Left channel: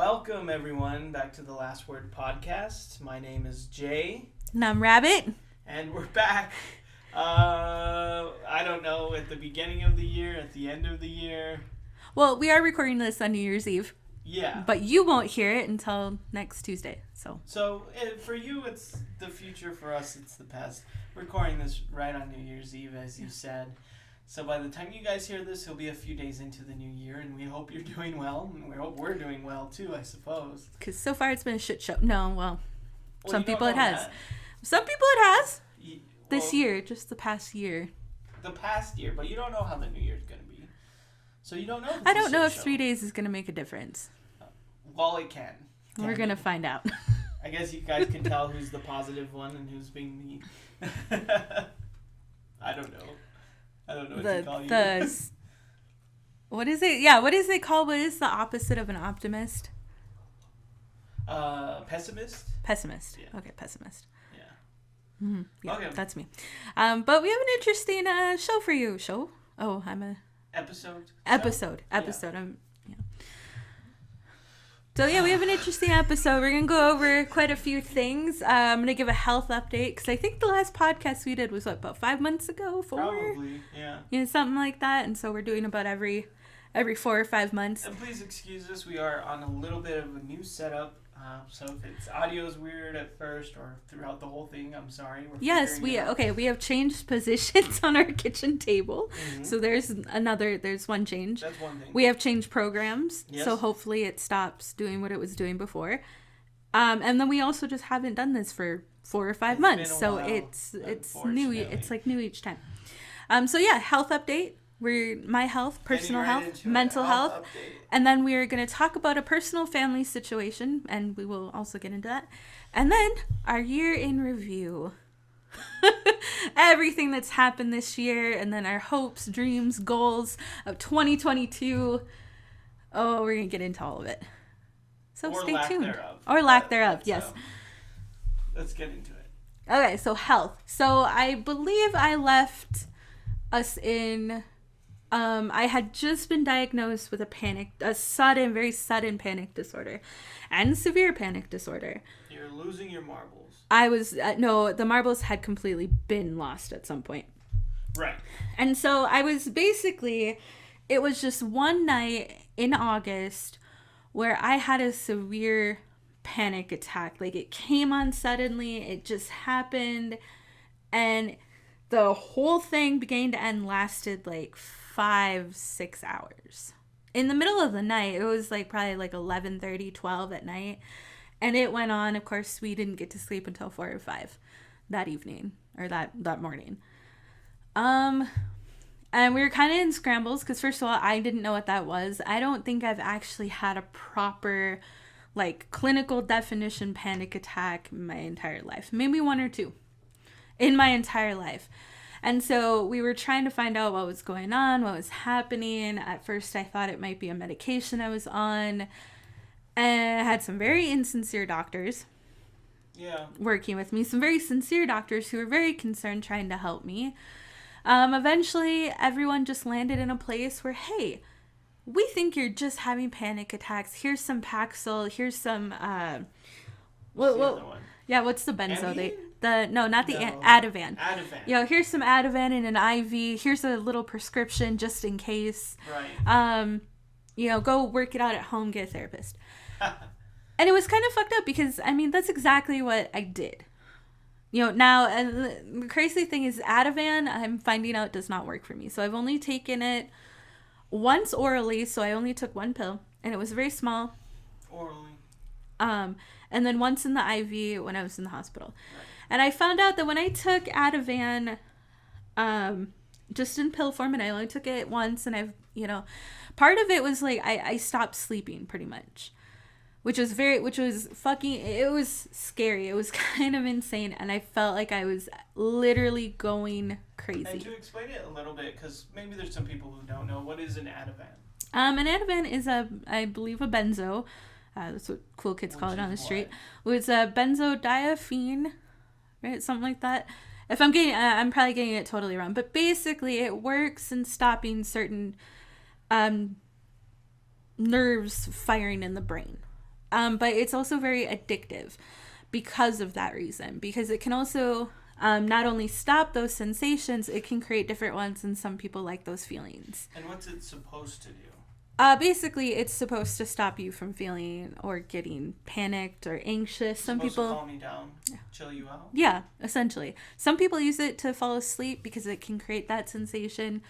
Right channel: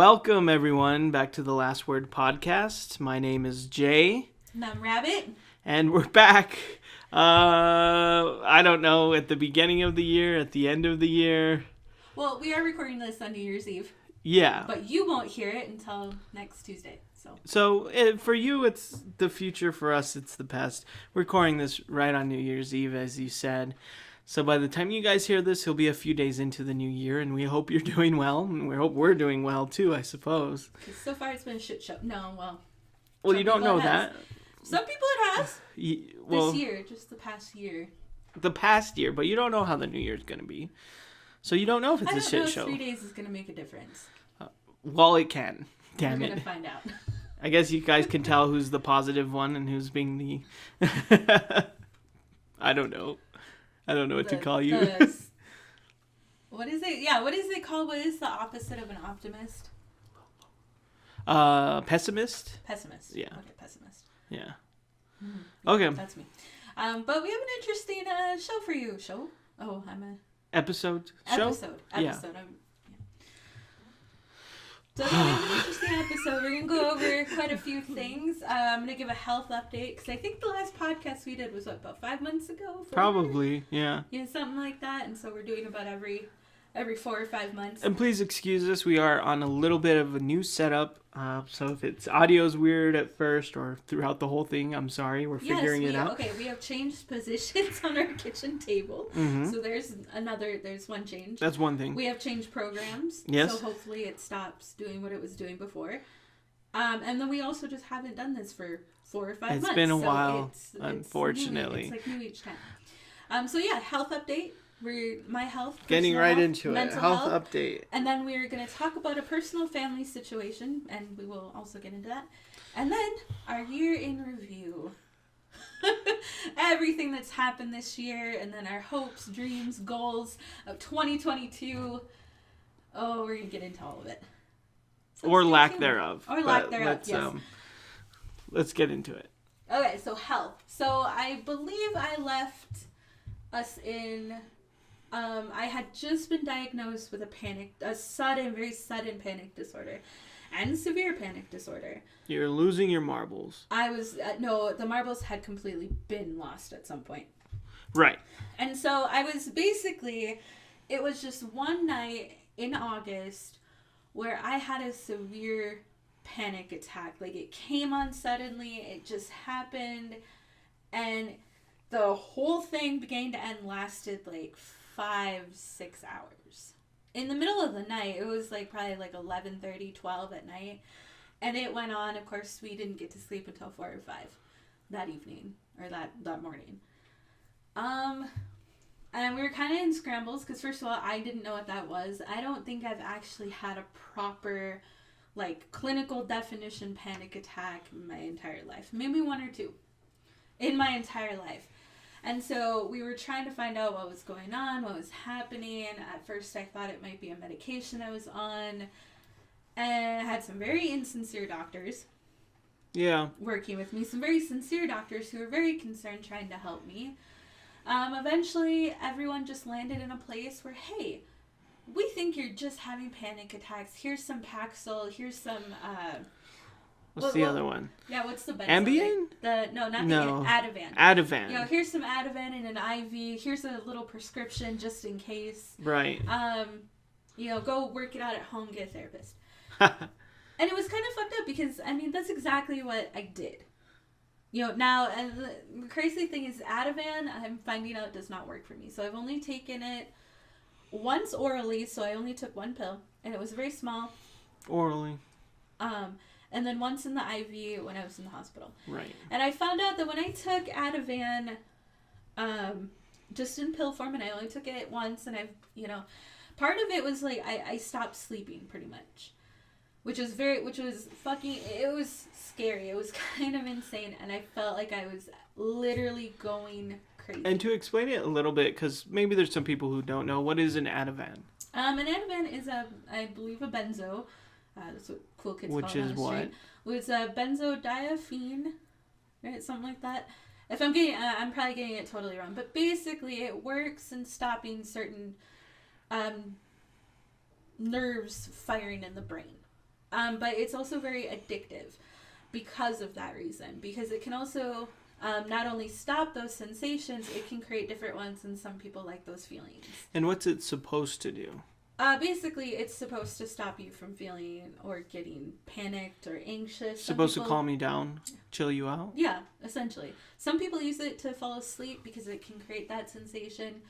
Welcome, everyone, back to the Last Word podcast. My name is Jay. And I'm Rabbit. And we're back. I don't know, at the beginning of the year, at the end of the year. Well, we are recording this on New Year's Eve. Yeah. But you won't hear it until next Tuesday. So for you, it's the future. For us, it's the past. We're recording this right on New Year's Eve, as you said. So by the time you guys hear this, he'll be a few days into the new year, and we hope you're doing well, and we hope we're doing well, too, I suppose. Because so far it's been a shit show. No, well, you don't know that. Some people it has. Well, this year, just the past year. The past year, but you don't know how the new year's going to be. So you don't know if it's a shit show. I don't know if 3 days is going to make a difference. Well, it can. We're going to find out. I guess you guys can tell who's the positive one and who's being the... I don't know. I don't know what to call you. What is it? Yeah, what is it called? What is the opposite of an optimist? Pessimist? Pessimist. Yeah. Okay, pessimist. Yeah. Mm-hmm. Yeah, okay. That's me. But we have an interesting show for you. Show? Oh, I'm a... Episode? Episode. Yeah. So yeah, we have an interesting episode. We're going to go over quite a few things. I'm going to give a health update because I think the last podcast we did was, about 5 months ago? 4? Probably, yeah. Something like that. And so we're doing about every 4 or 5 months. And please excuse us. We are on a little bit of a new setup. So if it's audio's weird at first or throughout the whole thing, I'm sorry. We're figuring it out. Okay, we have changed positions on our kitchen table. Mm-hmm. So there's one change. That's one thing. We have changed programs. Yes. So hopefully it stops doing what it was doing before. And then we also just haven't done this for 4 or 5 months. It's been a while, it's unfortunately. It's like new each time. So yeah, health update. My health, personal Getting right health, into mental it. Health health update. And then we are going to talk about a personal family situation, and we will also get into that. And then our year in review. Everything that's happened this year, and then our hopes, dreams, goals of 2022. Oh, we're going to get into all of it. So or lack tuned. thereof. Or lack thereof, yes. Let's get into it. Okay, so health. So I believe I left us in... I had just been diagnosed with a very sudden panic disorder and severe panic disorder. You're losing your marbles. I was, no, the marbles had completely been lost at some point. Right. And so I was it was just one night in August where I had a severe panic attack. Like it came on suddenly, it just happened, and the whole thing beginning to end lasted 5-6 hours. In the middle of the night, it was probably 11:30, 12 at night. And it went on. Of course, we didn't get to sleep until 4 or 5 that evening, or that morning. And we were kind of in scrambles because, first of all, I didn't know what that was. I don't think I've actually had a proper, clinical definition panic attack in my entire life. Maybe 1 or 2 in my entire life. And so we were trying to find out what was going on, what was happening. At first, I thought it might be a medication I was on. And I had some very insincere doctors working with me. Some very sincere doctors who were very concerned trying to help me. Eventually, everyone just landed in a place where, hey, we think you're just having panic attacks. Here's some Paxil. Here's some... What's the other one? Yeah, what's the benzo? Ambien? No, Ativan. Ativan. Here's some Ativan in an IV. Here's a little prescription just in case. Right. Go work it out at home, get a therapist. And it was kind of fucked up because, that's exactly what I did. Now, and the crazy thing is Ativan, I'm finding out, does not work for me. So I've only taken it once orally, so I only took 1 pill. And it was very small. Orally. And then once in the IV when I was in the hospital. Right. And I found out that when I took Ativan, just in pill form, and I only took it once, and part of it was I stopped sleeping pretty much, which was it was scary. It was kind of insane, and I felt like I was literally going crazy. And to explain it a little bit, because maybe there's some people who don't know, what is an Ativan? An Ativan is I believe a benzo. That's what cool kids call it on the street. It's a benzodiazepine, right? Something like that. If I'm probably getting it totally wrong, but basically it works in stopping certain nerves firing in the brain. But it's also very addictive because of that reason, because it can also not only stop those sensations, it can create different ones, and some people like those feelings. And what's it supposed to do? Basically, it's supposed to stop you from feeling or getting panicked or anxious. Supposed to calm you down, chill you out? Yeah, essentially. Some people use it to fall asleep because it can create that sensation.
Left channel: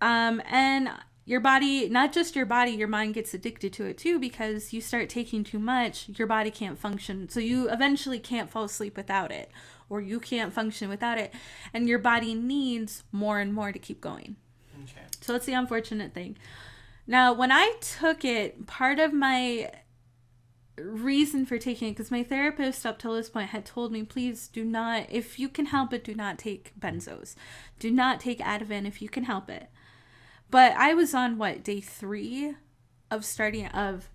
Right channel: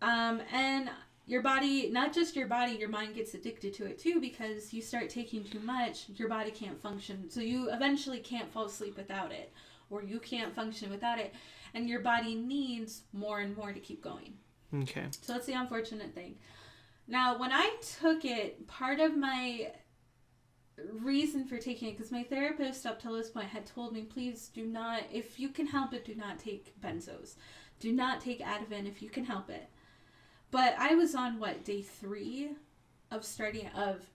And your body, not just your body, your mind gets addicted to it too, because you start taking too much, your body can't function. So you eventually can't fall asleep without it, or you can't function without it. And your body needs more and more to keep going. Okay. So that's the unfortunate thing. Now, when I took it, part of my reason for taking it, because my therapist up till this point had told me, please do not, if you can help it, do not take benzos. Do not take Ativan if you can help it. But I was on, day 3 of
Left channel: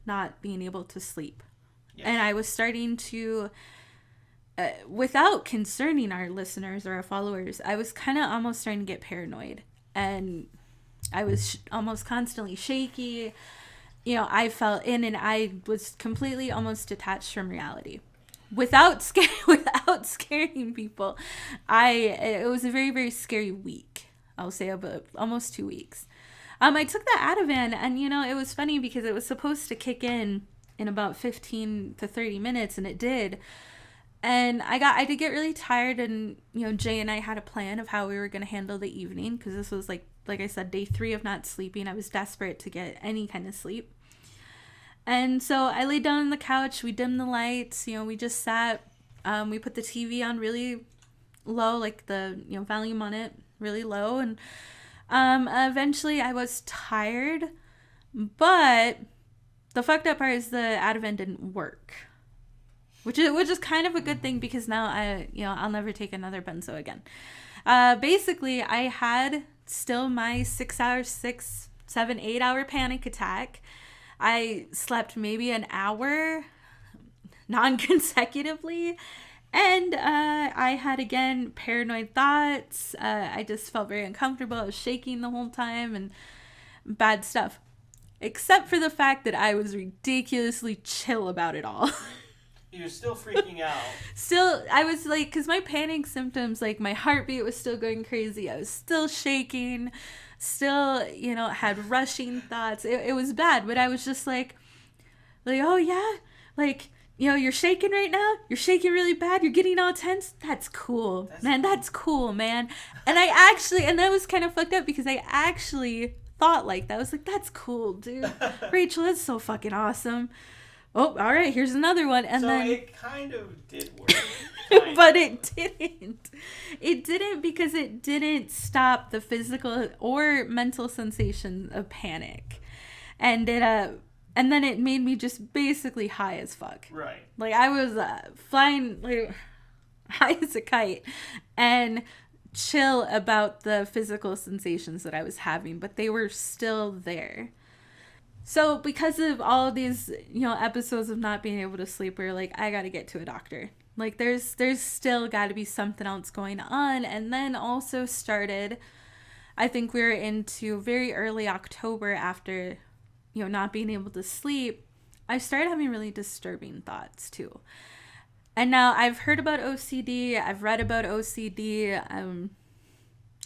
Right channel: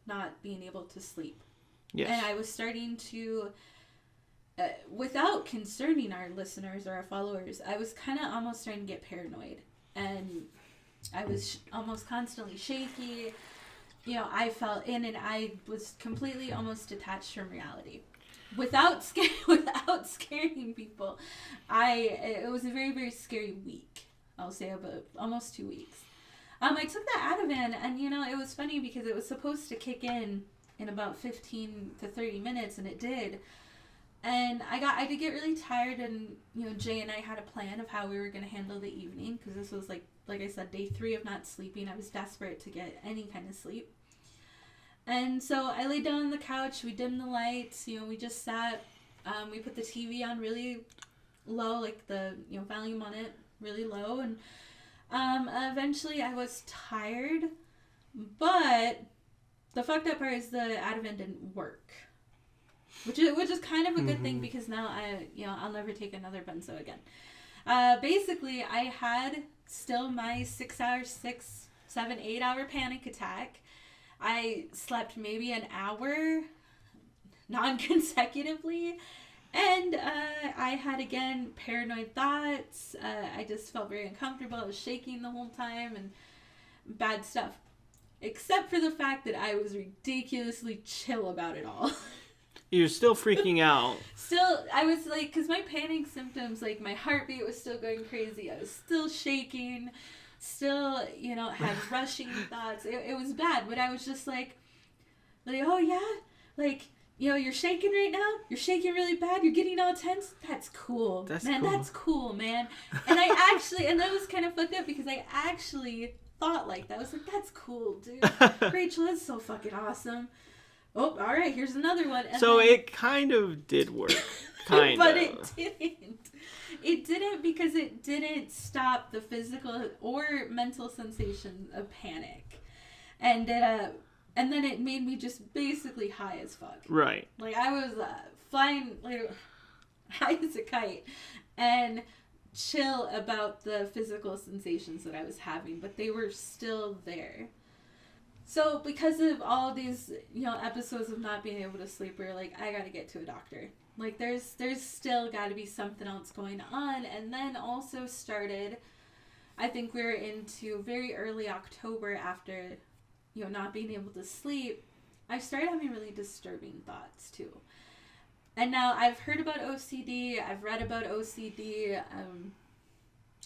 not being able to sleep. Yes. And I was starting to, without concerning our listeners or our followers, I was kind of almost starting to get paranoid. And I was almost constantly shaky. I felt in, and I was completely almost detached from reality. Without scaring people, it was a very, very scary week. I'll say about almost 2 weeks. I took that Ativan, and it was funny because it was supposed to kick in about 15 to 30 minutes, and it did. And I did get really tired, and Jay and I had a plan of how we were going to handle the evening, because this was like I said, day 3 of not sleeping. I was desperate to get any kind of sleep. And so I laid down on the couch, we dimmed the lights, we just sat, we put the TV on really low, like the volume on it really low, and eventually I was tired, but the fucked up part is the Ativan didn't work. Which is kind of a good thing, because now I'll never take another benzo again. Basically, I had still my 8 hour panic attack. I slept maybe an hour non-consecutively, and I had, again, paranoid thoughts. I just felt very uncomfortable. I was shaking the whole time, and bad stuff. Except for the fact that I was ridiculously chill about it all. You're still freaking out. Still, I was because my panic symptoms, my heartbeat was still going crazy. I was still shaking, still, had rushing thoughts. It was bad, but I was just oh yeah, you're shaking right now? You're shaking really bad? You're getting all tense? That's cool. That's cool, man. And and that was kind of fucked up, because I actually thought like that. I was that's cool, dude. Rachel, that's so fucking awesome. Oh, all right, here's another one. And so then, it kind of did work. But it didn't. It didn't, because it didn't stop the physical or mental sensation of panic. And and then it made me just basically high as fuck. Right. I was flying high as a kite and chill about the physical sensations that I was having, but they were still there. So because of all of these, episodes of not being able to sleep, we're I got to get to a doctor. There's still got to be something else going on. And then also started, I think we were into very early October, after, not being able to sleep, I started having really disturbing thoughts too. And now I've heard about OCD. I've read about OCD.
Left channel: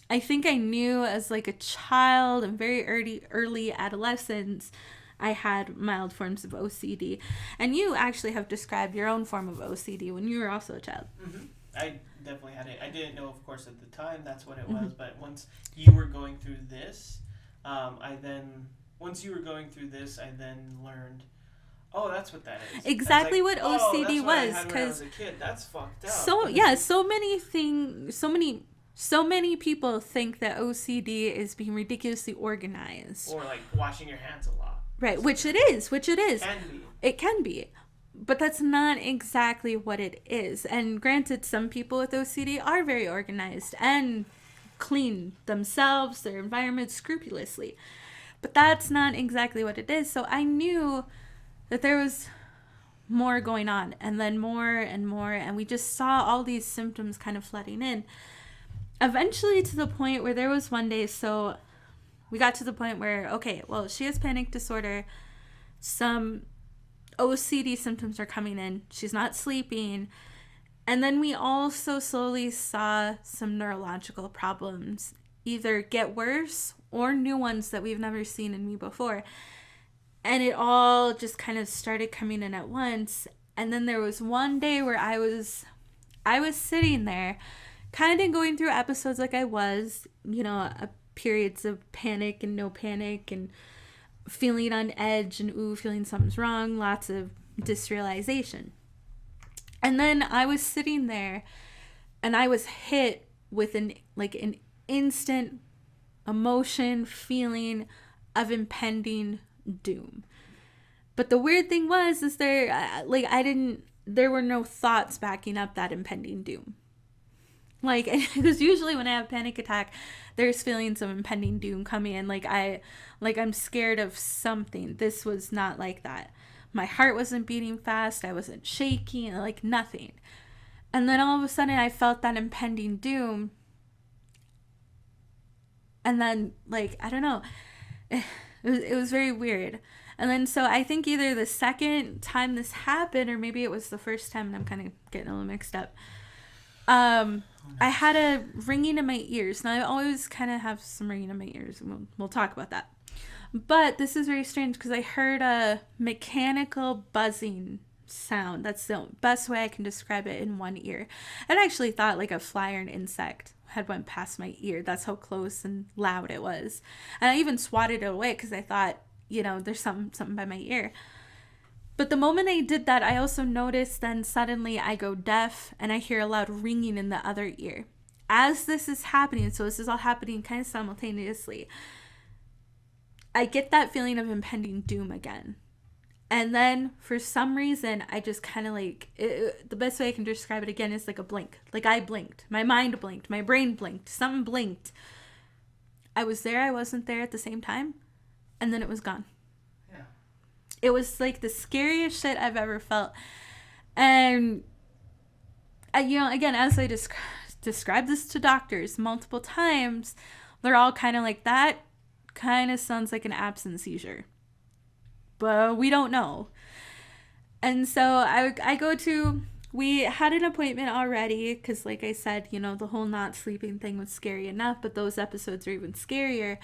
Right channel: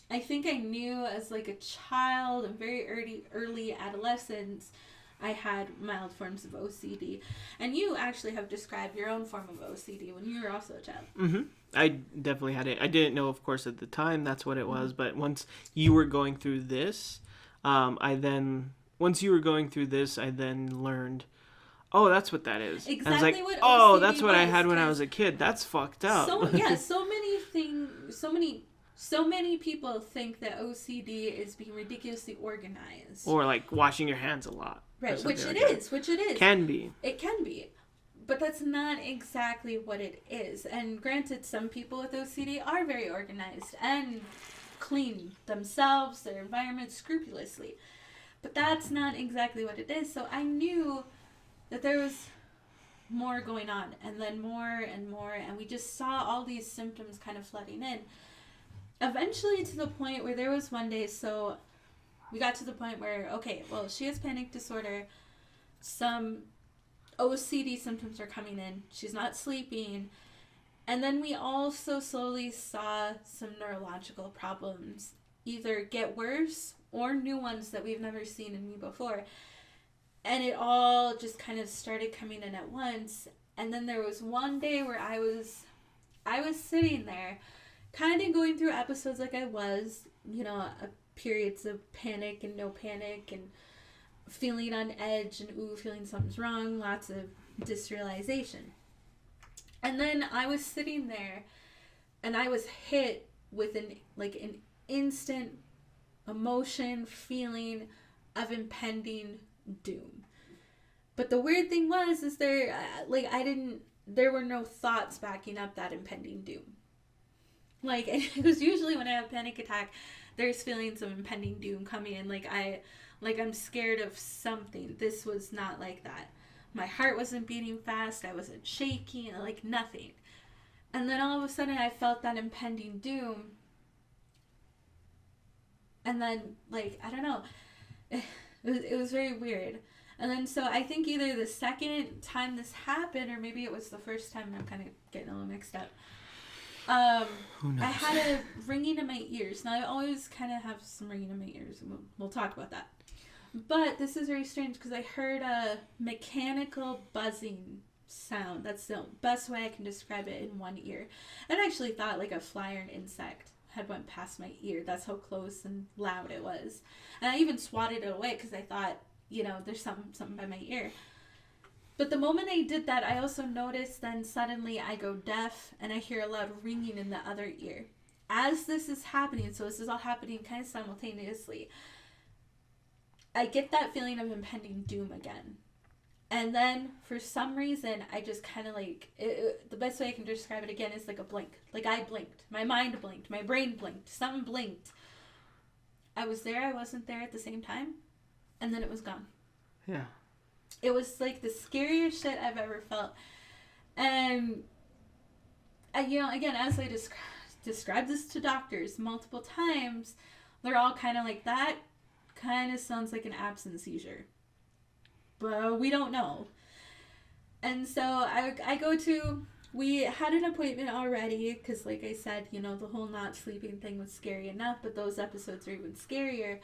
I think I knew as a child and very early adolescence, I had mild forms of OCD. And you actually have described your own form of OCD when you were also a child. Mm-hmm. I definitely had it. I didn't know, of course, at the time that's what it was. But once you were going through this, I then learned, oh, that's what that is. Exactly what OCD was. Oh, that's what I had when I was a kid. That's fucked up. So many people think that OCD is being ridiculously organized. Or washing your hands a lot. Right, which it is. Can be. It can be. But that's not exactly what it is. And granted, some people with OCD are very organized and clean themselves, their environment scrupulously. But that's not exactly what it is. So I knew that there was more going on, and then more and more, and we just saw all these symptoms kind of flooding in. Eventually to the point where there was one day, so we got to the point where, okay, well, she has panic disorder. Some OCD symptoms are coming in. She's not sleeping. And then we also slowly saw some neurological problems either get worse or new ones that we've never seen in me before. And it all just kind of started coming in at once. And then there was one day where I was sitting there kind of going through episodes like I was, periods of panic and no panic and feeling on edge and feeling something's wrong, lots of disrealization. And then I was sitting there and I was hit with an instant emotion, feeling of impending doom. But the weird thing was there were no thoughts backing up that impending doom. Because usually when I have a panic attack, there's feelings of impending doom coming in. I'm scared of something. This was not like that. My heart wasn't beating fast. I wasn't shaking, nothing. And then all of a sudden I felt that impending doom. And then, I don't know. It was very weird. And then, so I think either the second time this happened, or maybe it was the first time, and I'm kind of getting a little mixed up. I had a ringing in my ears. Now, I always kind of have some ringing in my ears, and we'll talk about that. But this is very strange because I heard a mechanical buzzing sound. That's the best way I can describe it in one ear. I actually thought like a fly or an insect had went past my ear. That's how close and loud it was. And I even swatted it away because I thought, there's something by my ear. But the moment I did that, I also noticed then suddenly I go deaf and I hear a loud ringing in the other ear. As this is happening, so this is all happening kind of simultaneously, I get that feeling of impending doom again. And then for some reason, I just kind of the best way I can describe it again is like a blink. Like I blinked. My mind blinked. My brain blinked. Something blinked. I was there. I wasn't there at the same time. And then it was gone. Yeah. It was like the scariest shit I've ever felt. And, again, as I described this to doctors multiple times, they're all kind of like, that kind of sounds like an absence seizure. But we don't know. And so we had an appointment already because, like I said, the whole not sleeping thing was scary enough, but those episodes are even scarier.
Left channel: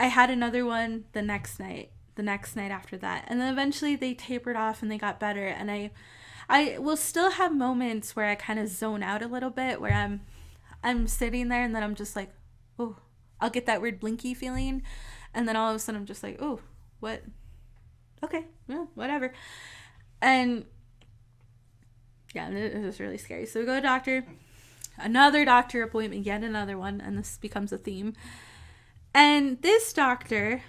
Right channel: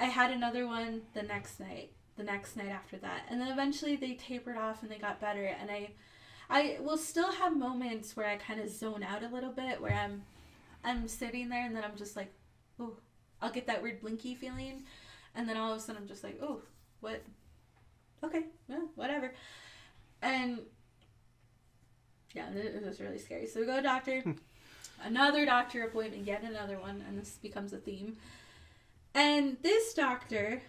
I had another one the next night after that. And then eventually they tapered off and they got better. And I will still have moments where I kind of zone out a little bit, where I'm sitting there and then I'm just like, oh, I'll get that weird blinky feeling. And then all of a sudden I'm just like, oh, what? Okay, yeah, whatever. And yeah, it was really scary. So we go to doctor, another doctor appointment, yet another one, and this becomes a theme. And this doctor,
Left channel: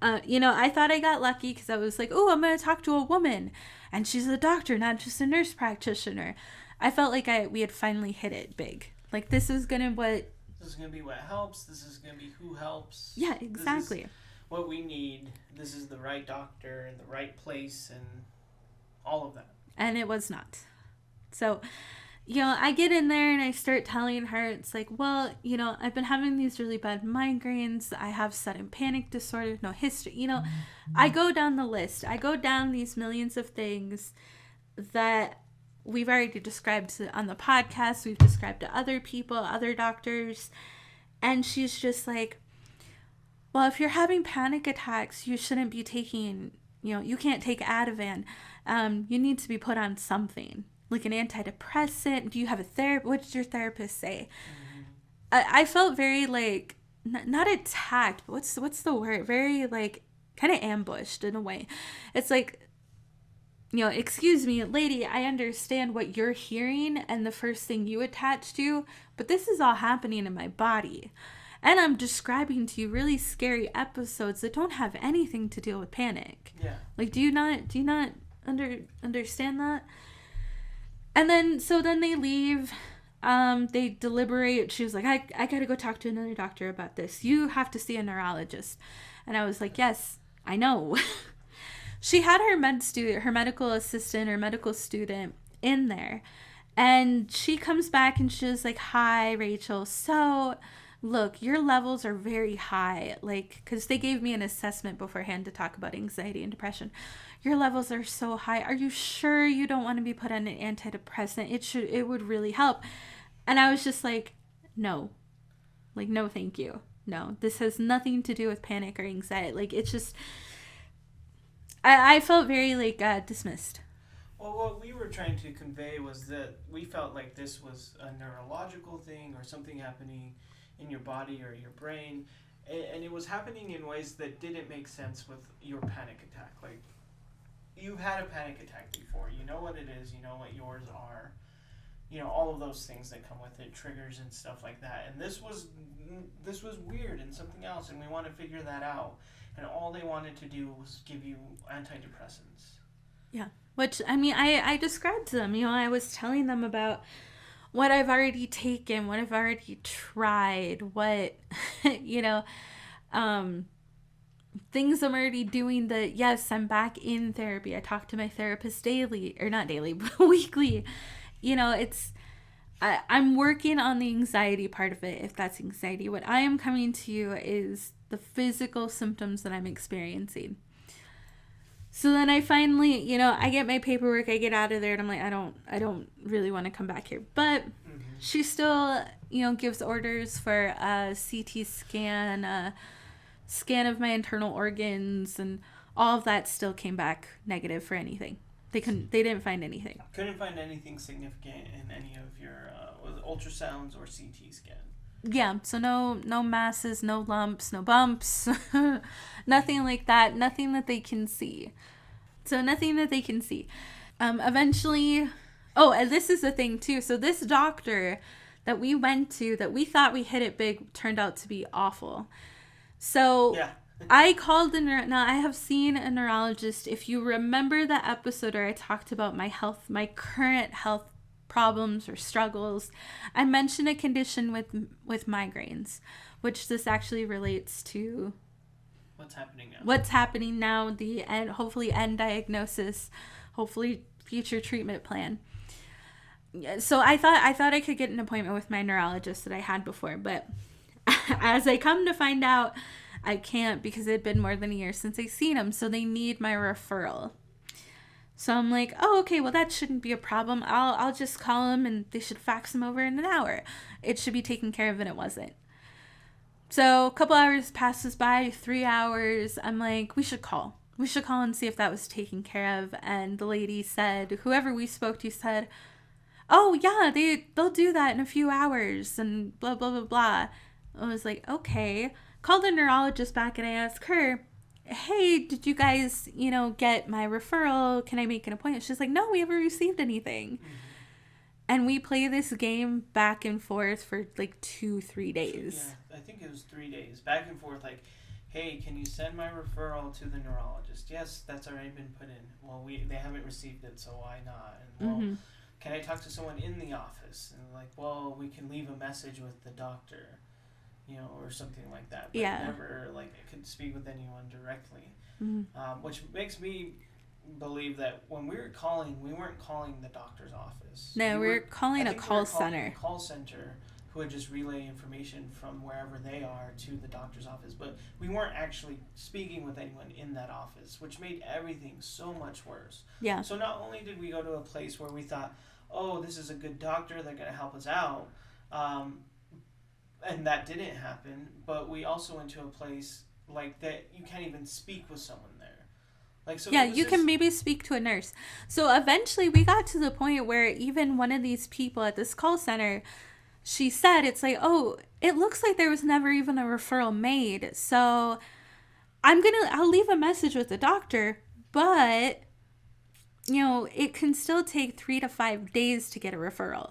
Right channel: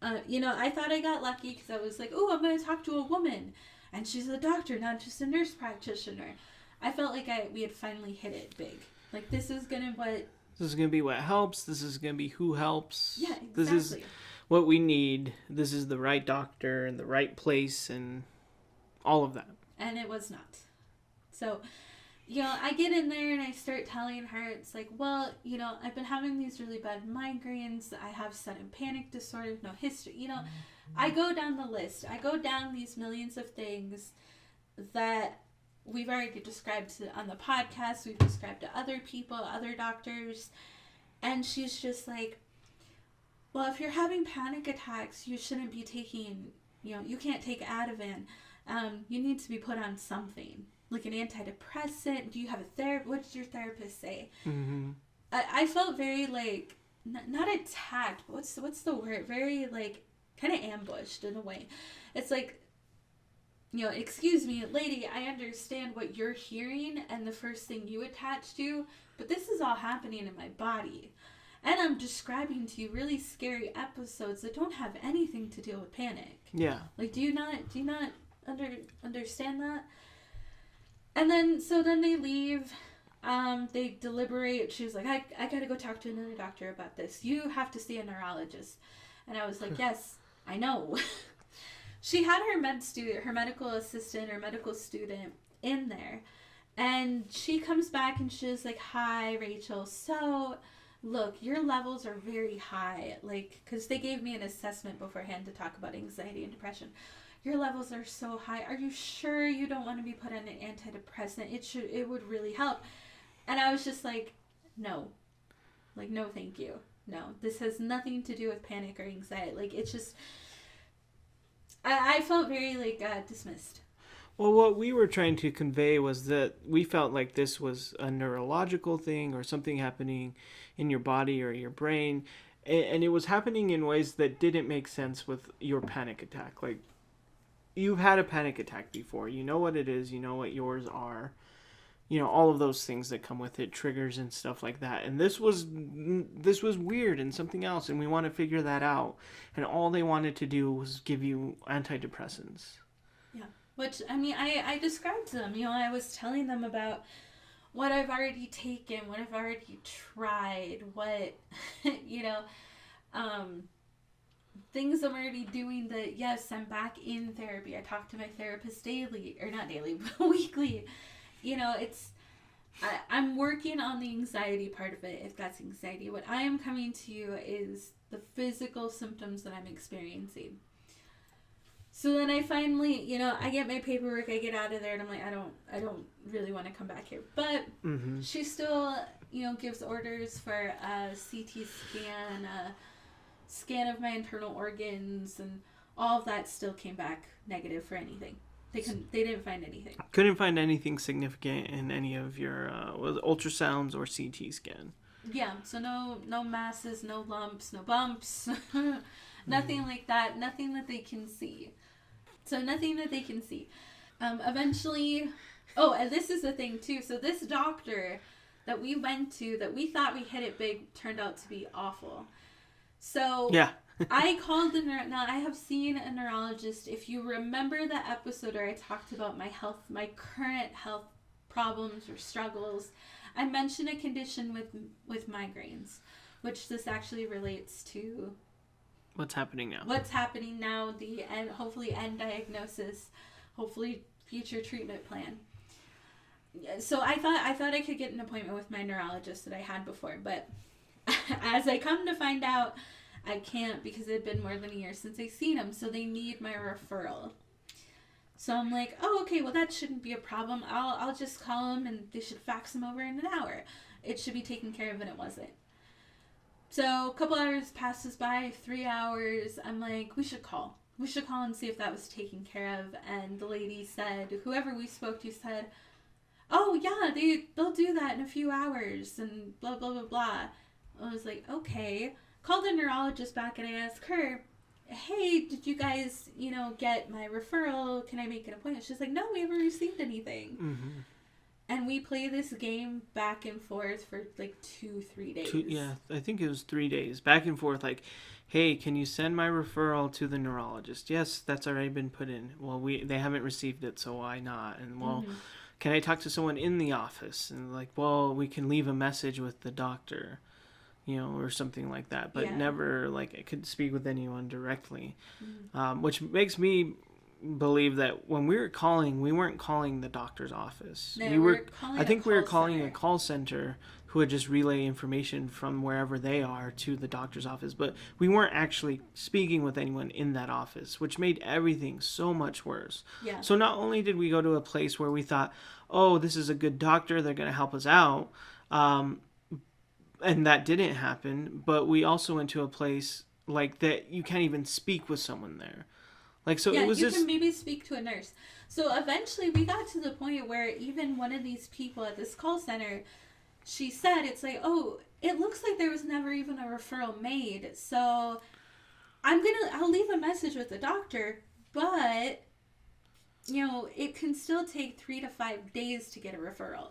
I thought I got lucky because I was like, oh, I'm going to talk to a woman. And she's a doctor, not just a nurse practitioner. I felt like we had finally hit it big. Like, this is going to be what helps. This is going to be who helps. Yeah, exactly. This is what we need. This is the right doctor and the right place and all of that. And it was not. So, I get in there and I start telling her, it's like, well, I've been having these really bad migraines. I have sudden panic disorder, no history. I go down the list. I go down these millions of things that we've already described on the podcast. We've described to other people, other doctors. And she's just like, well, if you're having panic attacks, you shouldn't be taking, you can't take Ativan. You need to be put on something. Like an antidepressant. Do you have a therapist? What did your therapist say? Mm-hmm. I felt very not attacked, but what's the word? Very kind of ambushed in a way. It's like, excuse me, lady, I understand what you're hearing and the first thing you attach to, but this is all happening in my body. And I'm describing to you really scary episodes that don't have anything to do with panic. Yeah. Do you not understand that? And then, so then they leave, they deliberate. She was like, I gotta go talk to another doctor about this. You have to see a neurologist. And I was like, yes, I know. She had her medical assistant or medical student in there. And she comes back and she was like, hi, Rachel. So, look, your levels are very high. Because they gave me an assessment beforehand to talk about anxiety and depression. your levels are so high. Are you sure you don't want to be put on an antidepressant? It would really help. And I was just like, no. Like, no, thank you. No, this has nothing to do with panic or anxiety. Like, it's just, I felt very, like, dismissed. Well, what we were trying to convey was that we felt like this was a neurological thing or something happening in your body or your brain. And it was happening in ways that didn't make sense with your panic attack. Like, you've had a panic attack before. You know what it is. You know what yours are. You know, all of those things that come with it, triggers and stuff like that. And this was weird and something else, and we want to figure that out. And all they wanted to do was give you antidepressants. Yeah. Which, I mean, I described to them, you know, I was telling them about what I've already taken, what I've already tried, what, you know, things I'm already doing that, yes, I'm back in therapy. I talk to my therapist daily, or not daily, but weekly. You know, I'm working on the anxiety part of it, if that's anxiety. What I am coming to you is the physical symptoms that I'm experiencing. So then I finally, you know, I get my paperwork, I get out of there, and I'm like, I don't really want to come back here. But she still, you know, gives orders for a CT scan, a scan of my internal organs, and all of that still came back negative for anything. They didn't find anything. Couldn't find anything significant in any of your ultrasounds or CT scan. Yeah, so no masses, no lumps, no bumps, nothing like that. Nothing that they can see. So nothing that they can see. Eventually, and this is the thing too. So this doctor that we went to, that we thought we hit it big, turned out to be awful. So yeah. I called now I have seen a neurologist. If you remember the episode where I talked about my current health problems or struggles, I mentioned a condition with migraines, which this actually relates to what's happening now. The end, hopefully end diagnosis, hopefully future treatment plan. So I thought I could get an appointment with my neurologist that I had before, but as I come to find out, I can't, because it had been more than a year since I seen him, so they need my referral. So I'm like, oh, okay, well, that shouldn't be a problem. I'll just call him, and they should fax him over in an hour. It should be taken care of, and it wasn't. So a couple hours passes by, 3 hours. I'm like, we should call. We should call and see if that was taken care of. And the lady said, whoever we spoke to said, oh, yeah, they'll do that in a few hours, and blah, blah, blah, blah. I was like, okay. Called the neurologist back, and I asked her, hey, did you guys, you know, get my referral? Can I make an appointment? She's like, no, we haven't received anything. Mm-hmm. And we play this game back and forth for like 2-3 days. I think it was 3 days. Back and forth, like, hey, can you send my referral to the neurologist? Yes, that's already been put in. Well, they haven't received it, so why not? And, well, can I talk to someone in the office? And, like, well, we can leave a message with the doctor, you know, or something like that. But never, like, I could speak with anyone directly. Which makes me believe that when we were calling, we weren't calling the doctor's office. No, we were calling a call center who would just relay information from wherever they are to the doctor's office. But we weren't actually speaking with anyone in that office, which made everything so much worse. Yeah. So not only did we go to a place where we thought, oh, this is a good doctor, they're going to help us out, and that didn't happen, but we also went to a place like that you can't even speak with someone there. Like, so it was can maybe speak to a nurse. So eventually we got to the point where even one of these people at this call center, she said, it's like, oh, it looks like there was never even a referral made. So I'll leave a message with the doctor, but, you know, it can still take 3 to 5 days to get a referral.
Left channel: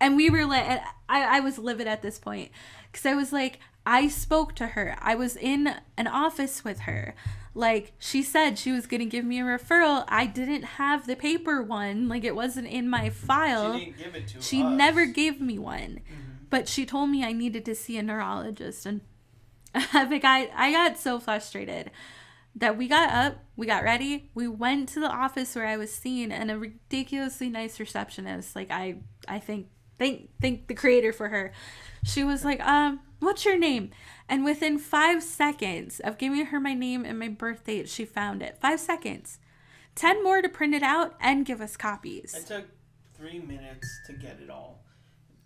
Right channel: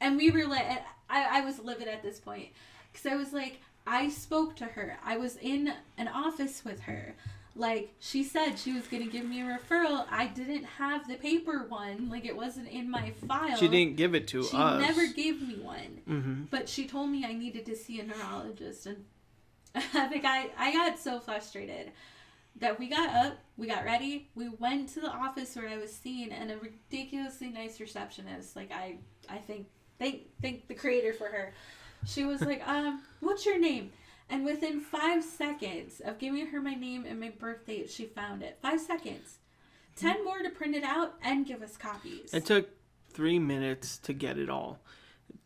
And we were like, I was livid at this point, because I was like, I spoke to her. I was in an office with her. Like, she said she was going to give me a referral. I didn't have the paper one. Like, it wasn't in my file. She didn't give it to us. She never gave me one. Mm-hmm. But she told me I needed to see a neurologist. And I think I got so frustrated that we got up, we got ready, we went to the office where I was seen, and a ridiculously nice receptionist, like, I thank the creator for her. She was like, what's your name? And within 5 seconds of giving her my name and my birth date, she found it. 5 seconds. 10 more to print it out and give us copies. It took 3 minutes to get it all.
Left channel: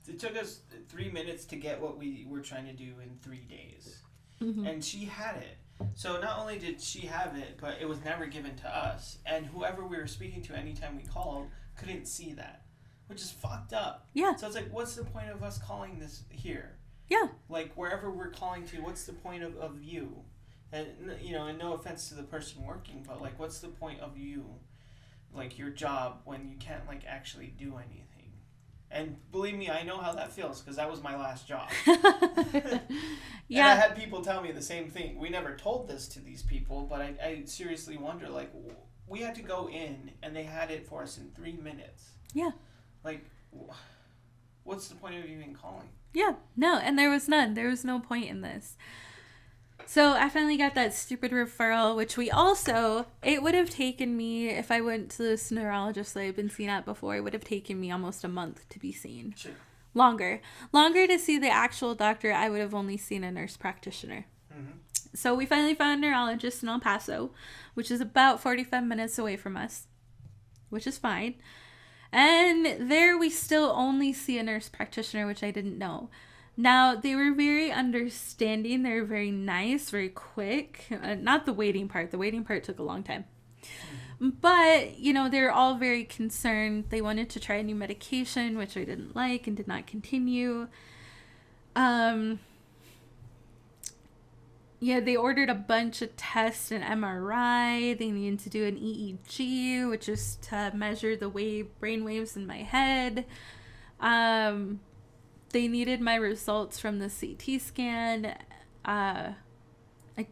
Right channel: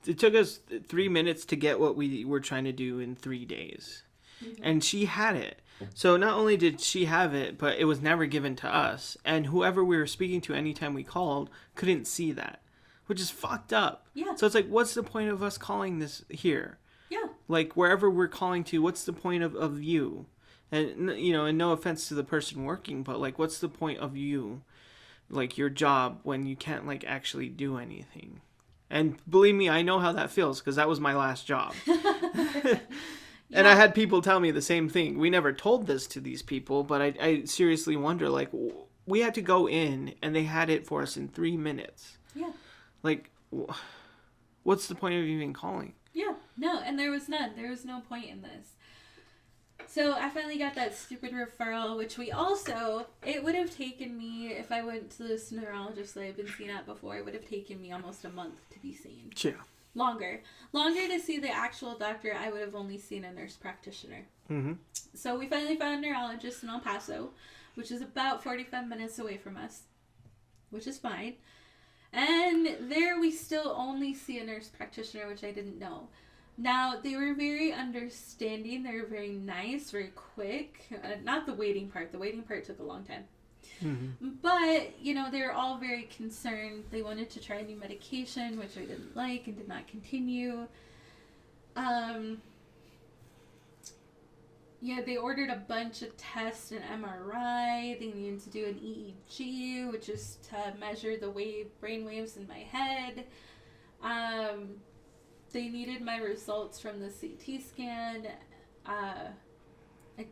It took us 3 minutes to get what we were trying to do in 3 days. Mm-hmm. And she had it. So not only did she have it, but it was never given to us. And whoever we were speaking to anytime we called couldn't see that, which is fucked up. Yeah. So it's like, what's the point of us calling this here? Yeah. Like, wherever we're calling to, what's the point of you? And, you know, and no offense to the person working, but, like, what's the point of you? Like, your job when you can't, like, actually do anything. And believe me, I know how that feels, because that was my last job. Yeah. And I had people tell me the same thing. We never told this to these people, but I seriously wonder, like, we had to go in, and they had it for us in 3 minutes. Yeah. Like, what's the point of even calling? Yeah. No, and there was none. There was no point in this. So I finally got that stupid referral, which it would have taken me, if I went to this neurologist that I've been seen at before, it would have taken me almost a month to be seen. Yeah. Longer to see the actual doctor. I would have only seen a nurse practitioner. Mm-hmm. So we finally found a neurologist in El Paso, which is about 45 minutes away from us, which is fine. And there we still only see a nurse practitioner, which I didn't know. Now, they were very understanding. They were very nice, very quick. Not the waiting part. The waiting part took a long time. Mm-hmm. But, you know, they're all very concerned. They wanted to try a new medication, which I didn't like and did not continue. Yeah, they ordered a bunch of tests, an MRI. They needed to do an EEG, which is to measure the brain waves in my head. They needed my results from the CT scan. I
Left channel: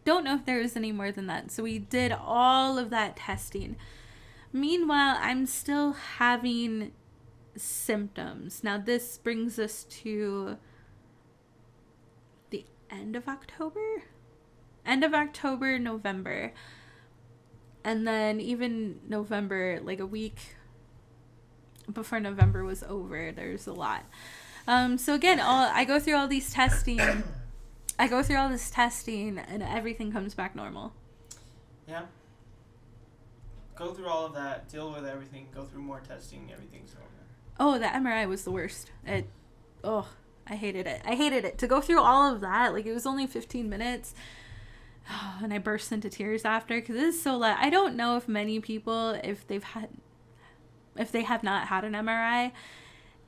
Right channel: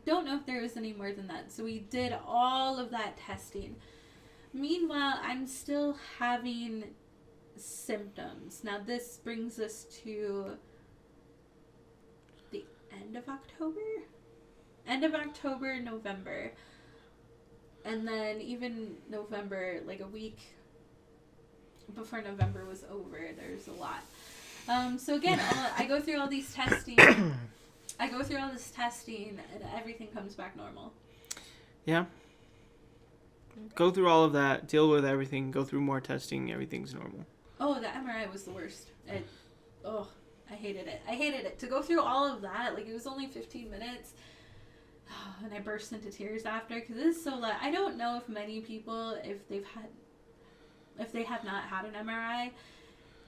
don't know if there was any more than that. So we did all of that testing. Meanwhile, I'm still having symptoms. Now, this brings us to the end of October? End of October, November. And then even November, like a week before November was over, there's a lot. So again, I go through all these testing. I go through all this testing, and everything comes back normal. Yeah. Go through all of that, deal with everything, go through more testing, everything's normal. Oh, the MRI was the worst. I hated it. I hated it. To go through all of that, like, it was only 15 minutes, and I burst into tears after, because it is so loud. I don't know if many people, if they have not had an MRI,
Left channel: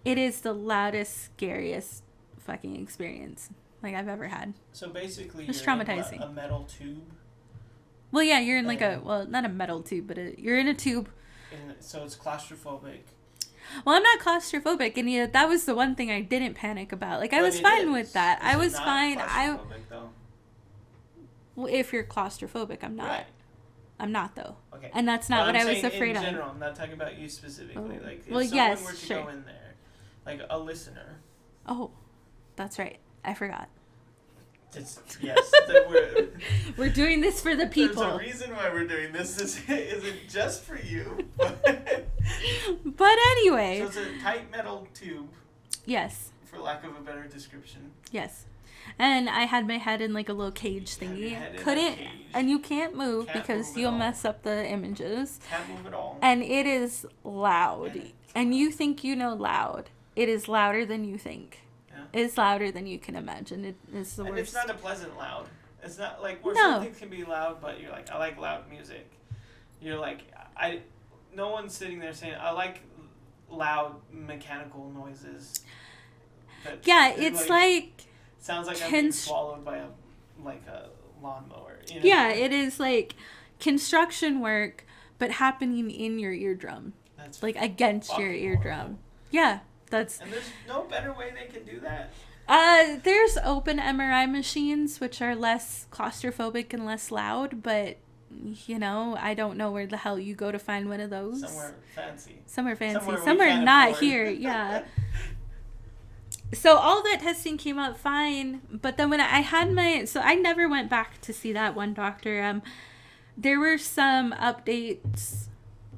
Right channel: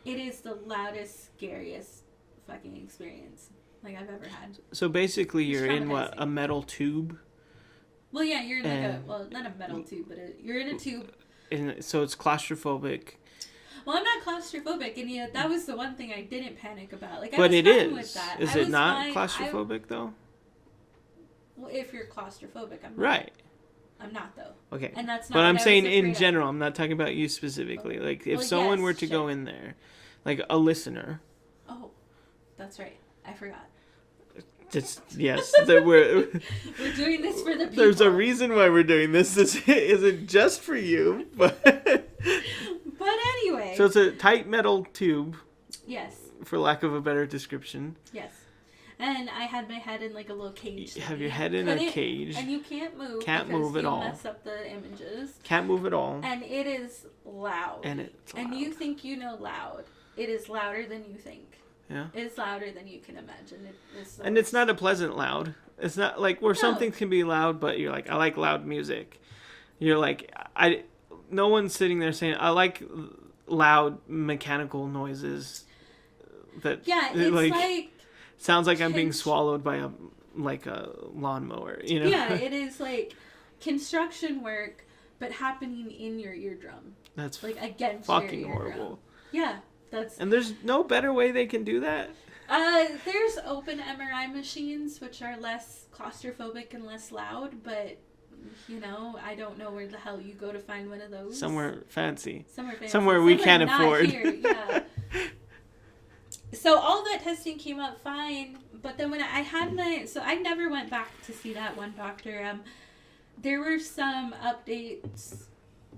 it is the loudest, scariest fucking experience like I've ever had. So basically, you're in a metal tube. Well, yeah, you're in not a metal tube, but you're in a tube. And so it's claustrophobic. Well, I'm not claustrophobic, and that was the one thing I didn't panic about. Like, I was fine with that. Is it not claustrophobic though? Well, if you're claustrophobic, I'm not. Right. I'm not though. Okay. And that's not. But what I'm saying in general. I'm not talking about you specifically. Oh. Like, if someone were to go in there, like a listener. Oh, that's right. I forgot. Yes, we're doing this for the people. There's a reason why we're doing this. This isn't just for you, but anyway. So it's a tight metal tube. Yes. For lack of a better description. Yes. And I had my head in like a little cage. You have your head in a cage. And you can't move because you'll mess up the images. Can't move at all. And it is loud. And you think you know loud. It is louder than you think. Yeah. It's louder than you can imagine. It's not a pleasant loud. It's not like where something can be loud, but you're like, I like loud music. You're like, no one's sitting there saying, I like loud mechanical noises. It's like sounds like I'm being swallowed by a lawnmower, you know? Yeah, it is like construction work, but happening in your eardrum. That's like against your eardrum. Horrible. Yeah. And there's no better way they can do that? There's open MRI machines, which are less claustrophobic and less loud, but, you know, I don't know where the hell you go to find one of those. Somewhere fancy. Somewhere we can't not afford. Here, yeah. So all that testing came out fine, but then when I had I never went back to see that one doctor. There were some updates.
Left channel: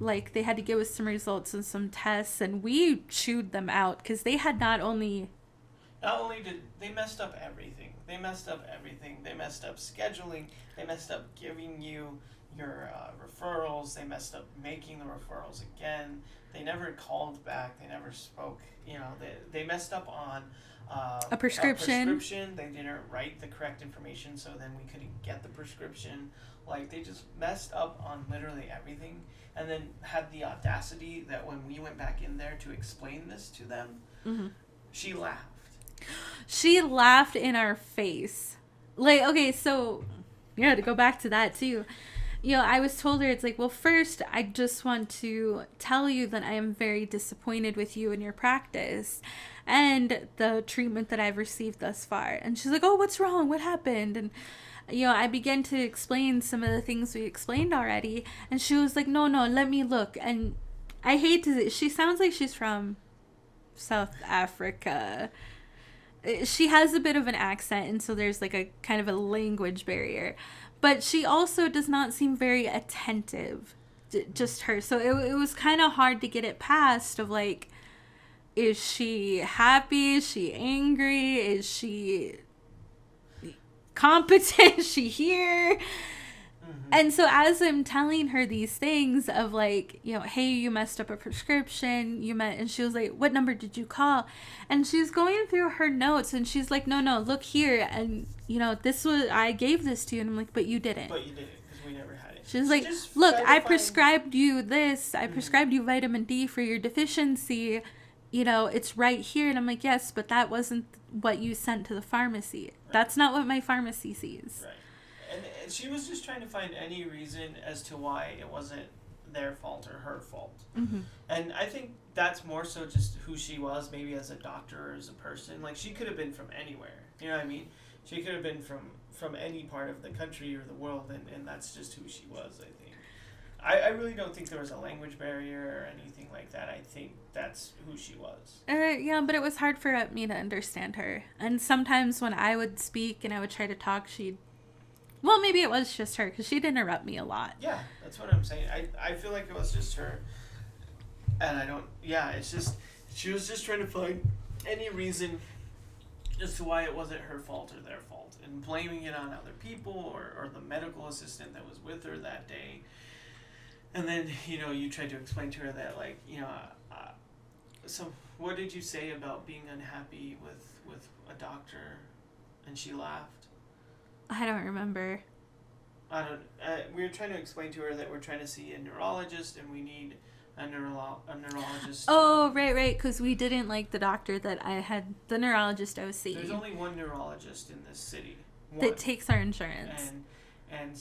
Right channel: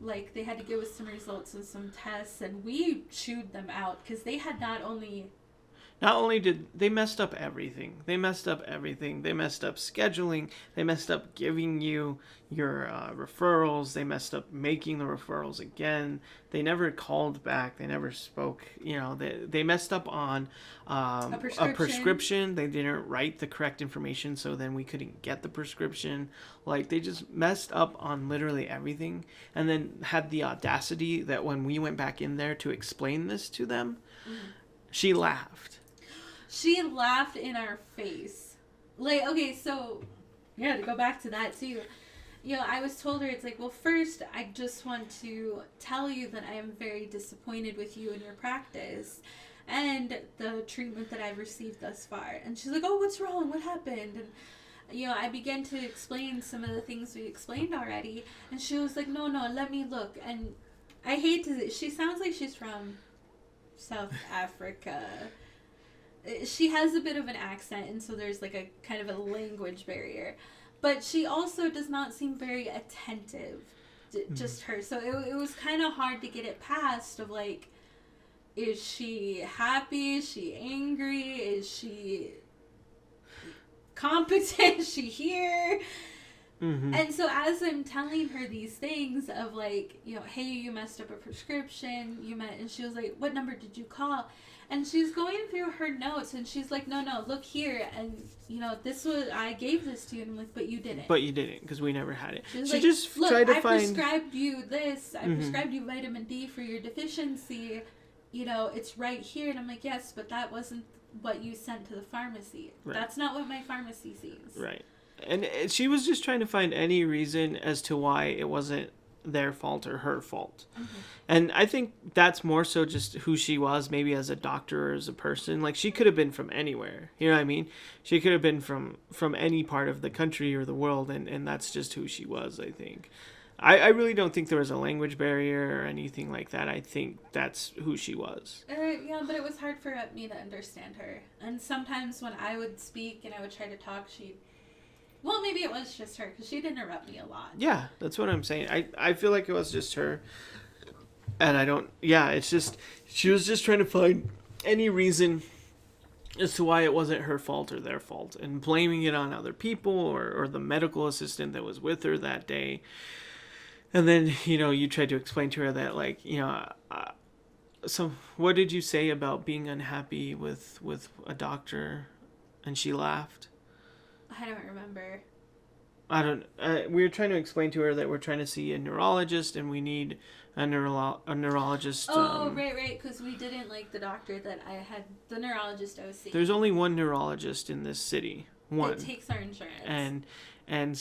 Like, they had to give us some results and some tests, and we chewed them out because they had not only Not only did they messed up everything, they messed up scheduling, they messed up giving you your referrals, they messed up making the referrals again. They never called back, they never spoke. They messed up on A prescription. They didn't write the correct information, so then we couldn't get the prescription. Like, they just messed up on literally everything, and then had the audacity that when we went back in there to explain this to them, she laughed. She laughed in our face. Like, okay, so, yeah, to go back to that, too. I was told her, it's like, well, first, I just want to tell you that I am very disappointed with you and your practice and the treatment that I've received thus far. And she's like, oh, what's wrong? What happened? And, I began to explain some of the things we explained already. And she was like, no, let me look. And I hate to, she sounds like she's from South Africa. She has a bit of an accent, and so there's like a kind of a language barrier. But she also does not seem very attentive, just her. So it was kind of hard to get it past of like, is she happy? Is she angry? Is she competent? Is she here? And so as I'm telling her these things of like, hey, you messed up a prescription, and she was like, what number did you call? And she's going through her notes, and she's like, no, look here, and this was, I gave this to you, and I'm like, but you didn't, because we never had it. She's like, look, I prescribed you this, I prescribed you vitamin D for your deficiency, it's right here. And I'm like, yes, but that wasn't what you sent to the pharmacy. Right. That's not what my pharmacy sees. Right. And she was just trying to find any reason as to why it wasn't their fault or her fault. And I think that's more so just who she was, maybe as a doctor or as a person. Like, she could have been from anywhere. You know what I mean? She could have been from any part of the country or the world, and that's just who she was, I think. I really don't think there was a language barrier or anything like that. I think that's who she was. Yeah, but it was hard for me to understand her. And sometimes when I would speak and I would try to talk, well, maybe it was just her, because she'd interrupt me a lot. Yeah, that's what I'm saying. I feel like it was just her. And it's just, she was just trying to find any reason as to why it wasn't her fault or their fault, and blaming it on other people or the medical assistant that was with her that day. And then, you tried to explain to her that, like, so what did you say about being unhappy with a doctor? And she laughed. I don't remember. We were trying to explain to her that we're trying to see a neurologist, and we need a neurologist. Oh, right, because we didn't like the doctor that I had, the neurologist I was seeing. There's only one neurologist in this city. One. That takes our insurance. And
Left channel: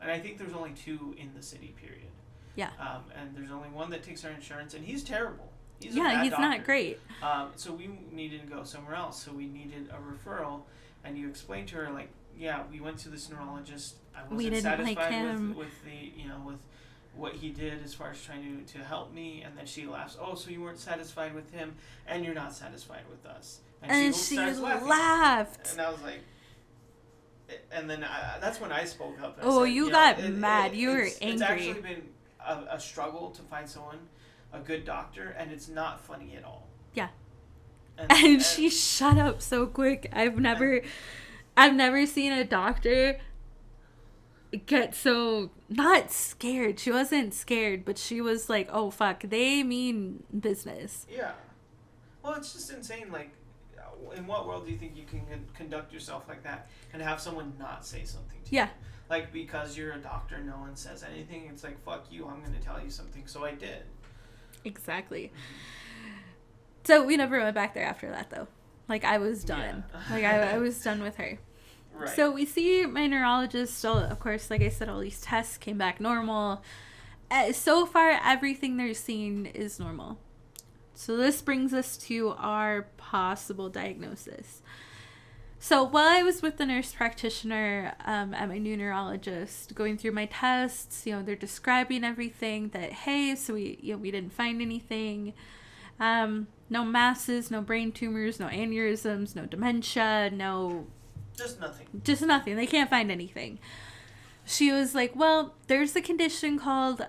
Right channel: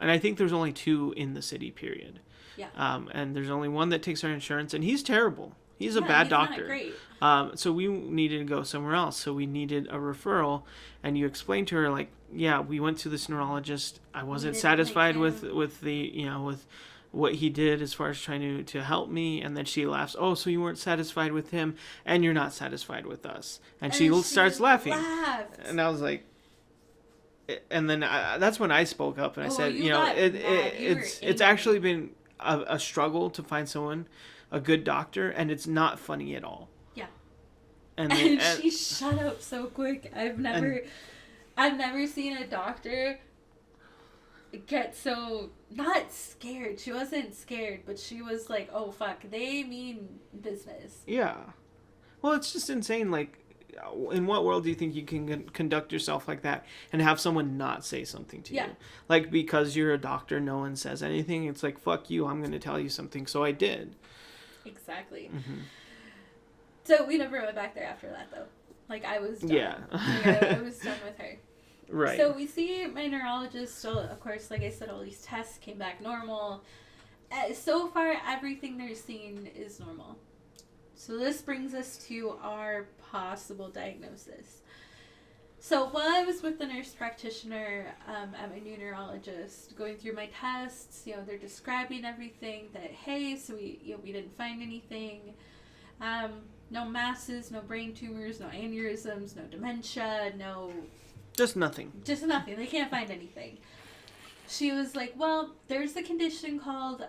I think there's only two in the city, period. Yeah. And there's only one that takes our insurance, and he's terrible. He's a bad doctor. He's not great. So we needed to go somewhere else. So we needed a referral, and you explained to her, like, yeah, we went to this neurologist. I wasn't satisfied with the with what he did as far as trying to help me. And then she laughs. Oh, so you weren't satisfied with him, and you're not satisfied with us. And she starts laughing. And I was like, and then that's when I spoke up, and I said, you got mad. You were angry. It's actually been a struggle to find someone, a good doctor, and it's not funny at all. Yeah. And she shut up so quick. I've never seen a doctor get so, not scared. She wasn't scared, but she was like, oh fuck, they mean business. Yeah. Well, it's just insane. Like, in what world do you think you can conduct yourself like that and have someone not say something to you? Like, because you're a doctor, no one says anything. It's like, fuck you, I'm going to tell you something. So I did. Exactly. So we never went back there after that, though. Like, I was done. Yeah. Like, I was done with her. Right. So we see my neurologist. So, of course, like I said, all these tests came back normal. So far, everything they're seeing is normal. So this brings us to our possible diagnosis. So while I was with the nurse practitioner at my new neurologist, going through my tests, they're describing everything that, hey, so we didn't find anything. No masses, no brain tumors, no aneurysms, no dementia, no... Just nothing. Just nothing. They can't find anything. She was like, well, there's a condition called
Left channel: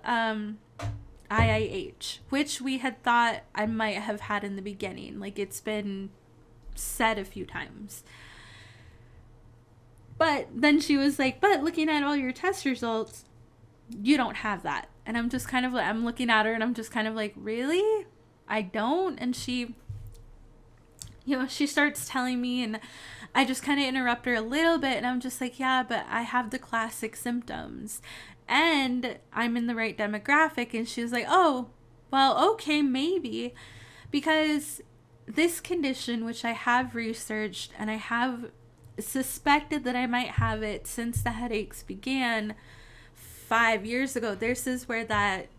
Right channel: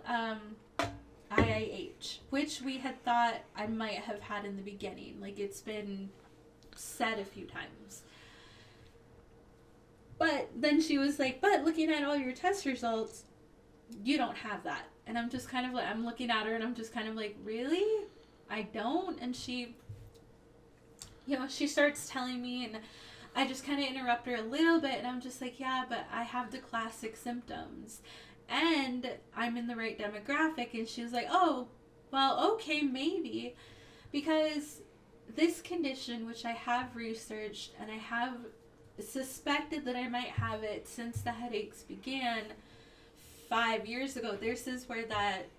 IIH, which we had thought I might have had in the beginning. Like, it's been said a few times. But then she was like, but looking at all your test results, you don't have that. And I'm just kind of like, I'm looking at her and I'm just kind of like, really? I don't? And she, she starts telling me, and I just kind of interrupt her a little bit, and I'm just like, yeah, but I have the classic symptoms and I'm in the right demographic. And she was like, oh, well, okay, maybe, because this condition, which I have researched and I have suspected that I might have it since the headaches began 5 years ago. This is where that,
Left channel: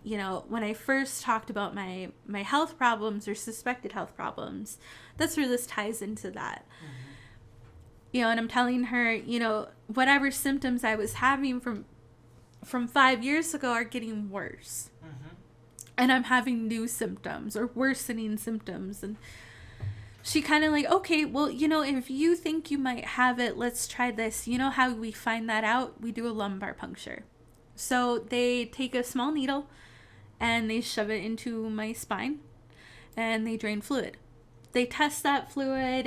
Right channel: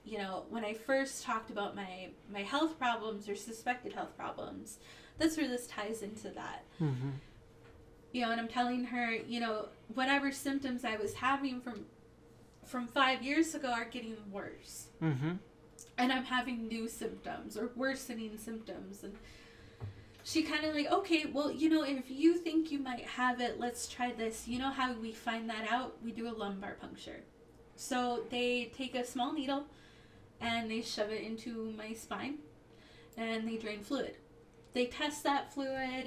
when I first talked about my health problems or suspected health problems, that's where this ties into that. Mm-hmm. And I'm telling her, whatever symptoms I was having from 5 years ago are getting worse. Mm-hmm. And I'm having new symptoms or worsening symptoms. And she kind of like, okay, well, if you think you might have it, let's try this. You know how we find that out? We do a lumbar puncture. So they take a small needle and they shove it into my spine and they drain fluid. They test that fluid,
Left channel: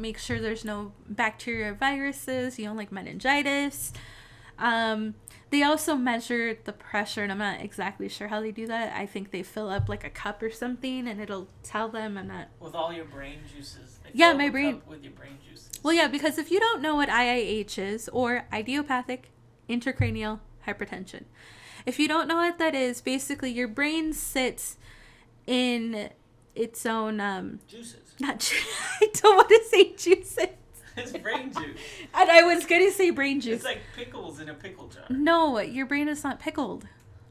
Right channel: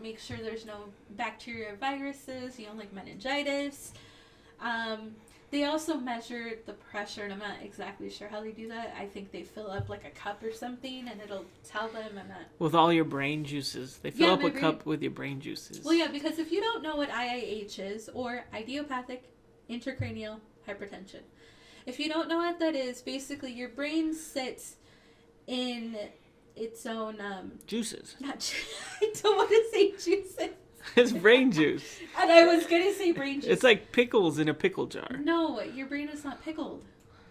make sure there's no bacteria or viruses, like meningitis. They also measure the pressure, and I'm not exactly sure how they do that. I think they fill up like a cup or something, and it'll tell them. I'm not... With all your brain juices. They fill up a cup with your brain juices. Well, yeah, because if you don't know what IIH is, or idiopathic intracranial hypertension, if you don't know what that is, basically your brain sits in its own... juices. I don't want to say juices. It's brain juice. And I was going to say brain juice. It's like pickles in a pickle jar. No, your brain is not pickled.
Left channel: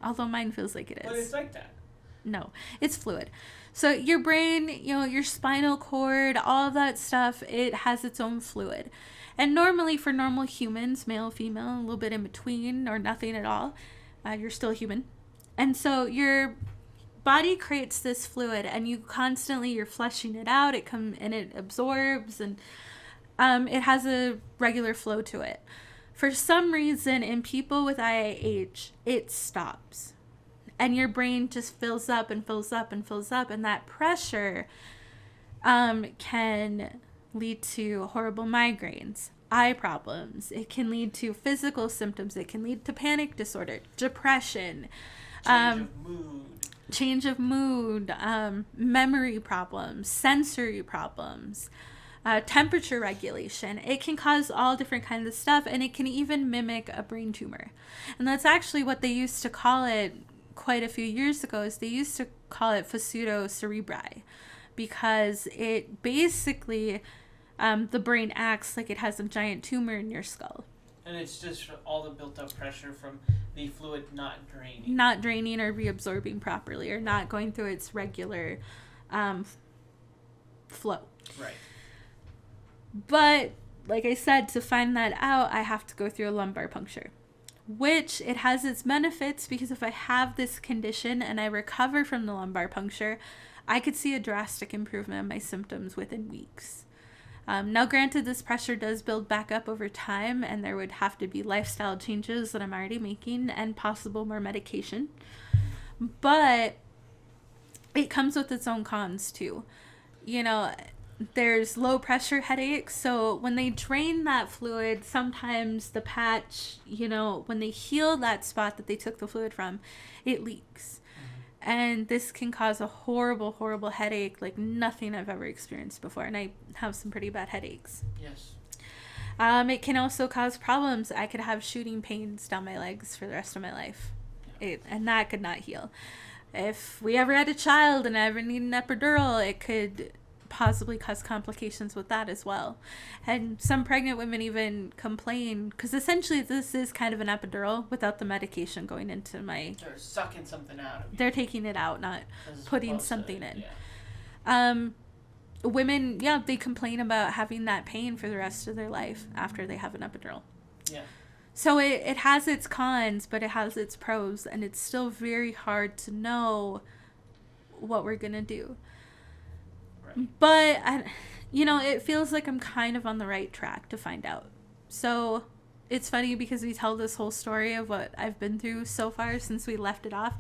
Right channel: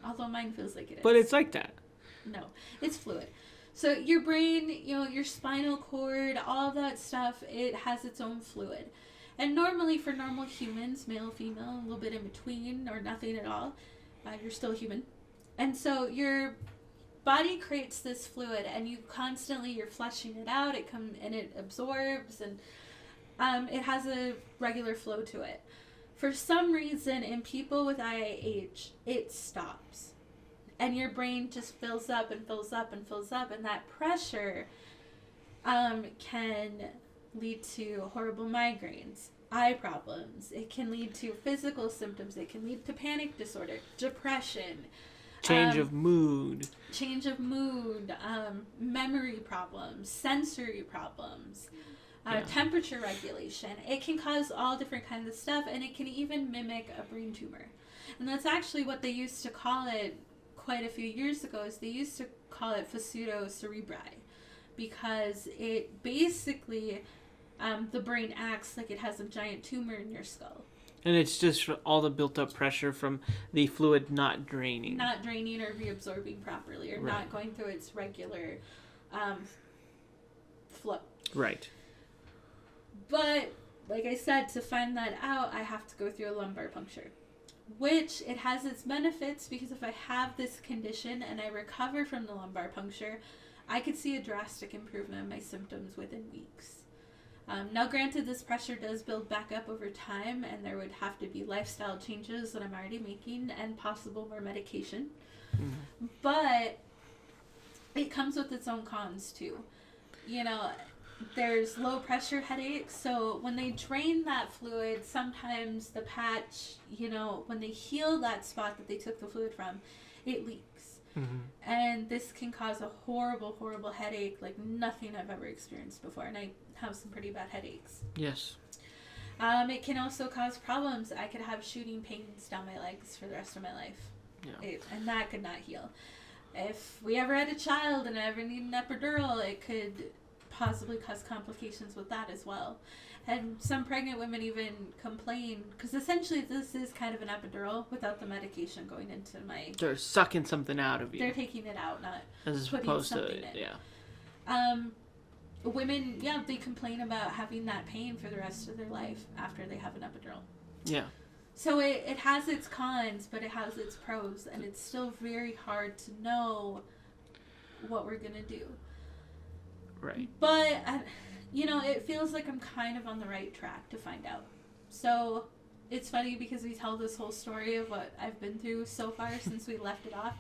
Although mine feels like it is. But it's like that. No, it's fluid. So your brain, your spinal cord, all of that stuff, it has its own fluid. And normally for normal humans, male, female, a little bit in between or nothing at all, you're still human. And so your body creates this fluid and you're flushing it out. And it absorbs and it has a regular flow to it. For some reason, in people with IIH, it stops. And your brain just fills up and fills up and fills up. And that pressure can lead to horrible migraines, eye problems. It can lead to physical symptoms. It can lead to panic disorder, depression. Change of mood, memory problems, sensory problems. Temperature regulation. It can cause all different kinds of stuff, and it can even mimic a brain tumor. And that's actually what they used to call it quite a few years ago, is they used to call it fascido cerebri, because it basically, the brain acts like it has a giant tumor in your skull. And it's just all the built up pressure from the fluid not draining. Not draining or reabsorbing properly, or right. Not going through its regular flow. Right. But, like I said, to find that out, I have to go through a lumbar puncture. Which, it has its benefits, because if I have this condition and I recover from the lumbar puncture, I could see a drastic improvement in my symptoms within weeks. Now, granted, this pressure does build back up over time, and there would have to be lifestyle changes that I'm already making, and possible more medication. Mm-hmm. But it comes with its own cons, too. There's low pressure headaches, so when they drain that fluid, sometimes the patch, when they heal that spot that they took the fluid from, it leaks. Mm-hmm. And this can cause a horrible, horrible headache like nothing I've ever experienced before, and I have some pretty bad headaches. Yes. It can also cause problems. I could have shooting pains down my legs for the rest of my life, and that could not heal. If we ever had a child and I ever need an epidural, it could possibly cause complications with that as well. And some pregnant women even complain, because essentially this is kind of an epidural without the medication going into my... They're sucking something out of you. They're taking it out, not putting something in. Yeah. Women, they complain about having that pain for the rest of their life after they have an epidural. Yeah. So it has its cons, but it has its pros, and it's still very hard to know what we're going to do. Right. But, it feels like I'm kind of on the right track to find out. So, it's funny because we tell this whole story of what I've been through so far since we left it off.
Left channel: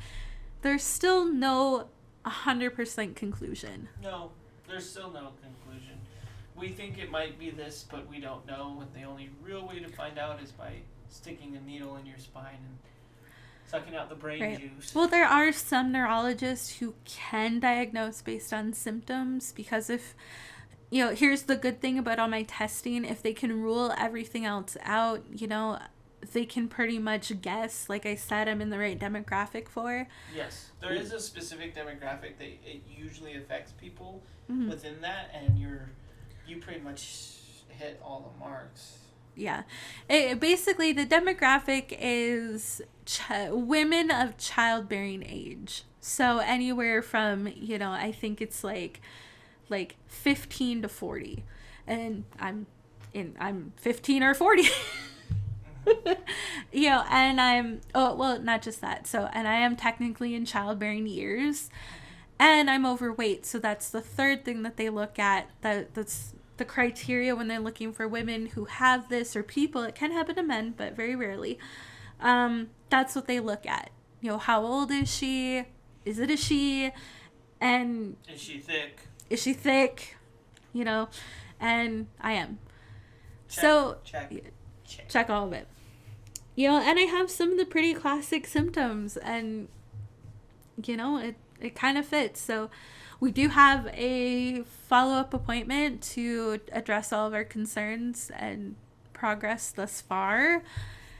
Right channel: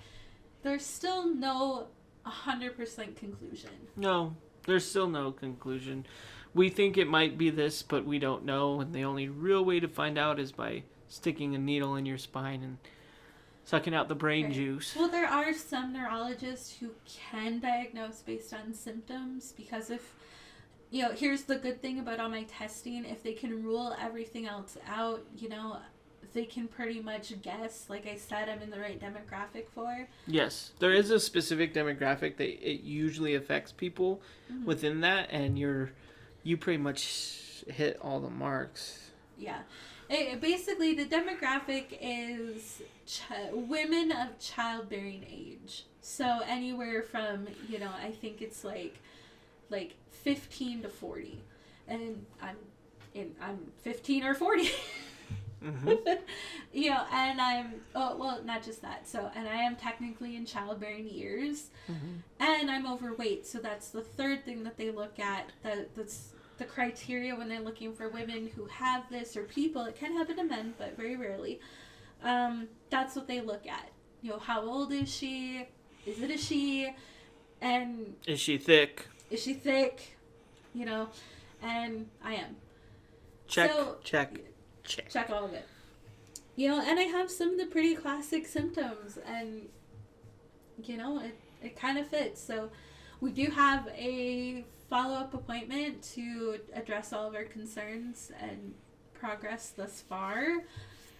There's still no 100% conclusion. No, there's still no conclusion. we think it might be this, but we don't know, and the only real way to find out is by sticking a needle in your spine and sucking out the brain juice. Well, there are some neurologists who can diagnose based on symptoms, because if, here's the good thing about all my testing, if they can rule everything else out, they can pretty much guess, like I said, I'm in the right demographic for. Yes, there is a specific demographic that it usually affects people within that, and you pretty much hit all the marks. Yeah. Basically, the demographic is women of childbearing age. So anywhere from, I think it's like 15 to 40. And I'm 15 or 40. And not just that. So, and I am technically in childbearing years, and I'm overweight. So that's the third thing that they look at. That's the criteria when they're looking for women who have this, or people. It can happen to men, but very rarely. That's what they look at. How old is she? Is it a she? And is she thick? And I am. Check all of it. And I have some of the pretty classic symptoms, and it kind of fits. So we do have a follow-up appointment to address all of our concerns and progress thus far,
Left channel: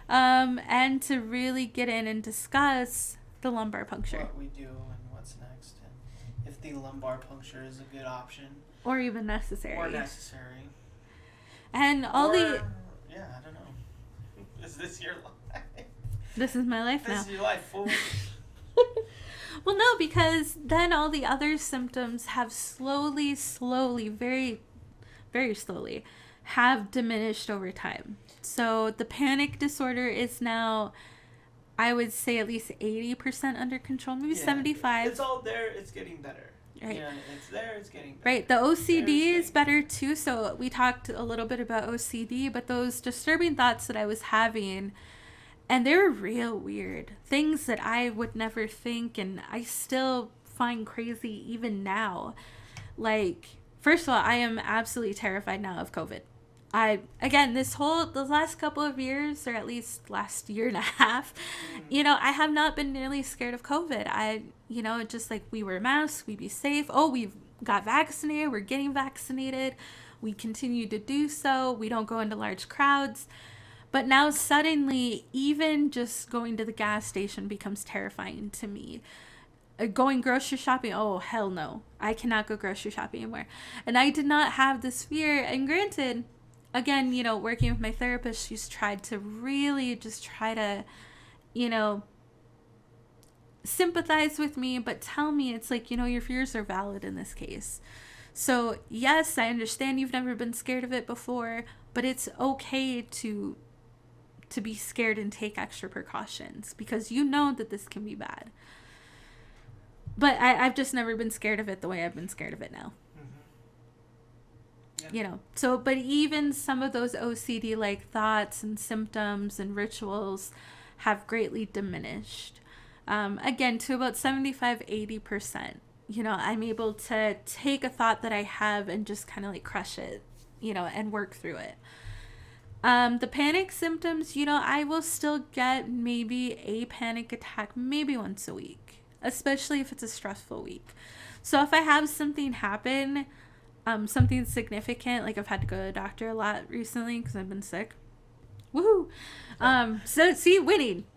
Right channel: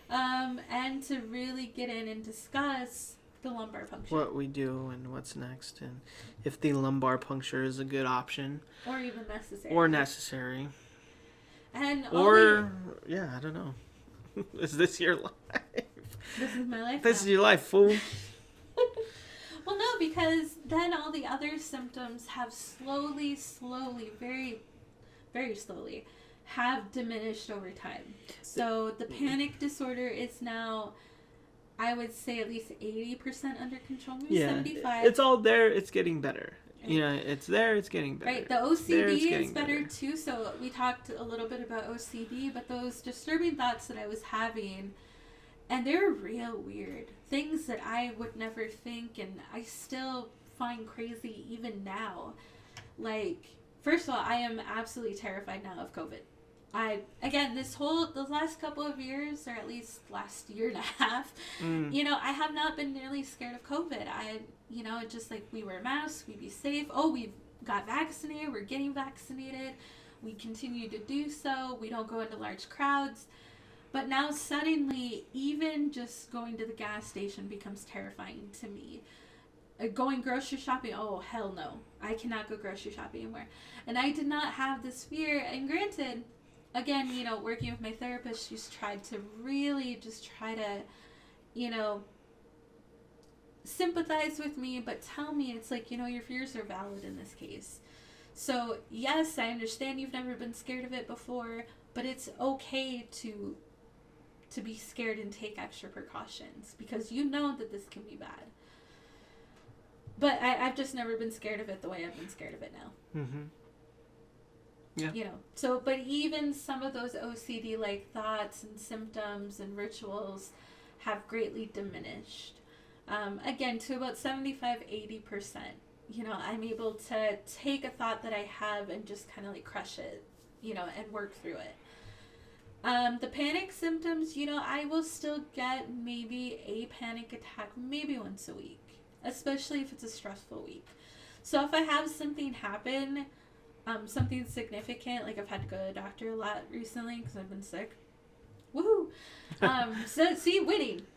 and to really get in and discuss the lumbar puncture. What we do and what's next, and if the lumbar puncture is a good option. Or even necessary. And I don't know. Is this your life? This is my life. This is your life, fool. Well, no, because then all the other symptoms have slowly, very, very slowly, have diminished over time. So the panic disorder is now, I would say, at least 80% under control, maybe 75%. It's all there. It's getting better. Right. It's there. It's getting better. Right. The OCD is better too. So we talked a little bit about OCD, but those disturbing thoughts that I was having, and they're real weird things that I would never think, and I still find crazy even now. Like, first of all, I am absolutely terrified now of COVID. The last couple of years, or at least last year and a half, I have not been nearly scared of COVID. Just like, we wear masks, we be safe. Oh, we've got vaccinated, we're getting vaccinated. We continue to do so. We don't go into large crowds. But now suddenly, even just going to the gas station becomes terrifying to me. Going grocery shopping, oh, hell no. I cannot go grocery shopping anymore. And I did not have this fear. And granted, again, working with my therapist, she's tried to really just try to, sympathize with me, but tell me, it's like, your fears are valid in this case. So, yes, I understand you've never been scared of it before, but it's okay to be scared and take extra precautions, because that this can be bad. But I've just never been scared of it the way I've been scared of it now. Yeah. So, but even some of those OCD-like thoughts and symptoms and rituals have greatly diminished. Again, to about 75-80%. I'm able to take a thought that I have and just kind of like crush it, and work through it. The panic symptoms, I will still get maybe a panic attack maybe once a week, especially if it's a stressful week. So if I have something happen, something significant, like I've had to go to the doctor a lot recently because I've been sick. Woohoo! So see, winning.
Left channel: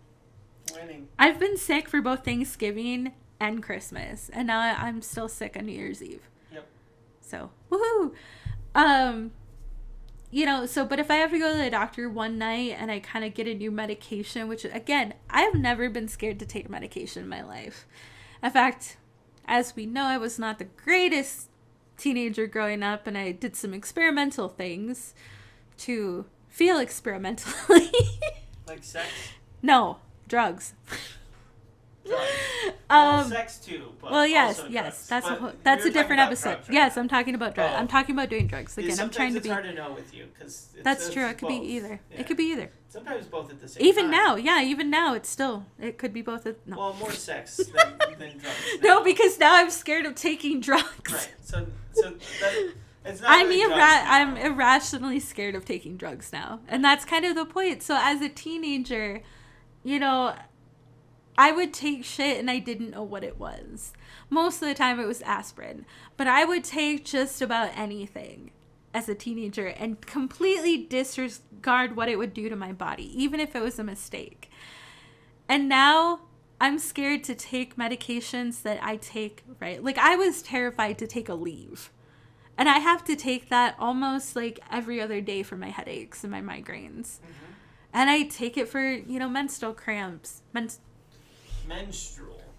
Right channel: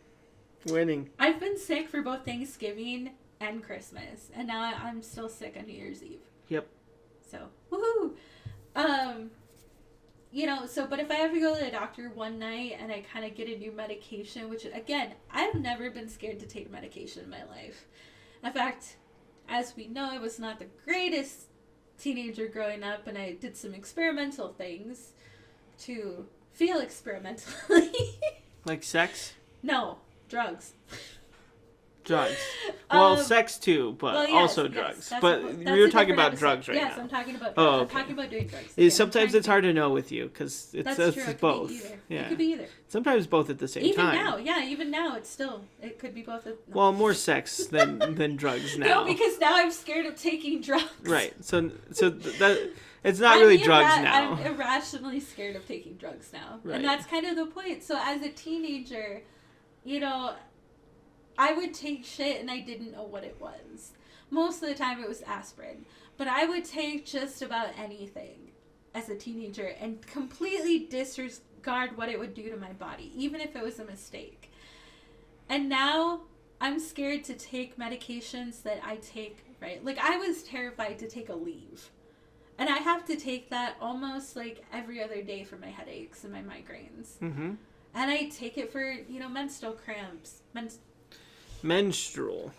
I've been sick for both Thanksgiving and Christmas, and now I'm still sick on New Year's Eve. Yep. So, woohoo! But if I have to go to the doctor one night and I kind of get a new medication, which, again, I've never been scared to take medication in my life. In fact, as we know, I was not the greatest teenager growing up, and I did some experimental things to feel experimentally. Like sex? No, drugs. Drugs. Well, sex too, but also drugs. That's but that's we were talking about episode. drugs right Yes, now. I'm talking about drugs. Oh, okay. I'm talking about doing drugs. Again, sometimes it's hard to know with you because that's true. It could both. be either. Yeah. It could be either. Sometimes both at the same even time. Even now, it could be both. No. Well, more sex than drugs now. No, because now I'm scared of taking drugs. Right. So It's not really drugs now. I'm irrationally scared of taking drugs now. Right. And that's kind of the point. So as a teenager, you know, I would take shit and I didn't know what it was. Most of the time it was aspirin. But I would take just about anything as a teenager and completely disregard what it would do to my body, even if it was a mistake. And now I'm scared to take medications that I take, right? Like, I was terrified to take a leave. And I have to take that almost like every other day for my headaches and my migraines. Mm-hmm. And I take it for, you know, menstrual cramps. Menstrual.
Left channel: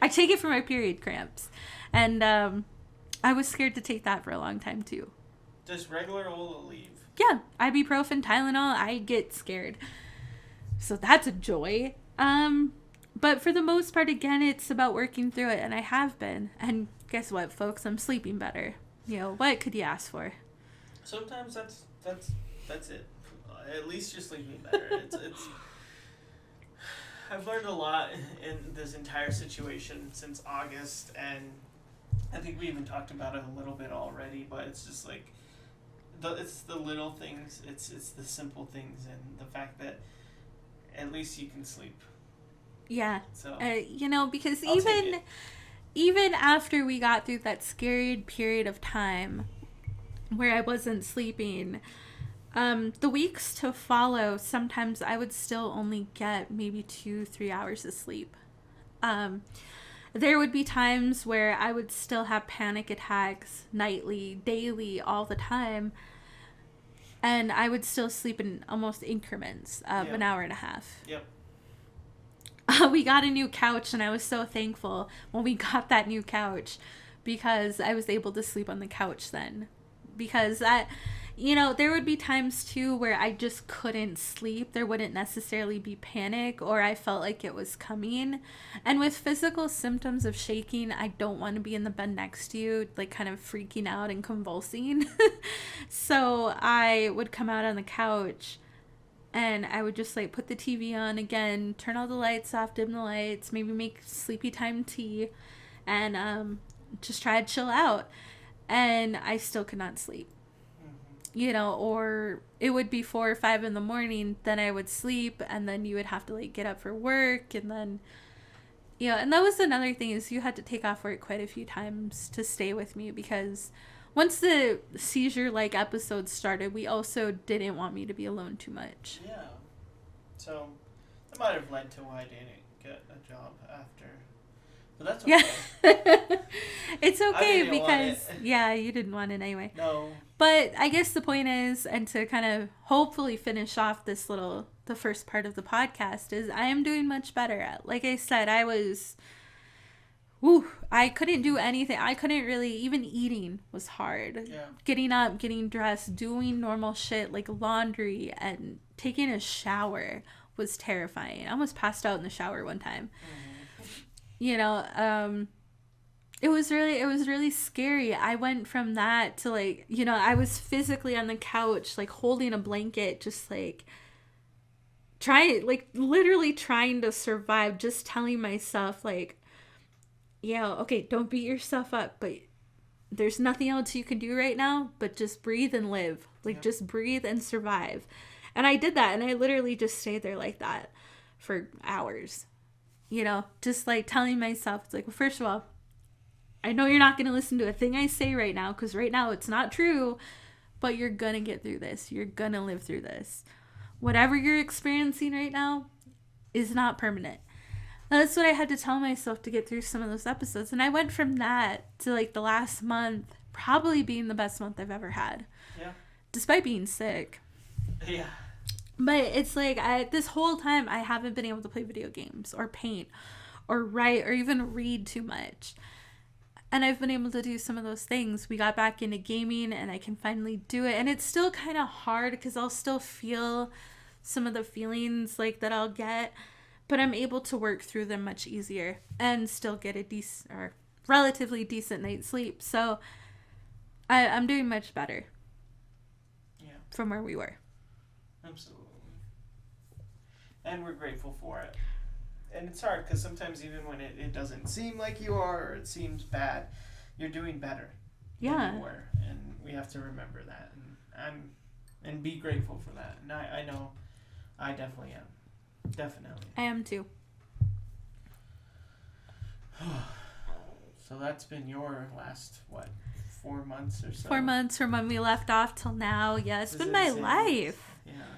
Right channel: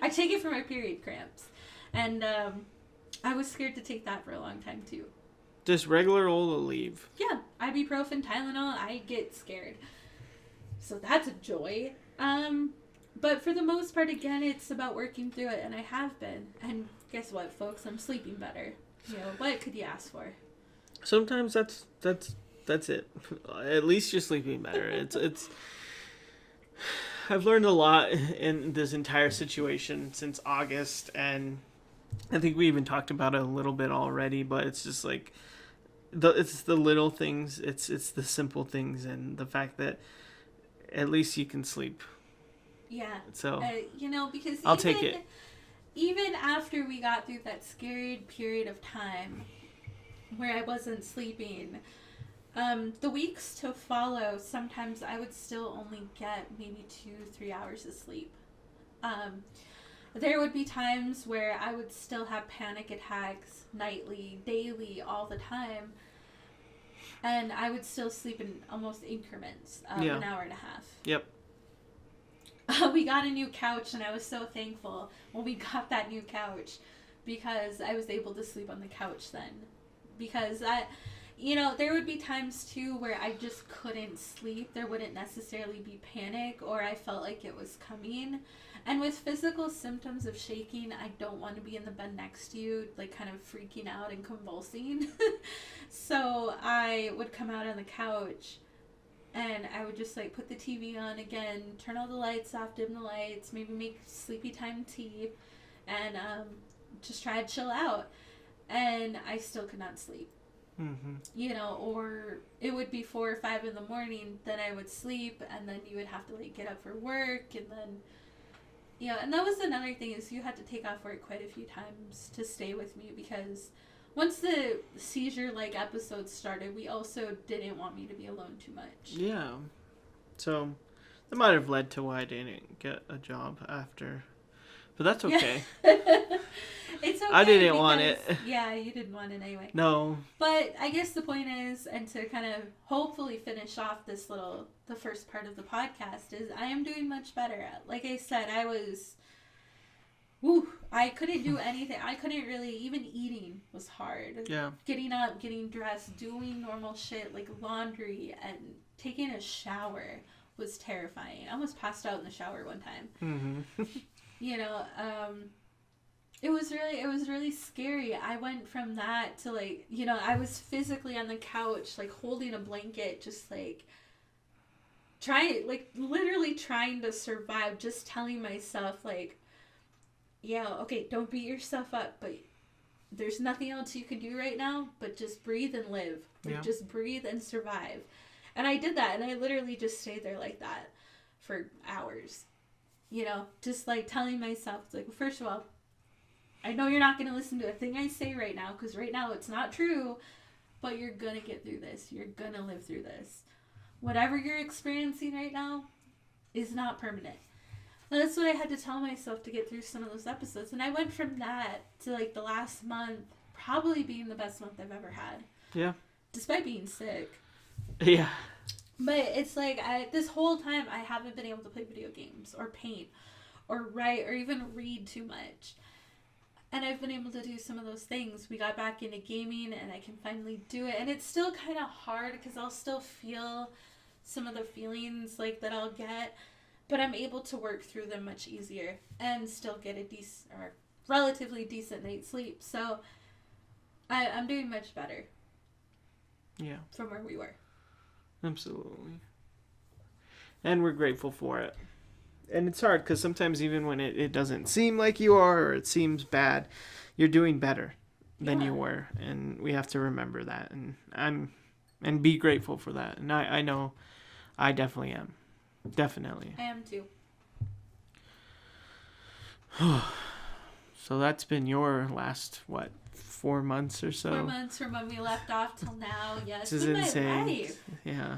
I take it for my period cramps. And I was scared to take that for a long time, too. Just regular old Aleve. Yeah, ibuprofen, Tylenol, I get scared. So that's a joy. But for the most part, again, it's about working through it, and I have been. And guess what, folks? I'm sleeping better. You know, what could you ask for? Sometimes that's it. At least you're sleeping better. It's. I've learned a lot in this entire situation since August, and I think we even talked about it a little bit already. But it's just like, it's the little things. It's the simple things, and the fact that at least you can sleep. Yeah. So you know, because I'll take it. Even after we got through that scary period of time where I wasn't sleeping, the weeks to follow, sometimes I would still only get maybe 2-3 hours of sleep. There would be times where I would still have panic attacks nightly, daily, all the time. And I would still sleep in almost increments of an hour and a half. Yep. We got a new couch, and I was so thankful when we got that new couch because I was able to sleep on the couch then. Because you know, there would be times too where I just couldn't sleep. There wouldn't necessarily be panic, or I felt like it was coming. And with physical symptoms of shaking, I don't want to be in the bed next to you, like kind of freaking out and convulsing. So I would come out on the couch and I would just like put the TV on again, turn all the lights off, dim the lights, maybe make sleepy time tea, and just try to chill out. And I still could not sleep. Mm-hmm. You know, or it would be 4 or 5 in the morning, then I would sleep, and then you would have to like get up for work, and then, you know, and that was another thing, is you had to take off work quite a few times to stay with me, because once the seizure-like episodes started, we also didn't want me to be alone too much. Yeah. So that might have led to why I didn't get a job after. But that's okay. Yeah. It's okay. I didn't want it. Yeah, you didn't want it anyway. No. But I guess the point is, and to kind of hopefully finish off the first part of the podcast, is I am doing much better. Like I said, I couldn't do anything. I couldn't really, even eating was hard. Yeah. Getting up, getting dressed, doing normal shit like laundry and taking a shower was terrifying. I almost passed out in the shower one time. Mm-hmm. You know, it was really scary. I went from that to like, you know, I was physically on the couch, like holding a blanket, just like literally trying to survive, just telling myself like, you know, okay, don't beat yourself up, but there's nothing else you can do right now, but just breathe and live. Like, just breathe and survive. And I did that, and I literally just stayed there like that for hours. You know, just like telling myself, it's like, first of all, I know you're not going to listen to a thing I say right now, because right now it's not true, but you're going to get through this. You're going to live through this. Whatever you're experiencing right now is not permanent. Now, that's what I had to tell myself to get through some of those episodes. And I went from that to like the last month probably being the best month I've ever had. Yeah. Despite being sick. Yeah. But it's like, this whole time, I haven't been able to play video games or paint or write or even read too much. And I've been able to do some of those things. We got back into gaming, and I can finally do it. And it's still kind of hard because I'll still feel some of the feelings like that I'll get. But I'm able to work through them much easier and still get a decent or relatively decent night's sleep. So I'm doing much better. Yeah. From where we were. Absolutely. And we're grateful for it. And it's hard because sometimes even when it doesn't seem like you are, or it seems bad, you're doing better than Yeah. you were, and we have to remember that, and be grateful for that. And I know I definitely am. Definitely. I am too. So that's been your last, 4 months or so? 4 months from when we left off till now. Yeah, it's This been is my insane. life. Yeah.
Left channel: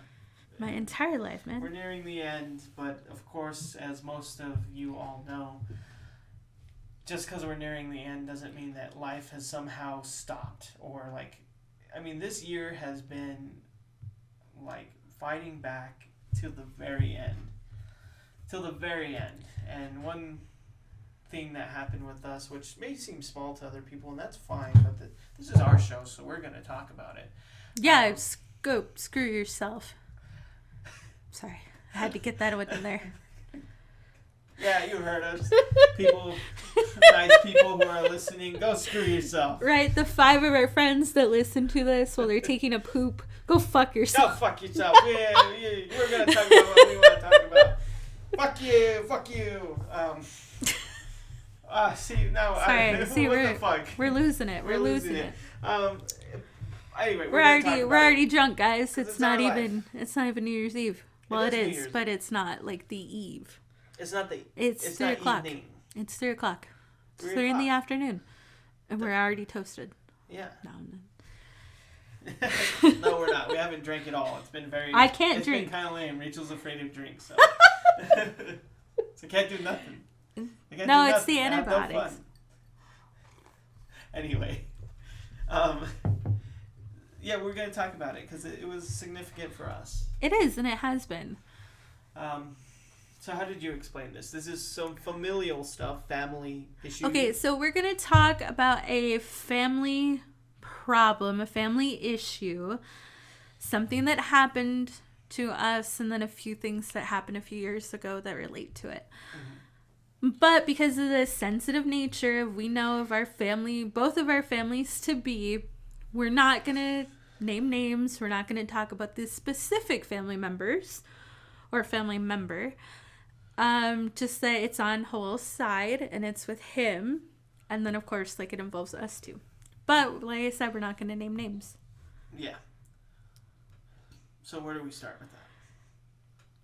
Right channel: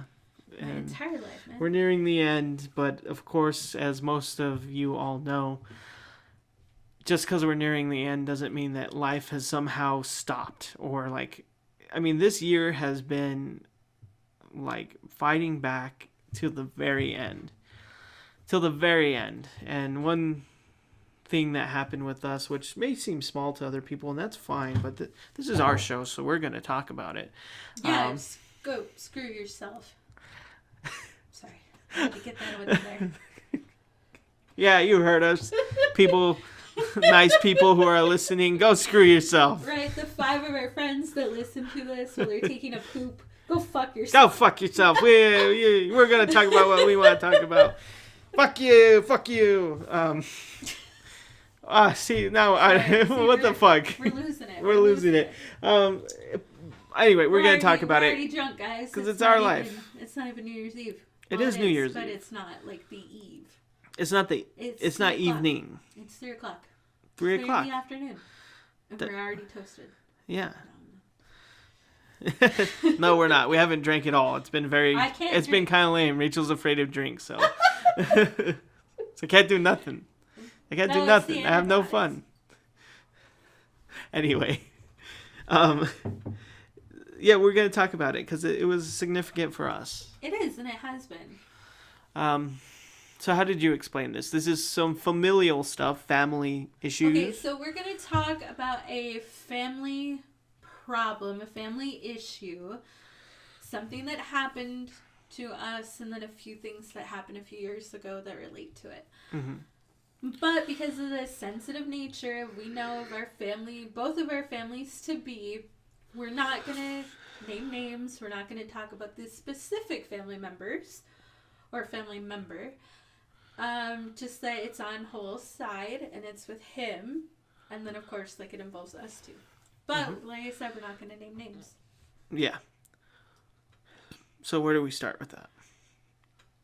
My And entire life, man. we're nearing the end, but of course, as most of you all know, just because we're nearing the end doesn't mean that life has somehow stopped. Or, this year has been, fighting back to the very end. Till the very end. And one thing that happened with us, which may seem small to other people, and that's fine, but this is our show, so we're going to talk about it. Yeah, screw yourself. Sorry, I had to get that out there. Yeah, you heard us. People, nice people who are listening, go screw yourself. Right, the 5 of our friends that listen to this while they're taking a poop, go fuck Go yourself. fuck yourself. We're going to talk about what we want to talk about. Fuck you. See, now what the fuck? We're losing it. We're losing it. Anyway, we're going to talk about We're it. already drunk, guys. 'Cause it's not our life. even, It's not even New Year's Eve. It is New Year's but Eve. it's not like the eve. It's not It's It's 3 not o'clock. evening. It's 3 o'clock. 3 3 in o'clock. the afternoon. And we're already toasted. Yeah. No. No, we're not. We haven't drank at all. It's been very. I can't It's been drink. kind of lame. Rachel's afraid of drinks, so I can't do nothing. I can't do It's nothing. the I have no antibiotics. fun. Anyway, yeah, we're gonna talk about it because it was significant for us. It is, and it has been. So how did you explain this? This is some familial stuff, family issues. Okay, so we're going to talk about a family problem, a family issue, something that happened to us, and then a few things that happened a few years ago that relate to it. Mm-hmm. But because of the sensitive nature we know of our family, both of our families to be, we're not going to name names. We're not going to talk about the specific family members or family member. Just that it's on Joel's side and it's with him. And then, of course, it involves us too. But, like I said, we're not going to name names. Yeah. So where do we start with that?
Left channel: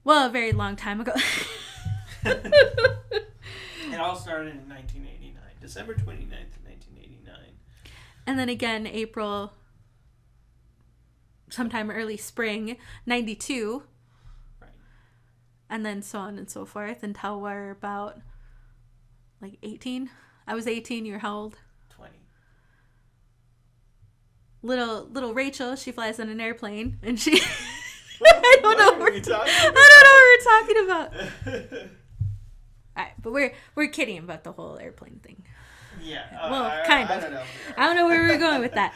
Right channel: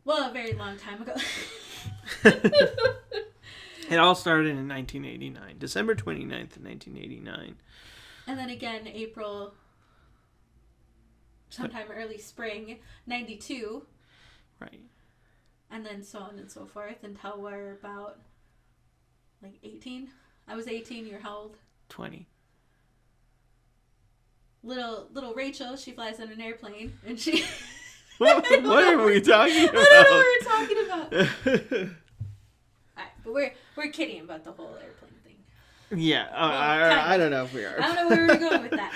Well, a very long time ago. It all started in 1989, December 29th, 1989. And then again, April, sometime early spring, 92. Right. And then so on and so forth until we're about, 18. I was 18. You're how old? 20. Little Rachel, she flies on an airplane, and she... What are we talking about? I don't know what we're talking about. Alright, but we're kidding about the whole airplane thing. Yeah, Well, I don't know if we are. I don't know where we're going with that.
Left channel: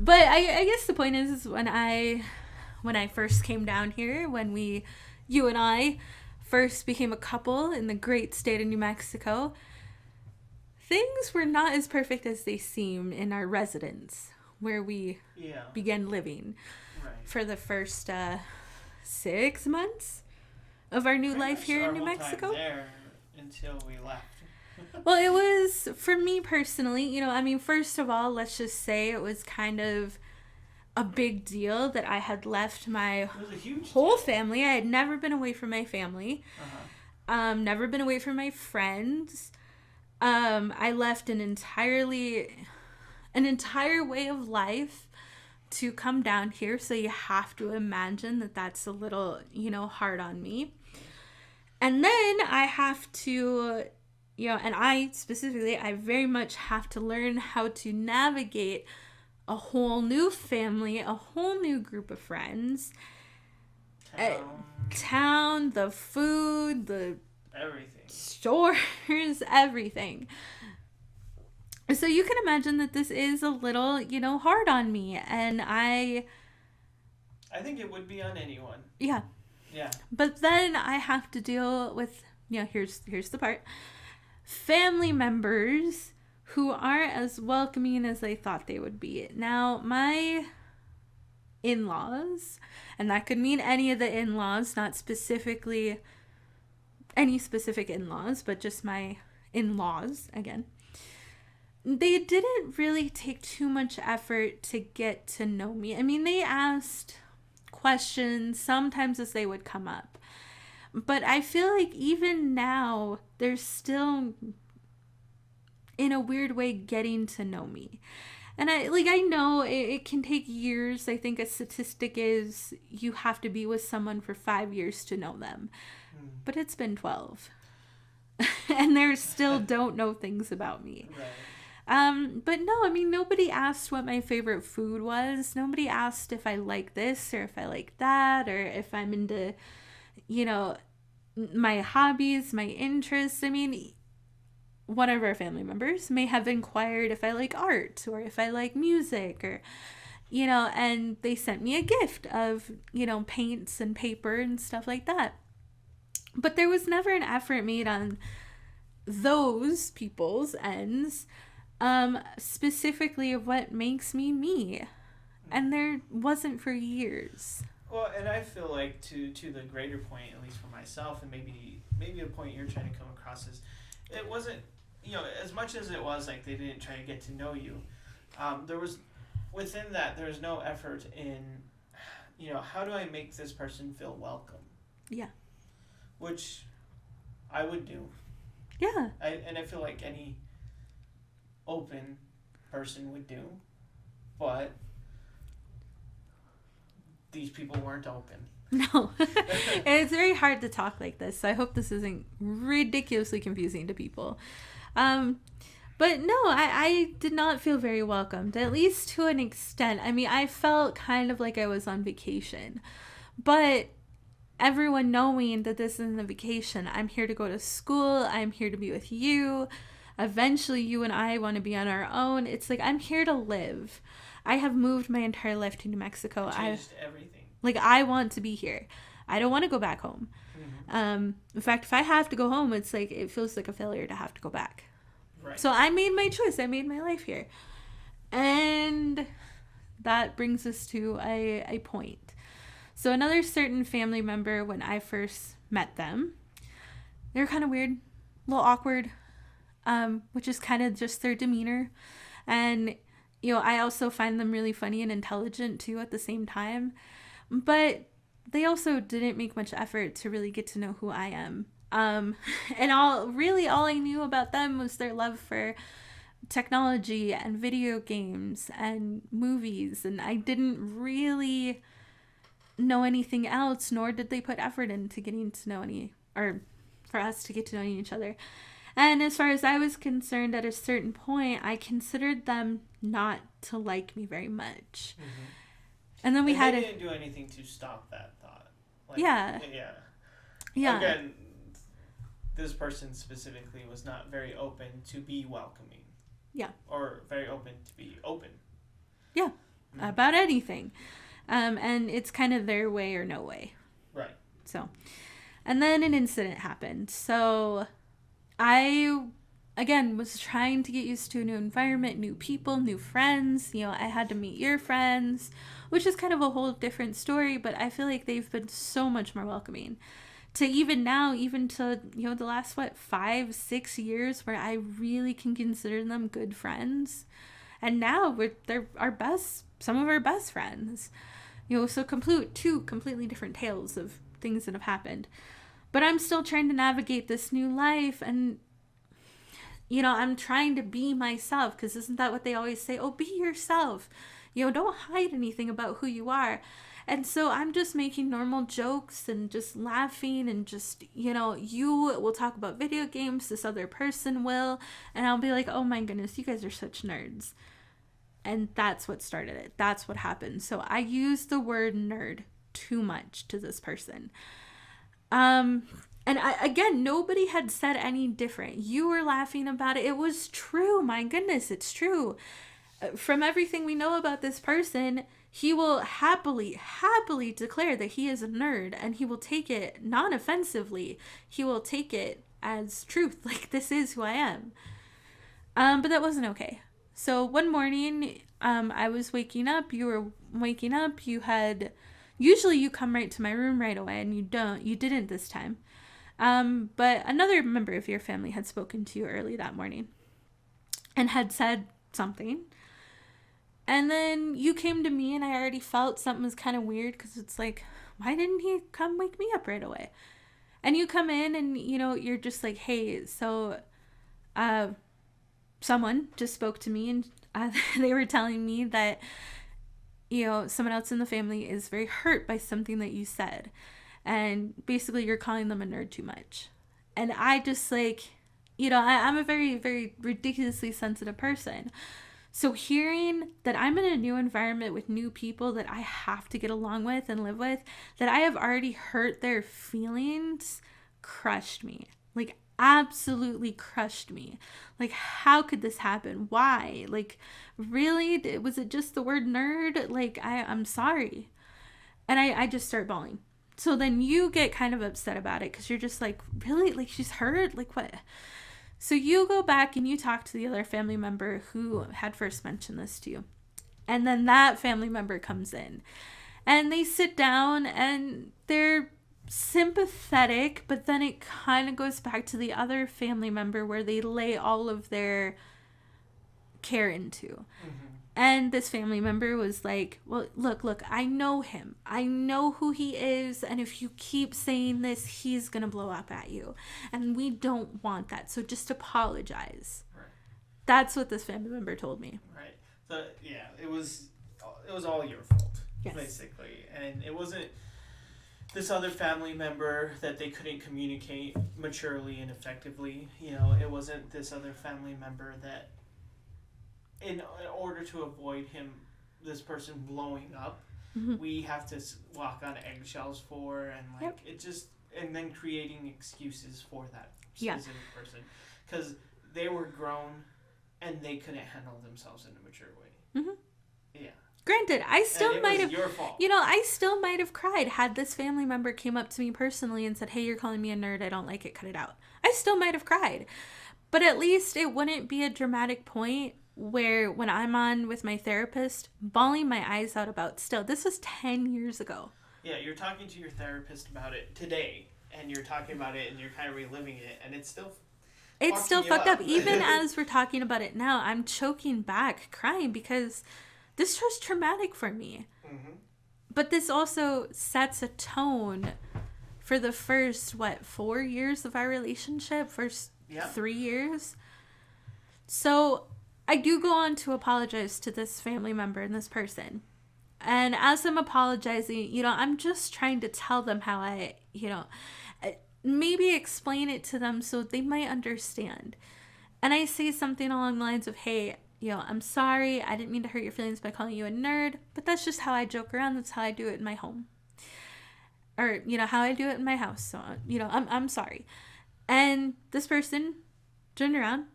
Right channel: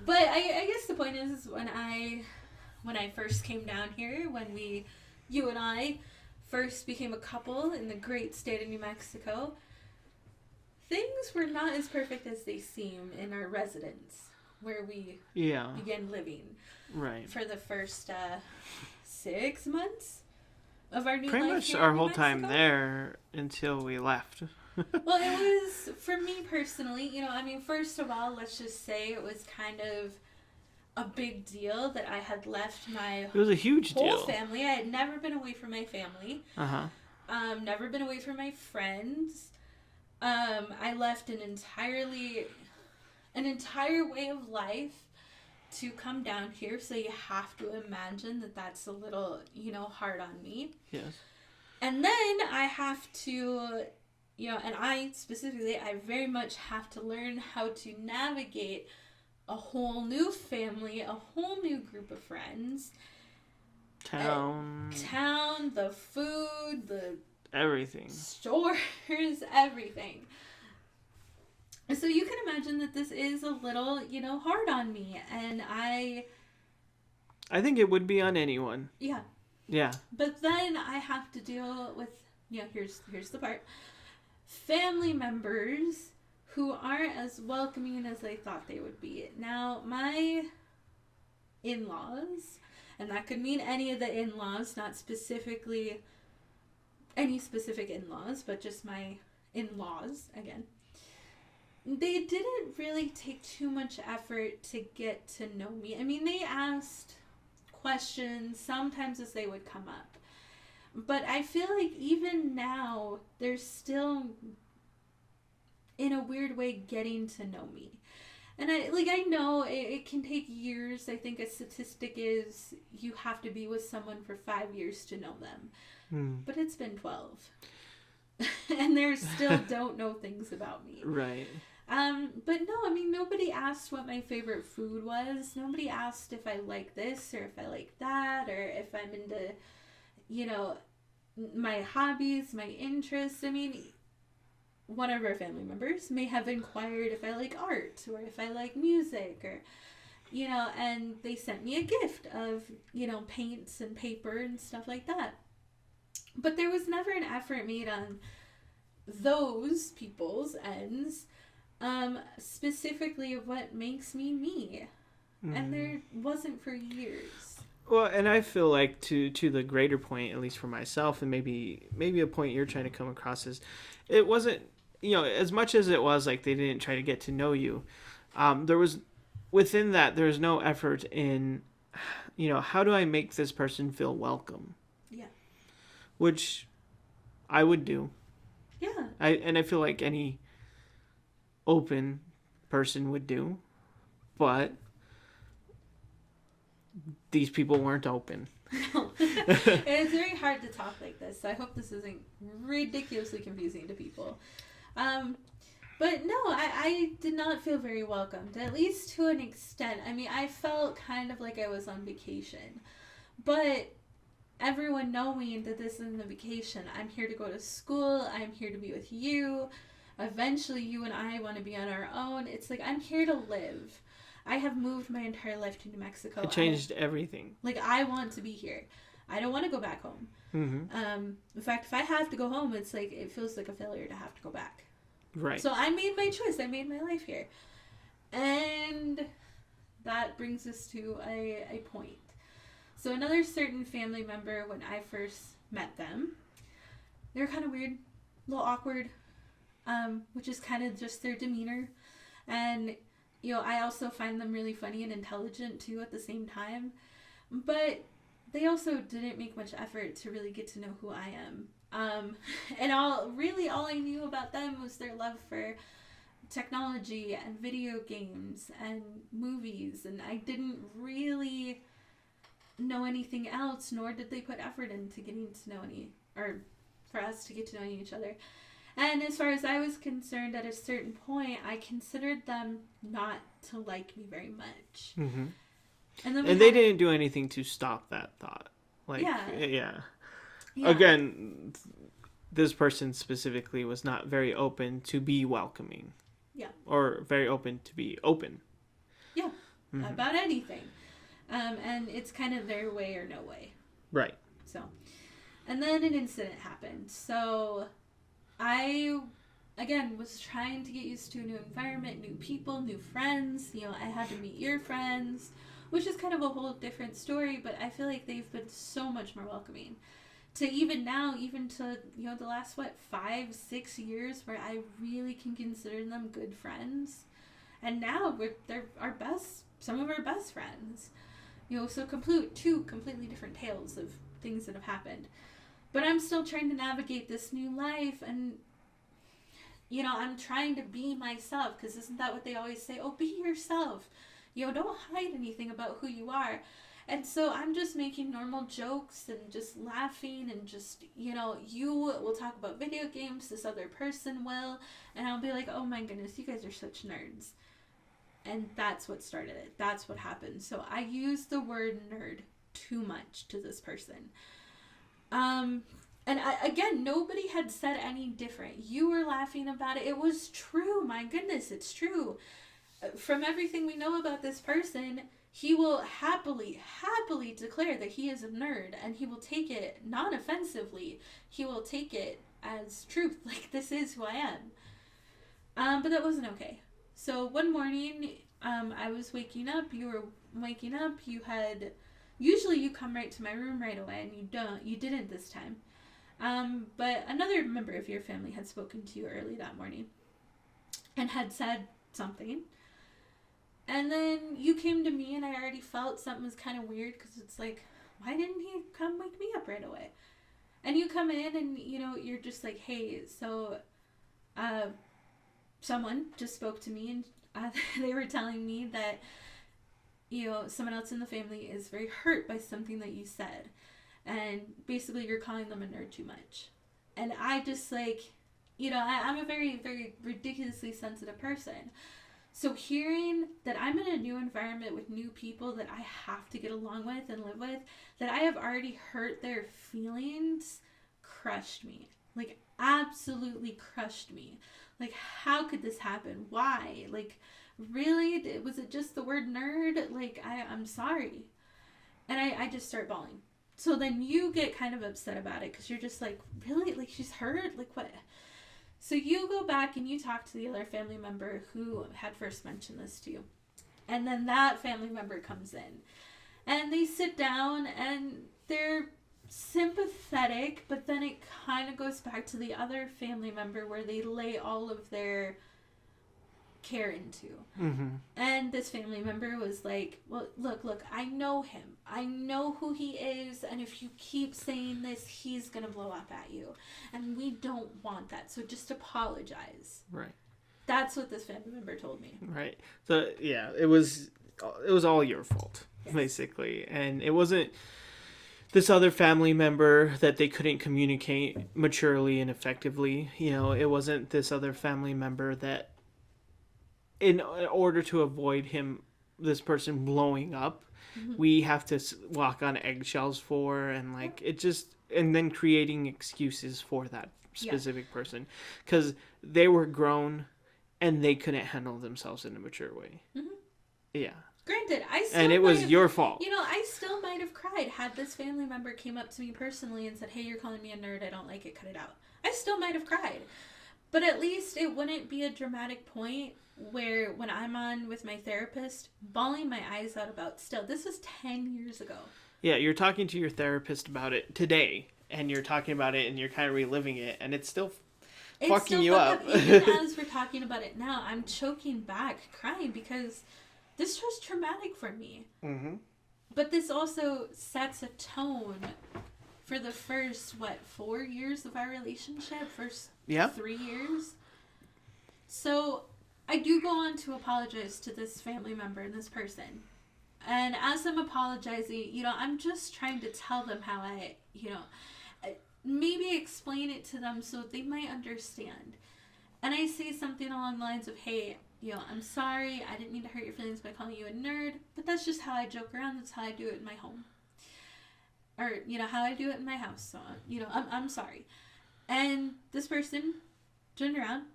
But I guess the point is when I first came down here, when you and I first became a couple in the great state of New Mexico, things were not as perfect as they seem in our residence where we began living. Right. For the first 6 months of our new Pretty life much here our in New whole Mexico. time there until we left. Well, it was, for me personally, first of all, let's just say it was kind of a big deal that I had left my It was a huge whole deal. family. I had never been away from my family. Never been away from my friends. I left an entire way of life to come down here, so you have to imagine that that's a little, hard on me. Yes. And then I have to, and I specifically, I very much have to learn how to navigate a whole new family, a whole new group of friends. Town, the food, the everything. stores, everything. So you can imagine that this is a little, hard on me. And I think it would be on anyone. Yeah. Yeah. But then I have to deal with, here's the part. Family members who aren't as welcoming as I thought they would be. Now, my in-laws, and that could mean any of the in-laws, not specifically any specific in-laws, but just my in-laws, again. they didn't really take too much effort to get to know me. I mean, they asked questions sometimes as they would come up. But I feel like even now, they're still, in a weird way, getting to know me. And I know it can take years. I think a statistic is you have to be with someone for 5 years to know them. But it's been 12. And they still don't know things about me. Right. But no, I mean, nobody asked what my favorite food was. Nobody asked if I like this or if I like that or if I'm into, you know, my hobbies, my interests. I mean, one of our family members may have inquired if I like art or if I like music or, you know, and they sent me a gift of, you know, paints and paper and stuff like that. But there was never an effort made on those people's ends, specifically of what makes me me. And there wasn't for years. Well, and I feel like to the greater point, at least for myself, and maybe a point you're trying to come across is, it wasn't, you know, as much as it was like they didn't try to get to know you, there was, within that, there's no effort in, you know, how do I make this person feel welcome? Yeah. Which I would do. Yeah. I feel like any open person would do, but these people weren't open. No. And it's very hard to talk like this, so I hope this isn't ridiculously confusing to people. But no, I did not feel very welcomed, at least to an extent. I mean, I felt kind of like I was on vacation. But everyone knowing that this isn't a vacation, I'm here to go to school, I'm here to be with you. Eventually, you and I want to be on our own. It's like, I'm here to live. I have moved my entire life to New Mexico. It changed everything. Like, I want to be here. I don't want to go back home. Mm-hmm. In fact, if I have to go home, it's like, it feels like a failure to have to go back. Right. So I made my choice. I made my life here. And that brings us to a point. So another certain family member, when I first met them, they were kind of weird, a little awkward, which is kind of just their demeanor. And, you know, I also find them really funny and intelligent too at the same time. But they also didn't make much effort to really get to know who I am. And all I knew about them was their love for technology and video games and movies. And I didn't really know anything else, nor did they put effort into getting to know for us to get to know each other. And as far as I was concerned, at a certain point, I considered them not to like me very much. Mm-hmm. And then they didn't do anything to stop that thought. Like, yeah. Again, this person specifically was not very open to be welcoming. Yeah. Or very open to be open. Yeah. Mm-hmm. About anything. And it's kind of their way or no way. Right. So, and then an incident happened. So, I, again, was trying to get used to a new environment, new people, new friends. You know, I had to meet your friends, which is kind of a whole different story, but I feel like they've been so much more welcoming. To even now, even to, you know, the last, 5-6 years where I really can consider them good friends. And now they're some of our best friends. You know, so two completely different tales of things that have happened. But I'm still trying to navigate this new life, and, you know, I'm trying to be myself, because isn't that what they always say? Oh, be yourself. You know, don't hide anything about who you are. And so I'm just making normal jokes and just laughing and just, you know, you will talk about video games, this other person will, and I'll be like, oh my goodness, you guys are such nerds. And that's what started it. That's what happened. So I used the word nerd too much to this person. And again, nobody had said any different. You were laughing about it. It was true. My goodness, it's true. From everything we know about this person, he will happily declare that he is a nerd, and he will take it non-offensively. He will take it as truth. Like, this is who I am. But that wasn't okay. So one morning, I was waking up. You were waking up. Usually you come right to my room right away, and you didn't this time. But another member of your family had spoken to you early that morning. and had said something. And then you came to me, and I already felt something was kind of weird, because it's like, why didn't he come wake me up right away? And you come in, and, you know, you're just like, hey, so someone just spoke to me, and they were telling me that, you know, someone else in the family is very hurt by something that you said. And basically, you're calling them a nerd too much. And I just, like, you know, I'm a very, very ridiculously sensitive person. So hearing that I'm in a new environment with new people that I have to get along with and live with, that I have already hurt their feelings, crushed me. Like, absolutely crushed me. Like, how could this happen? Why? Like, really? Was it just the word nerd? Like, I'm sorry. And I just start bawling. So then you get kind of upset about it, because you're just like, really? Like, she's hurt? Like, what? So you go back and you talk to the other family member who had first mentioned this to you. And then that family member comes in. And they sit down and they're sympathetic, but then it kind of goes back to the other family member where they lay all of their care into. Mm-hmm. And this family member was like, well, look, I know him. I know who he is. And if you keep saying this, he's going to blow up at you. And we don't want that. So just apologize. Right. That's what this family member told me. Right. So, yeah, it was all your fault, Yes. basically. And it wasn't this other family member that they couldn't communicate maturely and effectively. You know, it wasn't this other family member that, in order to avoid this person blowing up, Mm-hmm. we have to walk on eggshells for, and like, Yep. it just, and then creating excuses for that specific person, because they were grown and they couldn't handle themselves in a mature way. Mm-hmm. Yeah. Granted, I still And it was your fault. You know, I still might have cried had this family member came up to me personally and said, hey, you're calling me a nerd, I don't like it, cut it out. I still might have cried. But at least it wouldn't be a dramatic point where when I'm on with my therapist, bawling my eyes out about still. This was 10 years ago. Yeah, you're talking to your therapist about it today, and you're talking about it, and you're kind of reliving it, and it's still fucking you fucked up. up. Even as we're talking about it now, I'm choking back, crying, because this was traumatic for me. Mm-hmm. But this also sets a tone for the first, 4 years of our relationship? First 3 years? So I do go on to apologize to this family member and this person. And as I'm apologizing, you know, I'm just trying to tell them how I, you know, maybe explain it to them so they might understand. And I say something along the lines of, hey, you know, I'm sorry, I didn't mean to hurt your feelings by calling you a nerd, but that's just how I joke around. That's how I do it in my home. Or, you know, how I do it in my house. So, you know, I'm sorry. And this person turned around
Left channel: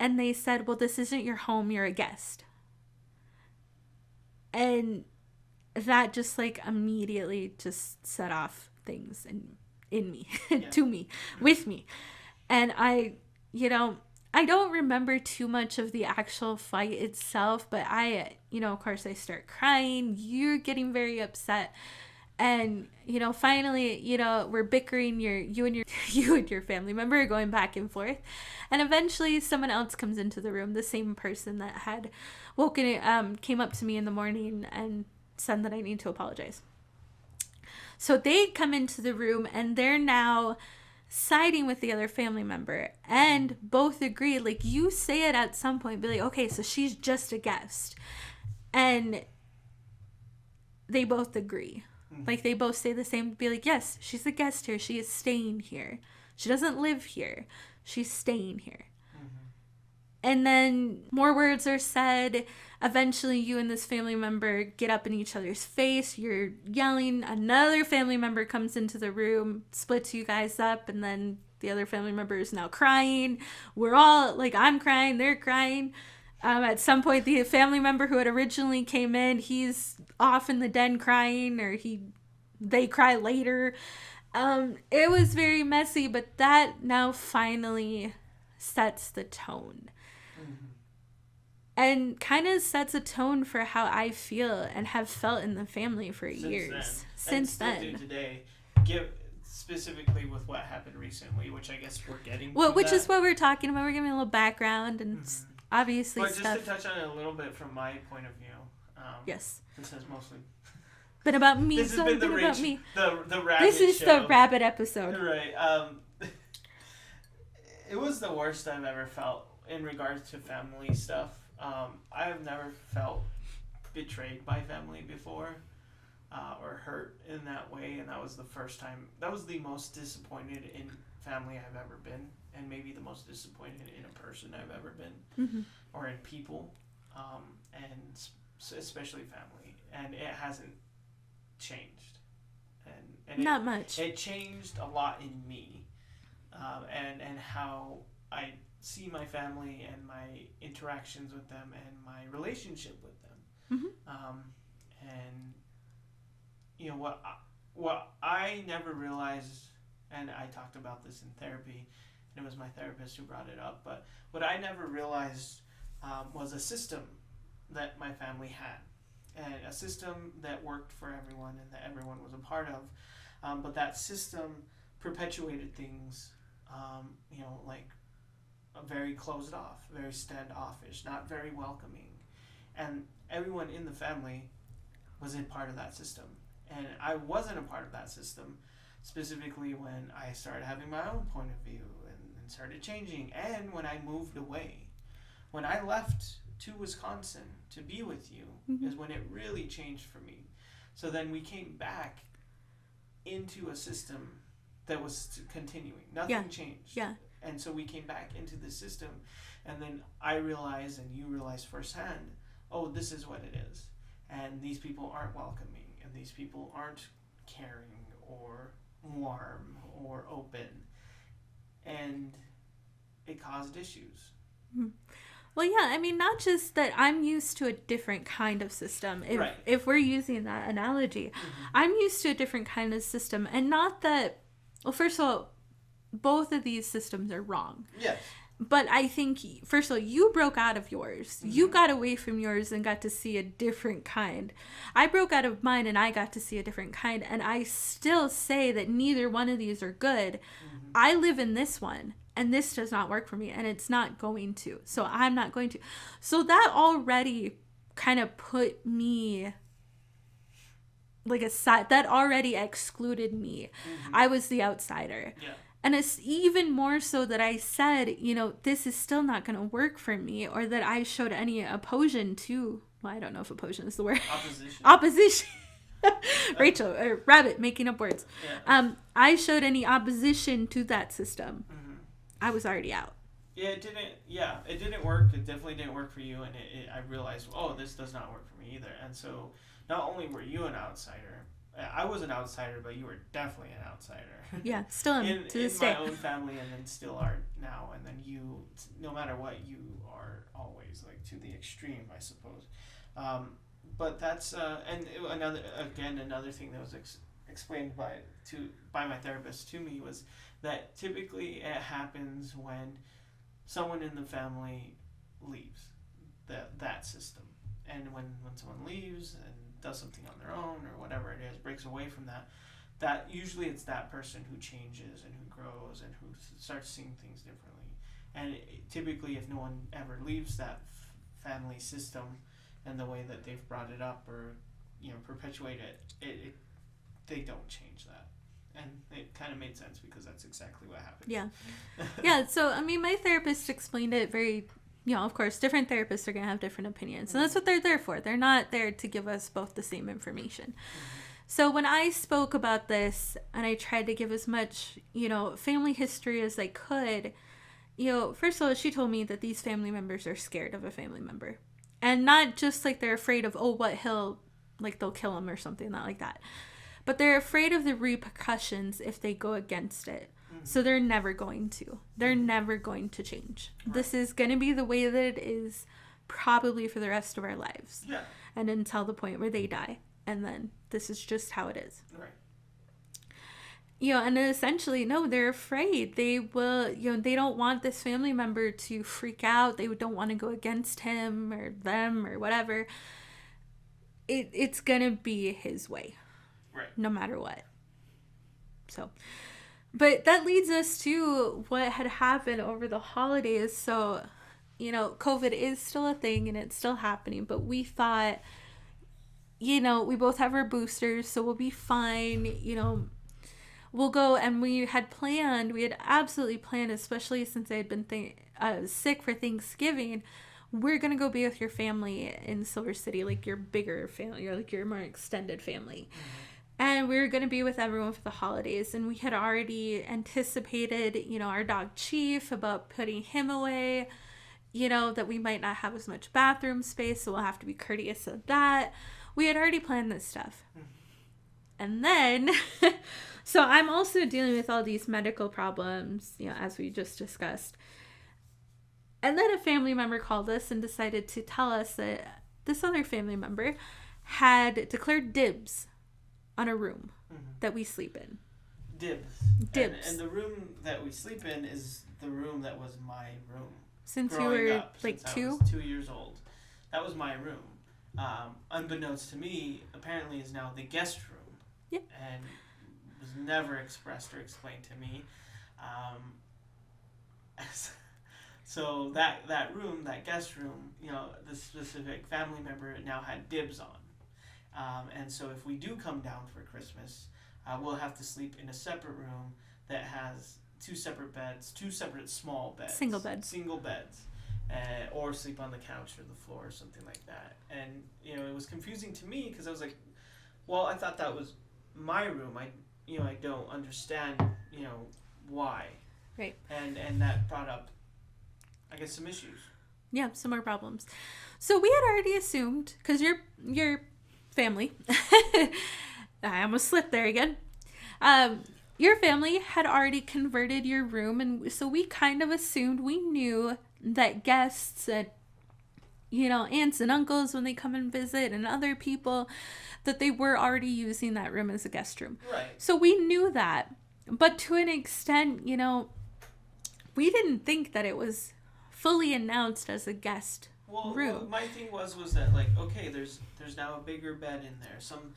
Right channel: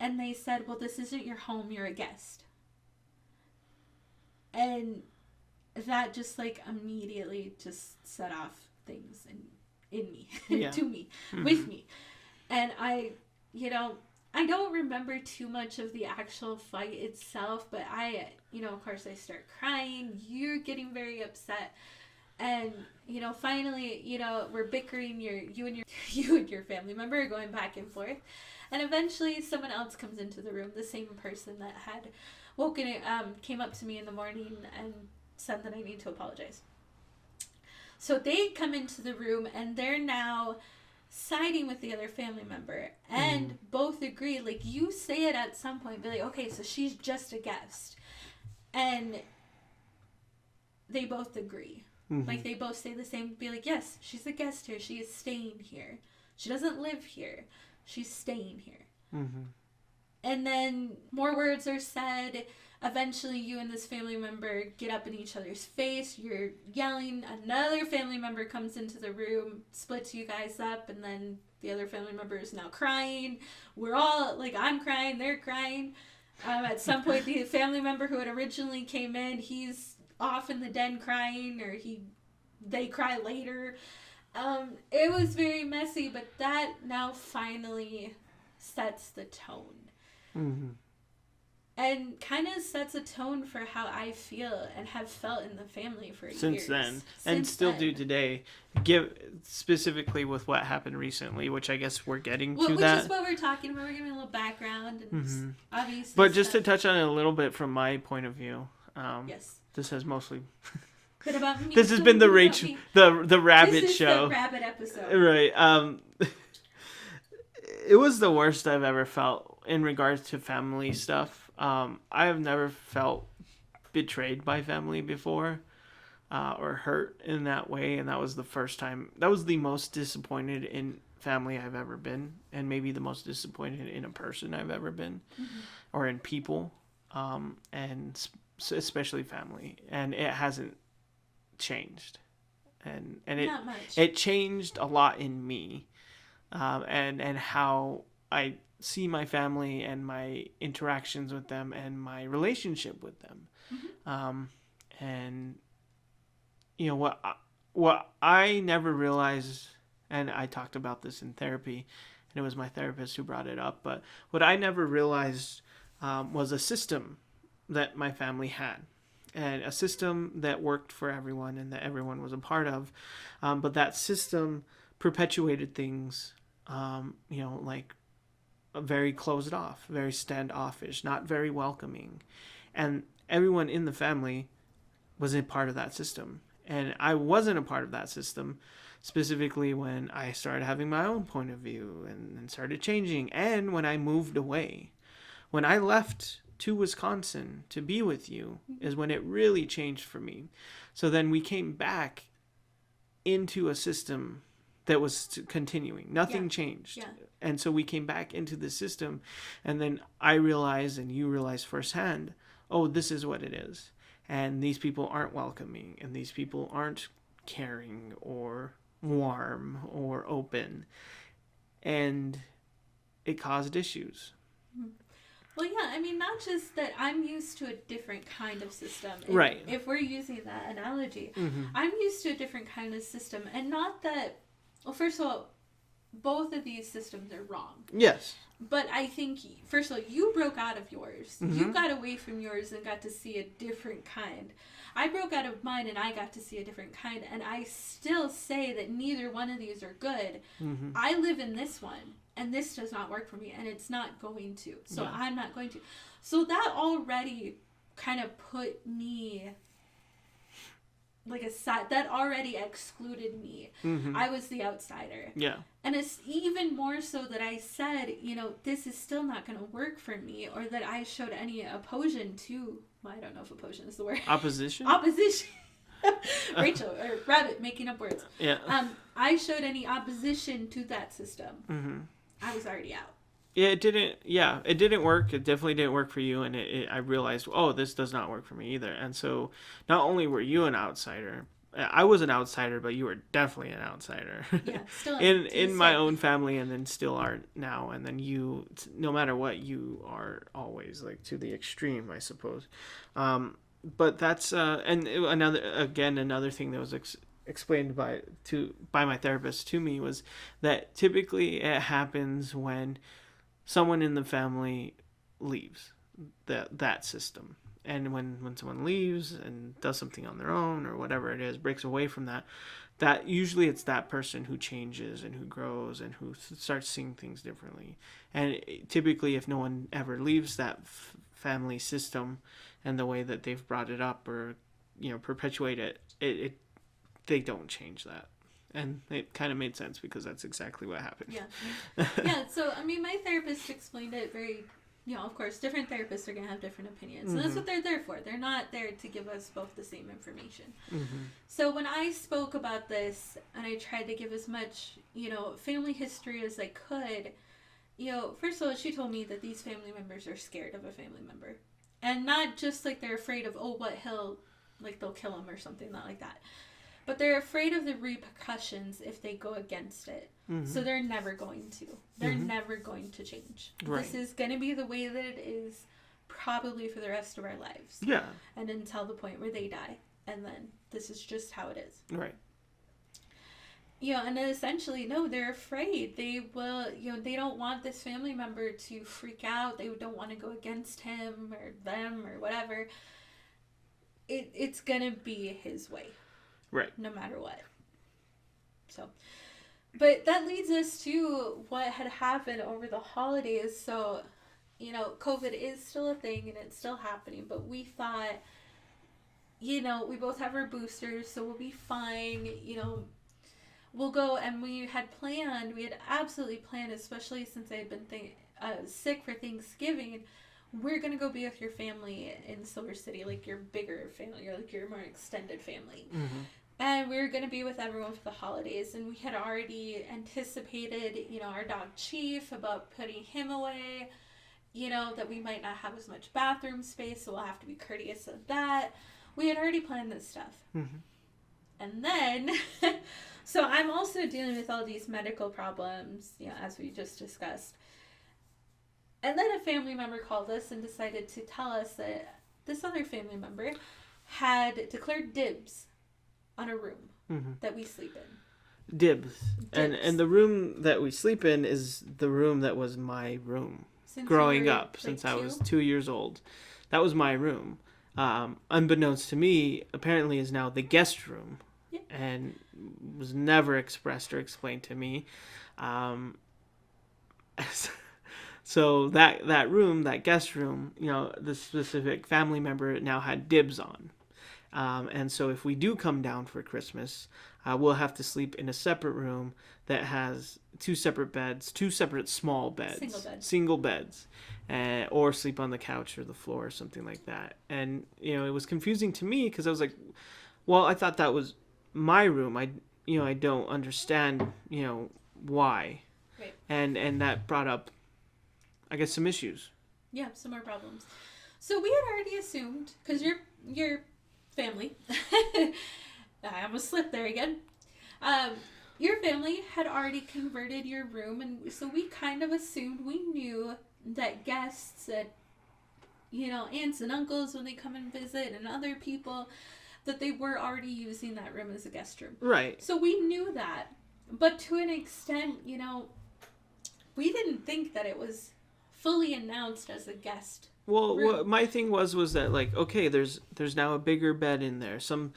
and they said, well, this isn't your home, you're a guest. And that just, like, immediately just set off things in me, to me, with me. And I, you know, I don't remember too much of the actual fight itself, but I, you know, of course I start crying, you're getting very upset. And, you know, finally, you know, we're bickering, you and your family member are going back and forth. And eventually someone else comes into the room, the same person that had came up to me in the morning and said that I need to apologize. So they come into the room and they're now siding with the other family member, and both agree, like, you say it at some point, be like, okay, so she's just a guest. And they both agree. Like, they both say the same, be like, yes, she's a guest here, she is staying here, she doesn't live here, she's staying here. And then more words are said. Eventually you and this family member get up in each other's face, you're yelling, another family member comes into the room, splits you guys up, and then the other family member is now crying. We're all, like, I'm crying, they're crying. At some point, the family member who had originally came in, he's off in the den crying, or they cry later. It was very messy, but that now finally sets the tone. And kind of sets a tone for how I feel and have felt in the family for years. Since then. And still do today. specifically with what happened recently, which I guess we're getting to which that. is what we're talking about. We're giving a little background and obviously. But just to touch on it a little bit from my point of view. Yes. This has mostly. But about me. This has been the rabbit this is show. The rabbit episode. Right. It was the worst I've ever felt in regards to family stuff. I have never felt betrayed by family before, or hurt in that way, and that was the first time. That was the most disappointed in family I've ever been, and maybe the most disappointed in a person I've ever been, or in people, and especially family. And it hasn't changed, and not much. It changed a lot in me, and how I see my family and my interactions with them and my relationship with them. And you know what I never realized, and I talked about this in therapy, and it was my therapist who brought it up, but what I never realized was a system that my family had, and a system that worked for everyone and that everyone was a part of, but that system perpetuated things, like very closed off, very standoffish, not very welcoming, and everyone in the family was a part of that system. And I wasn't a part of that system, specifically when I started having my own point of view and started changing, and when I moved away. When I left to Wisconsin to be with you is when it really changed for me. So then we came back into a system that was continuing. Nothing changed. Yeah. And so we came back into the system, and then I realized, and you realized firsthand, oh, this is what it is. And these people aren't welcoming, and these people aren't caring or warm or open. And it caused issues. Well, yeah, I mean, not just that I'm used to a different kind of system. If we're using that analogy, I'm used to a different kind of system. And not that, well, first of all, both of these systems are wrong. Yes. But I think, first of all, you broke out of yours. You got away from yours and got to see a different kind. I broke out of mine and I got to see a different kind. And I still say that neither one of these are good. I live in this one, and this does not work for me, and it's not going to. So I'm not going to. So that already kind of put me like aside. That already excluded me. I was the outsider. Yeah. And it's even more so that I said, this is still not going to work for me, or that I showed any opposition to, well, I don't know if opposition is the word. Opposition? Opposition. Rachel, or Rabbit, making up words. Yeah. I showed any opposition to that system. I was already out. Yeah, it didn't work. It definitely didn't work for you. And I realized, oh, this does not work for me either. And so not only were you an outsider, I was an outsider, but you were definitely an outsider. Yeah, still in my own family, and then still are now. And then you, no matter what, you are always like to the extreme, I suppose. But that's another thing that was explained by my therapist to me was that typically it happens when someone in the family leaves that system. And when someone leaves and does something on their own or whatever it is, breaks away from that usually it's that person who changes and who grows and who starts seeing things differently. And typically, if no one ever leaves that family system and the way that they've brought it up or perpetuate it, they don't change that. And it kind of made sense because that's exactly what happened. Yeah. Yeah. So I mean, my therapist explained it very. Of course, different therapists are going to have different opinions. And that's what they're there for. They're not there to give us both the same information. So when I spoke about this and I tried to give as much, family history as I could, first of all, she told me that these family members are scared of a family member. And not just like they're afraid of, they'll kill him or something, not like that. But they're afraid of the repercussions if they go against it. So they're never going to. They're never going to change. Right. This is going to be the way that it is probably for the rest of our lives. Yeah. And until the point where they die. And then this is just how it is. Right. And essentially, no, they're afraid. They will, they don't want this family member to freak out. They don't want to go against him or them or whatever. It's going to be his way. Right. No matter what. So, but that leads us to what had happened over the holidays. So, COVID is still a thing and it's still happening, but we thought, we both have our boosters, so we'll be fine. We'll go, and we had absolutely planned, especially since I had been sick for Thanksgiving. We're gonna go be with your family in Silver City, like your bigger family, or like your more extended family. Mm-hmm. And we were gonna be with everyone for the holidays, and we had already anticipated, our dog Chief, about putting him away. That we might not have as much bathroom space, so we'll have to be courteous of that. We had already planned this stuff. Mm-hmm. And then, so I'm also dealing with all these medical problems, as we just discussed. And then a family member called us and decided to tell us that this other family member had declared dibs on a room that we sleep in. Dibs. And the room that we sleep in is the room that was my room. Growing up, since I was 2 years old. That was my room. Unbeknownst to me, apparently is now the guest room. Yep. And was never expressed or explained to me. So that room, that guest room, the specific family member now had dibs on. And so if we do come down for Christmas, we'll have to sleep in a separate room that has 2 separate beds, 2 separate small beds. Single beds. Or sleep on the couch or the floor or something like that. And, it was confusing to me because I was like, well, I thought that was my room. I don't understand, why. Right. And that brought up, I guess, some issues. Yeah, some more problems. So we had already assumed, because your family, I almost slipped there again. Your family had already converted your room, and so we kind of assumed, we knew that guests and, aunts and uncles, when they come and visit, and other people, that they were already using that room as a guest room. Right. So we knew that. But to an extent, we didn't think that it was fully announced as a guest room. Well, my thing was that, like, okay, there's now a bigger bed in there. Some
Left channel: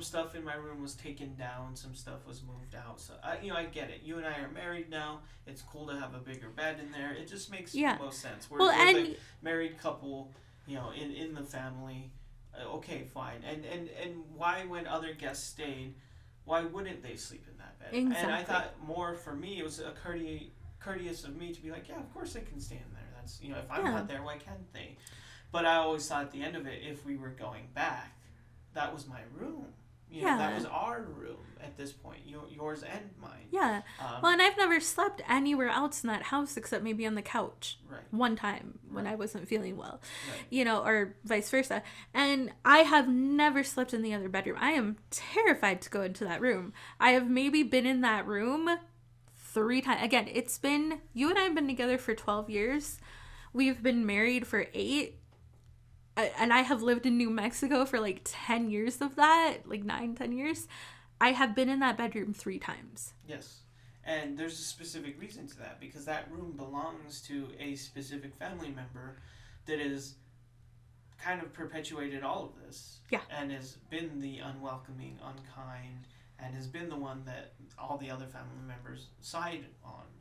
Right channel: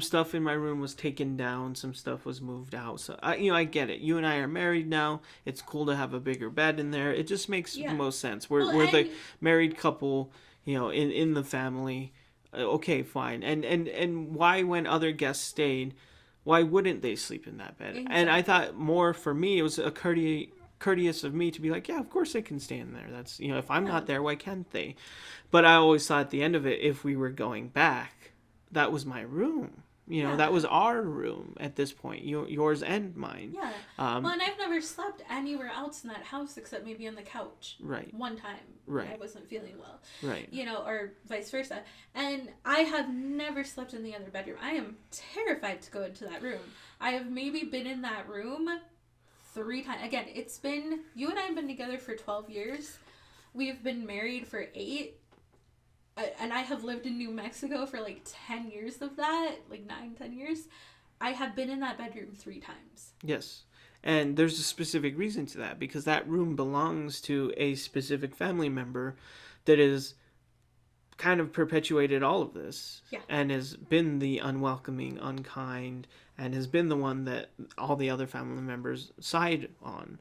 stuff in my room was taken down. Some stuff was moved out. So, I get it. You and I are married now. It's cool to have a bigger bed in there. It just makes the most sense. We're the married couple, in the family. Okay, fine. And why, when other guests stayed, why wouldn't they sleep in that bed? Exactly. And I thought, more for me, it was a courteous of me to be like, yeah, of course they can stay in there. That's, if I'm not there, why can't they? But I always thought at the end of it, if we were going back, that was my room. That was our room at this point, yours and mine. Yeah. Well, and I've never slept anywhere else in that house except maybe on the couch. Right. One time when I wasn't feeling well. Right. Or vice versa. And I have never slept in the other bedroom. I am terrified to go into that room. I have maybe been in that room 3 times. Again, you and I have been together for 12 years. We've been married for 8. And I have lived in New Mexico for like 10 years of that, like 9-10 years. I have been in that bedroom 3 times. Yes. And there's a specific reason to that, because that room belongs to a specific family member that has kind of perpetuated all of this. Yeah. And has been the unwelcoming, unkind, and has been the one that all the other family members side on.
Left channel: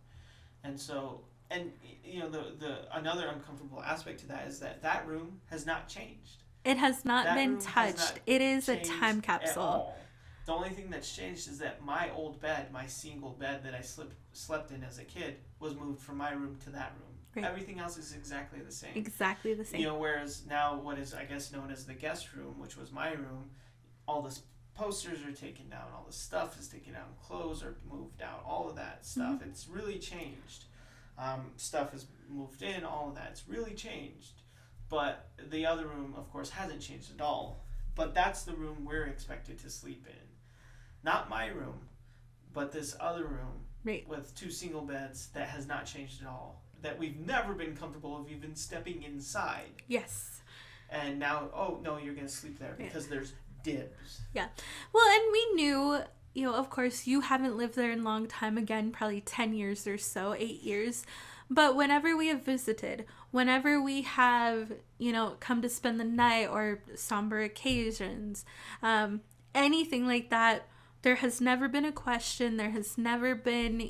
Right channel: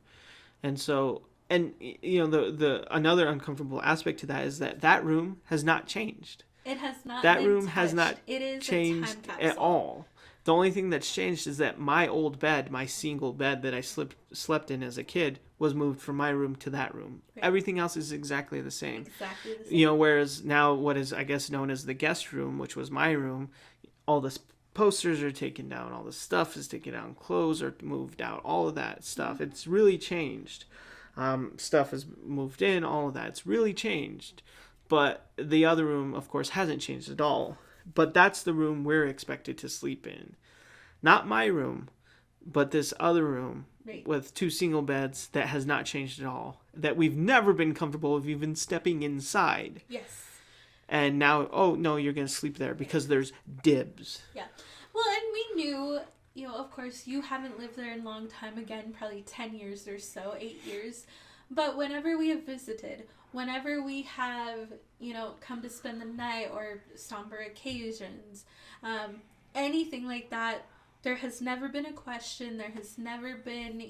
And so, and the another uncomfortable aspect to that is that room has not changed. It has not that been room touched. Has not it is changed a time capsule at all. The only thing that's changed is that my old bed, my single bed that I slept in as a kid, was moved from my room to that room. Right. Everything else is exactly the same. Exactly the same. Whereas now what is, I guess, known as the guest room, which was my room, all the posters are taken down, all the stuff is taken down, clothes are moved out, all of that stuff. Mm-hmm. It's really changed. Stuff is moved in, all of that. It's really changed. But the other room, of course, hasn't changed at all. But that's the room we're expected to sleep in. Not my room, but this other room with 2 single beds that has not changed at all. That we've never been comfortable of even stepping inside. Yes. And now, oh, no, you're going to sleep there because there's dibs. Yeah. Well, and we knew, of course, you haven't lived there in a long time, again, probably 10 years or so, 8 years. But whenever we have visited, whenever we have, come to spend the night or somber occasions, anything like that, there has never been a question. There has never been,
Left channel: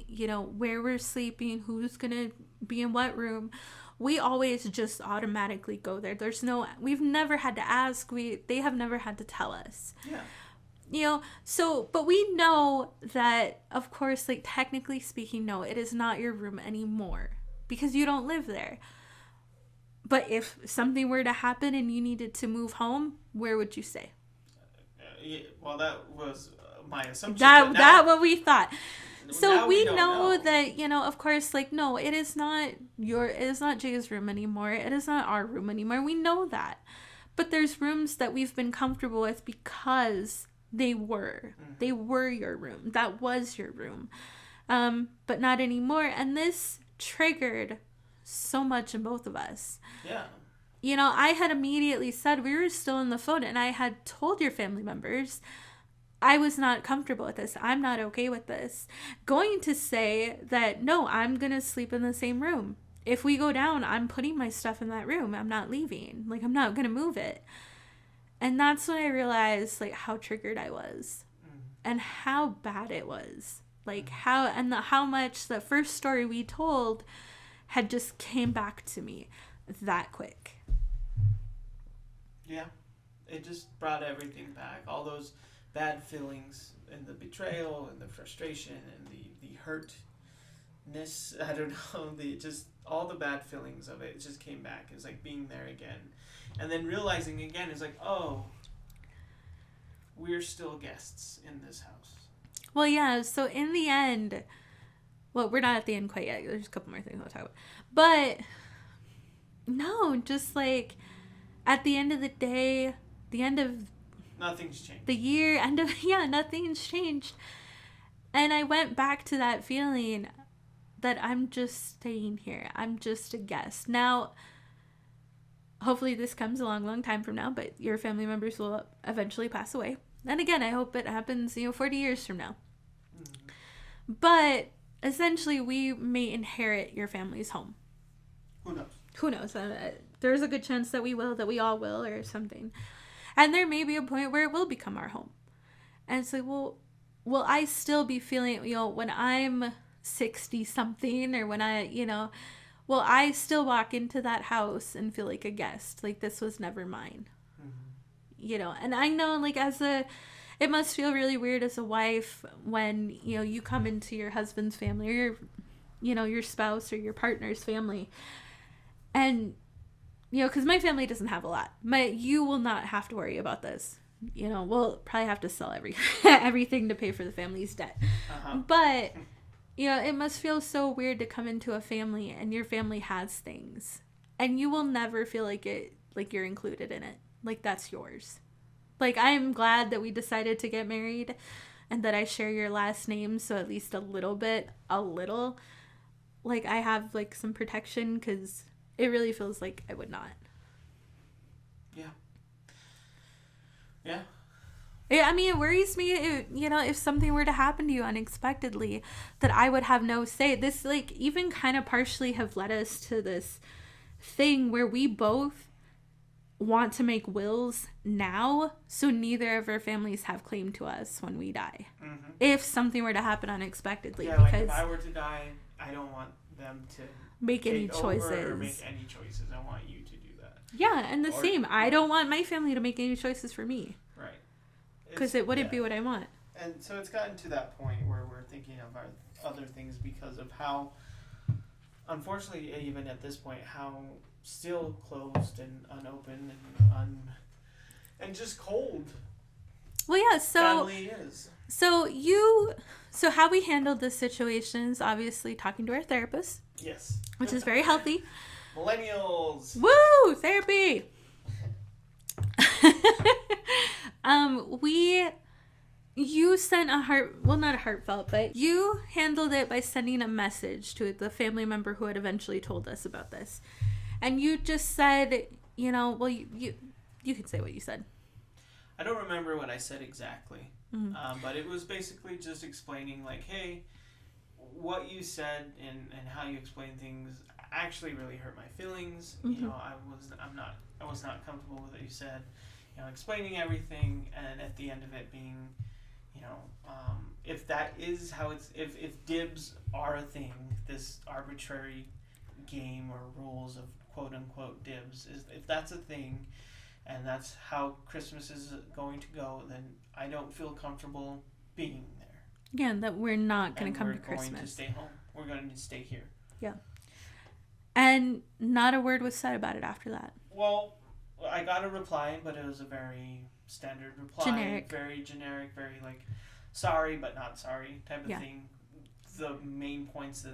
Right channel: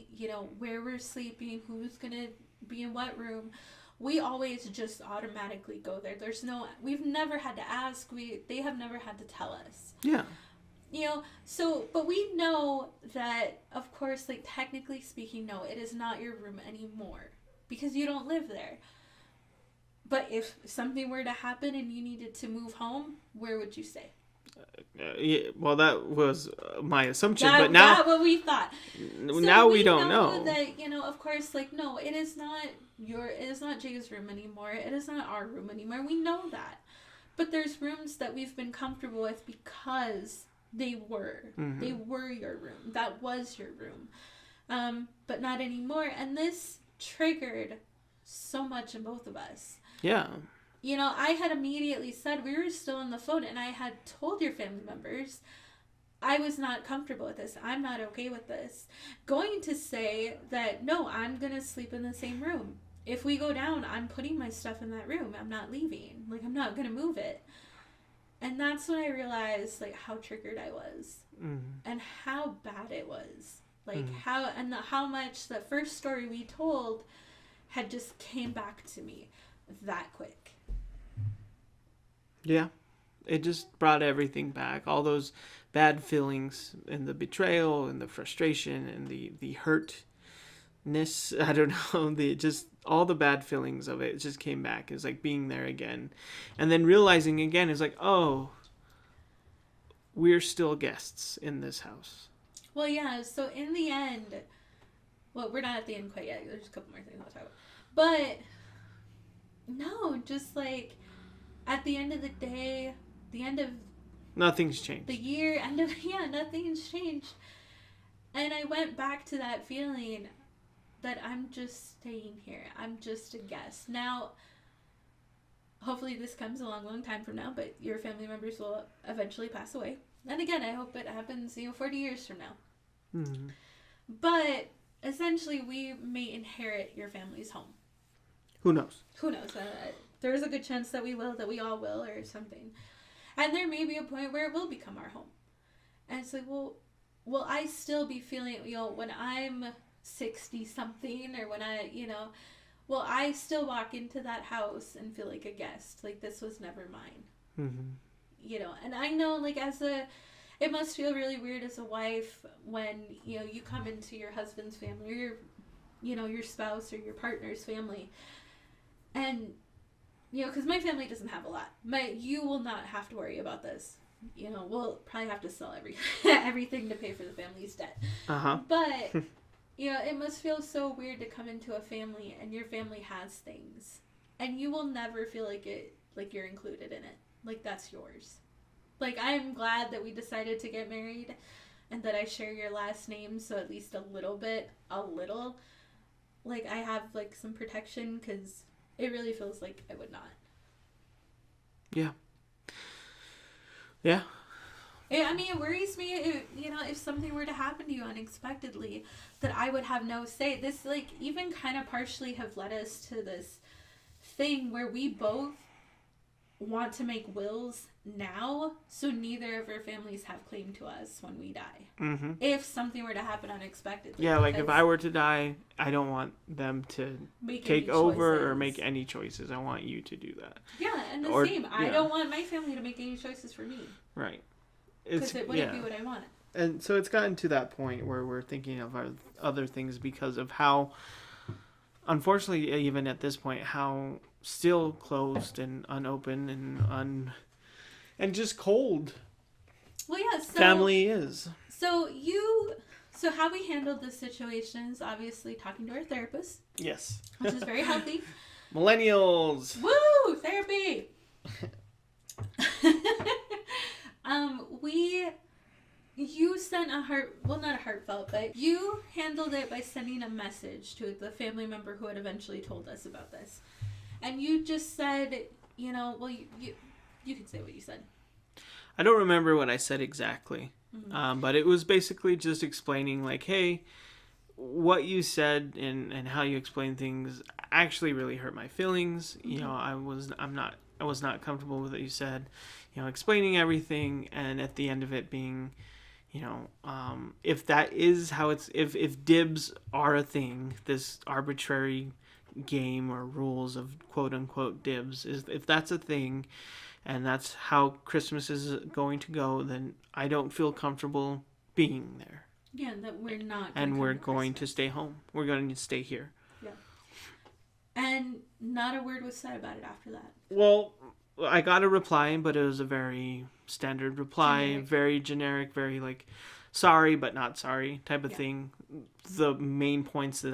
where we're sleeping, who's going to be in what room. We always just automatically go there. We've never had to ask. They have never had to tell us. Yeah. But we know that, of course, like, technically speaking, no, it is not your room anymore because you don't live there. But if something were to happen and you needed to move home, where would you stay? Yeah, well, that was my assumption, but now that's what we thought. So now we don't know that, of course, like, no, it is not Jay's room anymore. It is not our room anymore. We know that. But there's rooms that we've been comfortable with because they were your room. That was your room. But not anymore. And this triggered so much in both of us. Yeah. I had immediately said, we were still on the phone, and I had told your family members, I was not comfortable with this. I'm not okay with this. Going to say that, no, I'm going to sleep in the same room. If we go down, I'm putting my stuff in that room. I'm not leaving. Like, I'm not going to move it. And that's when I realized, like, how triggered I was. And how bad it was. Like, how much the first story we told had just came back to me that quick. Yeah. It just brought everything back. All those bad feelings and the betrayal and the frustration and the hurtness. I don't know. All the bad feelings of it just came back. It's like being there again. And then realizing again is like, oh, we're still guests in this house. Well, yeah. So in the end, well, we're not at the end quite yet. There's a couple more things I'll talk about. But no, just like at the end of the day, the end of nothing's changed. The year, nothing's changed. And I went back to that feeling that I'm just staying here. I'm just a guest. Now, hopefully this comes a long, long time from now, but your family members will eventually pass away. And again, I hope it happens, 40 years from now. Mm-hmm. But essentially, we may inherit your family's home. Who knows? There's a good chance that we all will or something. And there may be a point where it will become our home. And so will I still be feeling, when I'm 60 something or when will I still walk into that house and feel like a guest? Like, this was never mine. Mm-hmm. And I know, like, it must feel really weird as a wife when, you come into your husband's family or your spouse or your partner's family. And, because my family doesn't have a lot. You will not have to worry about this. We'll probably have to sell everything to pay for the family's debt. Uh-huh. But, it must feel so weird to come into a family and your family has things. And you will never feel like you're included in it. Like, that's yours. Like, I'm glad that we decided to get married and that I share your last name. So at least a little, like, I have, like, some protection because it really feels like I would not. Yeah. Yeah. I mean, it worries me, if something were to happen to you unexpectedly, that I would have no say. This, like, even kind of partially have led us to this thing where we both want to make wills now, so neither of our families have claim to us when we die. Mm-hmm. If something were to happen unexpectedly. Yeah, like if I were to die, I don't want them to take over or make any choices. I want you to do that. Yeah, and same. Yeah. I don't want my family to make any choices for me. Right. Because it wouldn't be what I want. And so it's gotten to that point where we're thinking of our other things because of how, unfortunately, even at this point, how still closed and unopened and just cold. Well, yeah. So family is. So how we handled this situation is obviously talking to our therapist. Yes. Which is very healthy. Millennials. Woo! Therapy. You sent not a heartfelt, but you handled it by sending a message to the family member who had eventually told us about this. And you just said, you can say what you said. I don't remember what I said exactly. Mm-hmm. But it was basically just explaining, like, hey, what you said and how you explained things actually really hurt my feelings. Mm-hmm. I was not comfortable with what you said. Explaining everything, and at the end of it being, if that is how it's, if dibs are a thing, this arbitrary game or rules of quote unquote dibs, is if that's a thing and that's how Christmas is going to go, then I don't feel comfortable being there. Yeah, that we're not going to and we're going to stay home. We're going to stay here. Yeah. And not a word was said about it after that. Well, I got a reply, but it was a very standard reply, very generic, very like sorry but not sorry type of thing. The main points that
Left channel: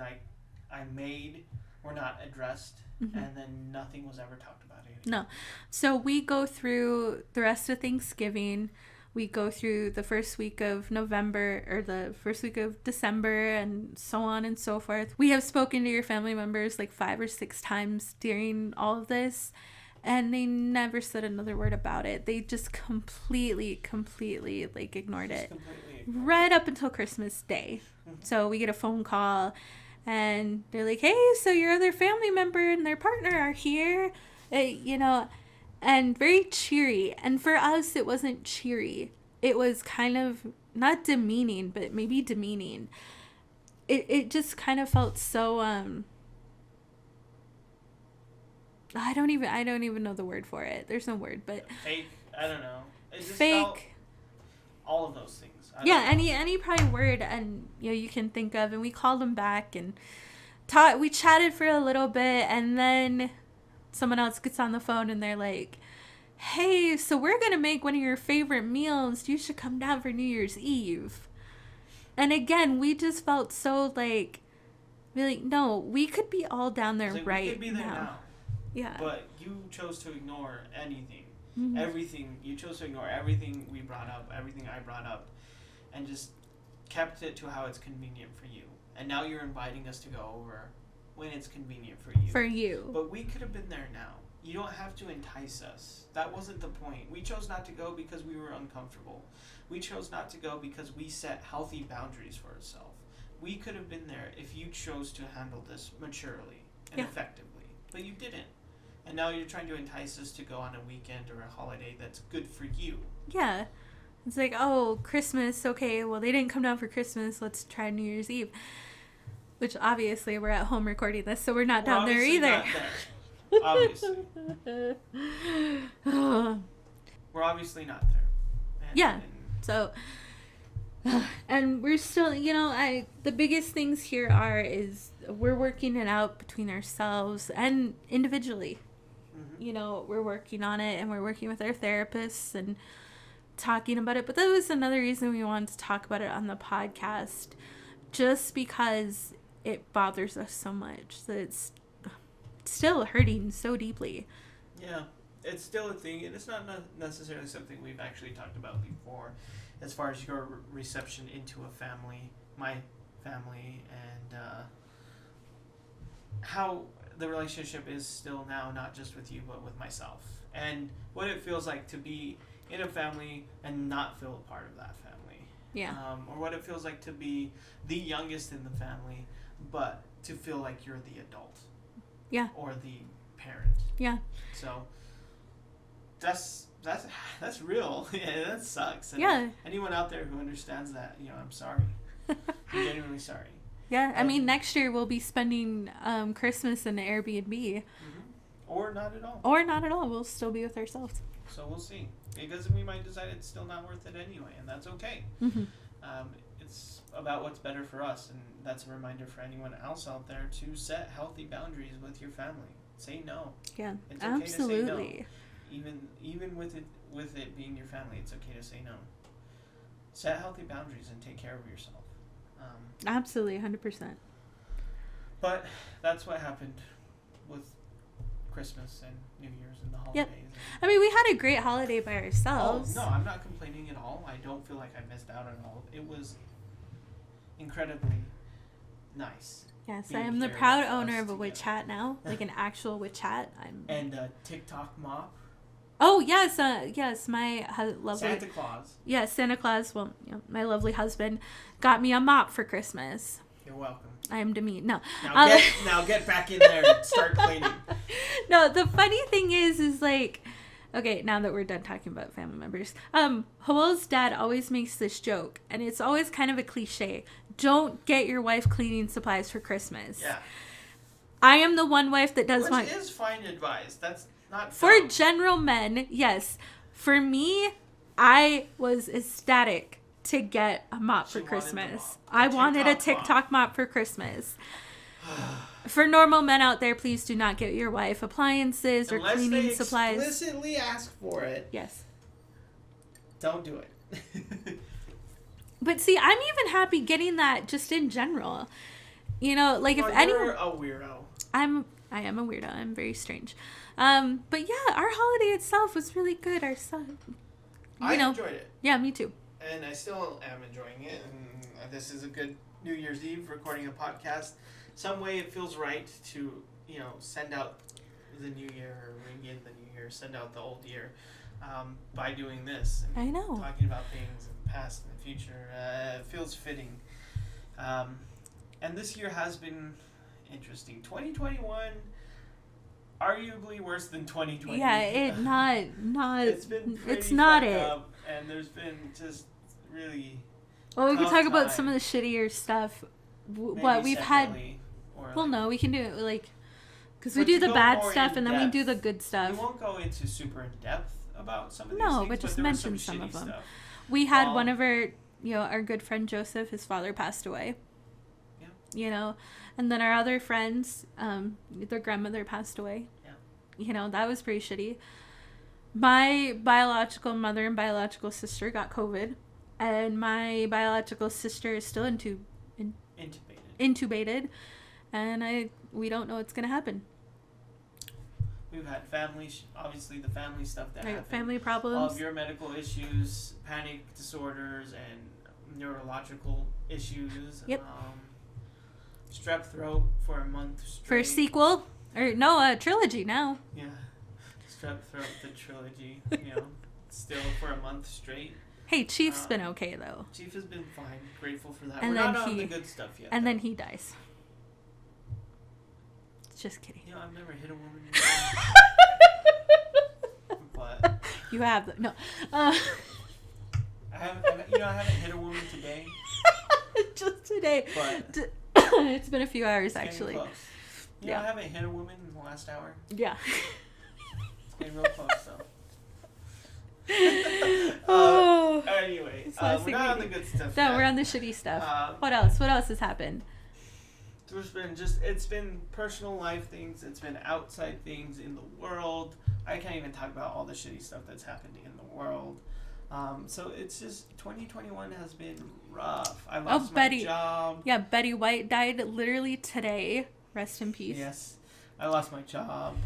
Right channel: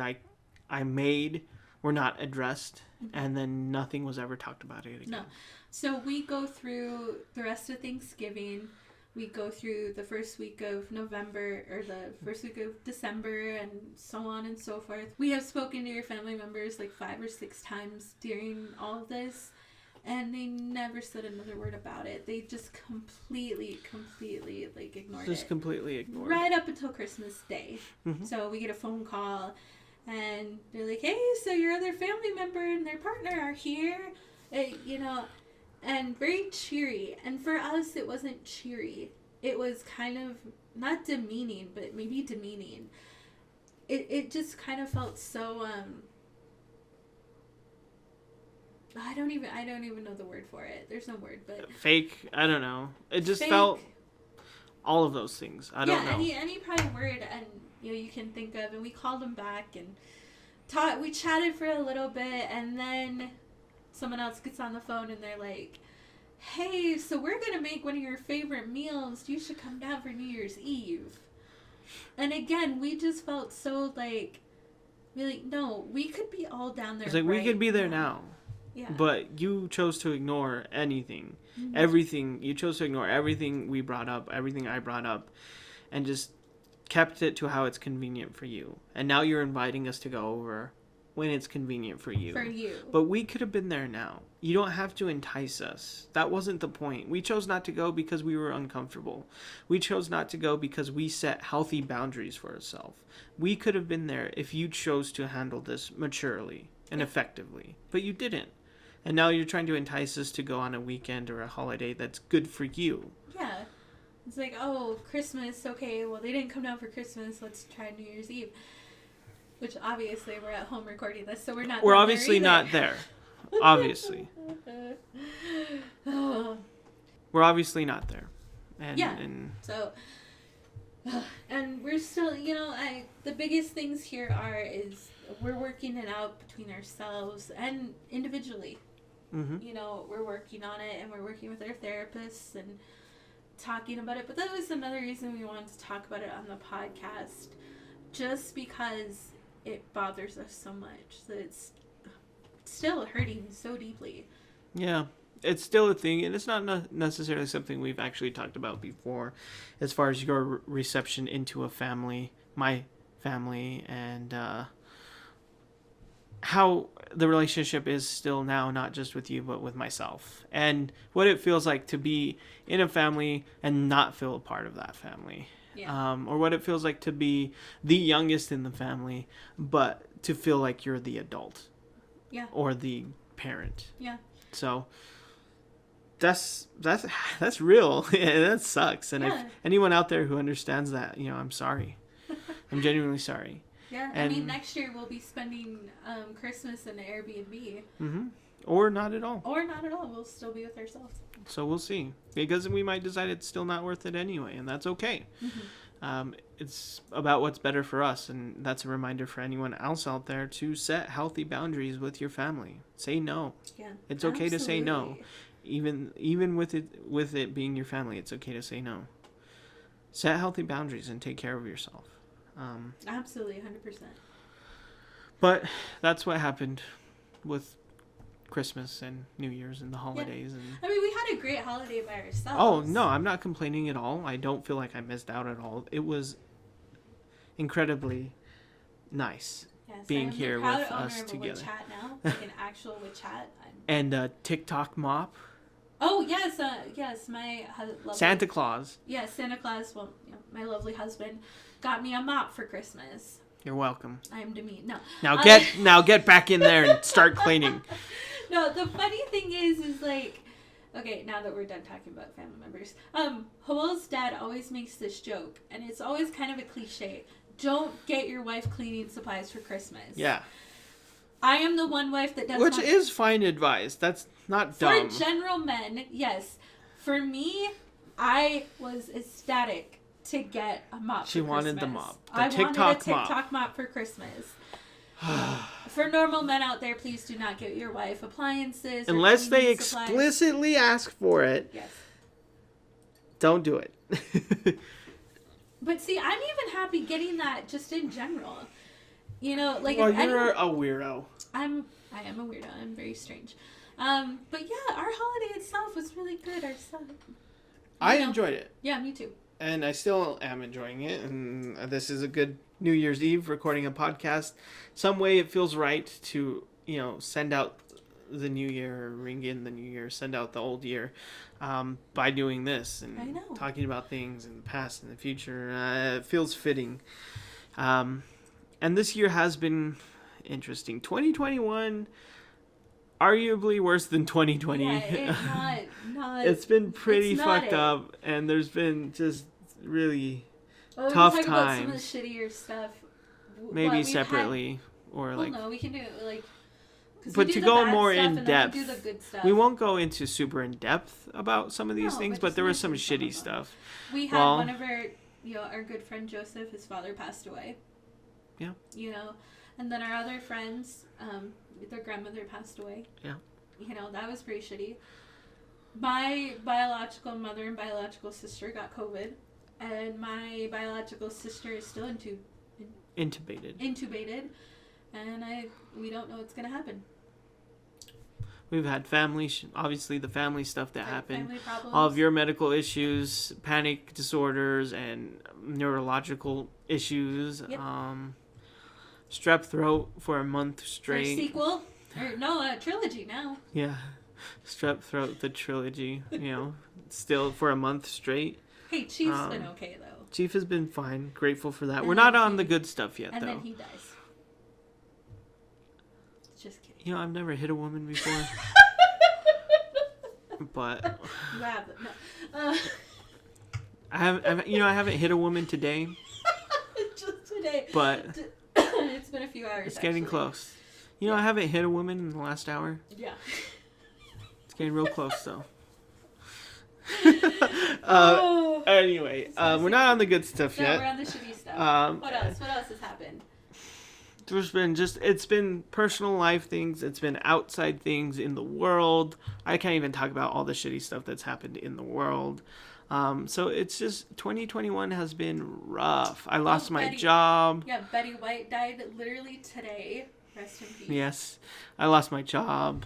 I made were not addressed, and then nothing was ever talked about it again. No. So we go through the rest of Thanksgiving. We go through the first week of November or the first week of December and so on and so forth. We have spoken to your family members like 5 or 6 times during all of this, and they never said another word about it. They just completely like ignored it. Just completely ignored right up until Christmas Day. So we get a phone call and they're like, hey, so your other family member and their partner are here, and very cheery. And for us, it wasn't cheery. It was kind of not demeaning, but maybe demeaning. It just kind of felt so I don't even know the word for it. There's no word, but fake. I don't know. It just fake. Felt all of those things. I don't know. any probably word and you can think of. And we called them back and we chatted for a little bit, and then someone else gets on the phone and they're like, hey, so we're going to make one of your favorite meals. You should come down for New Year's Eve. And again, we just felt so like, really, no, we could be all down there we could be there now. Yeah. But you chose to ignore anything. Everything. You chose to ignore everything we brought up, everything I brought up, and just kept it to how it's convenient for you. And now you're inviting us to go over when it's convenient for you. For you. But we could have been there now. You don't have to entice us. That wasn't the point. We chose not to go because we were uncomfortable. We chose not to go because we set healthy boundaries for ourselves. We could have been there if you chose to handle this maturely and effectively. But you didn't. And now you're trying to entice us to go on a weekend or a holiday that's good for you. Yeah. It's like, oh, Christmas, okay, well, they didn't come down for Christmas, let's try New Year's Eve. Which, obviously, we're at home recording this, so we're not We're obviously not there. Obviously. We're obviously not there. So, and we're still, the biggest things here is we're working it out between ourselves and individually. We're working on it, and we're working with our therapists and talking about it. But that was another reason we wanted to talk about it on the podcast, just because it bothers us so much that it's still hurting so deeply. Yeah, it's still a thing, and it's not necessarily something we've actually talked about before, as far as your reception into a family, my family, and how the relationship is still now, not just with you, but with myself, and what it feels like to be in a family and not feel a part of that family. Yeah. Or what it feels like to be the youngest in the family, but to feel like you're the adult. Yeah. Or the parent. Yeah. So that's real. Yeah, that sucks. And if anyone out there who understands that, I'm sorry. I'm genuinely sorry. Yeah, I mean, next year we'll be spending Christmas in an Airbnb. Or not at all. We'll still be with ourselves. So we'll see. Because we might decide it's still not worth it anyway, and that's okay. It's about what's better for us, and that's a reminder for anyone else out there to set healthy boundaries with your family. Say no. Yeah, it's okay to say no. Even with it being your family, it's okay to say no. Set healthy boundaries and take care of yourself. Absolutely, 100%. But that's what happened with Christmas and New Year's and the holidays. Yeah. And I mean, we had a great holiday by ourselves. Oh, no, I'm not complaining at all. I don't feel like I missed out at all. It was incredibly nice. Yes, being I am here the proud with owner us of a together. WeChat now, like an actual WeChat. And a TikTok mop. Oh, yes, my lovely... Santa Claus. Yes, Santa Claus, well, my lovely husband got me a mop for Christmas. You're welcome. I am demeaned. No. Now get back in there and start cleaning. No, the funny thing is like, Okay, now that we're done talking about family members, Howell's dad always makes this joke, and it's always kind of a cliche. Don't get your wife cleaning supplies for Christmas. Yeah. I am the one wife that does Which is fine advice. That's not dumb. For general men, yes. For me, I was ecstatic to get a mop for Christmas. She wanted the mop. I wanted a TikTok mop for Christmas. For normal men out there, please do not get your wife appliances or unless they explicitly supplies. Ask for it. Yes. Don't do it. But see, I'm even happy getting that just in general. You know, like well, if you're a weirdo. I am a weirdo. I'm very strange. But yeah, our holiday itself was really good. Our son. I enjoyed it. Yeah, me too. And I still am enjoying it. And this is a good New Year's Eve recording a podcast. Some way it feels right to, send out the new year, ring in the new year, send out the old year by doing this and talking about things in the past and the future. It feels fitting. And this year has been interesting. 2021, arguably worse than 2020. Yeah, it's been pretty fucked up, and there's been just really tough times. We can talk about some of the shittier stuff. Maybe separately. No, we can do it because we do the bad stuff and then we do the good stuff. We won't go into super in depth about some of these things, but there was some shitty stuff. We had one of our good friend Joseph, his father passed away. Yeah. And then our other friends, their grandmother passed away. Yeah. That was pretty shitty. My biological mother and biological sister got COVID, and my biological sister is still intubated, and we don't know what's gonna happen. We've had obviously the family stuff that happened. Family problems. All of your medical issues, panic disorders, and neurological issues. Yep. Strep throat for a month straight. For a sequel? A trilogy now. Yeah. Strep throat, the trilogy, still for a month straight. Hey, Chief's been okay, though. Chief has been fine. Grateful for that. We're not on the good stuff yet, And then he dies. Just kidding. I've never hit a woman before. But... You have. No. I haven't hit a woman today. Just today. But... It's been a few hours, it's getting close. I haven't hit a woman in the last hour. Yeah. It's getting real close, though. Anyway, we're not on the good stuff yet. No, we're on the shitty stuff. What else? What else has happened? It's been personal life things. It's been outside things in the world. I can't even talk about all the shitty stuff that's happened in the world. So it's just 2021 has been rough. I lost my job. Yeah, Betty White died literally today. Rest in peace. Yes, I lost my job.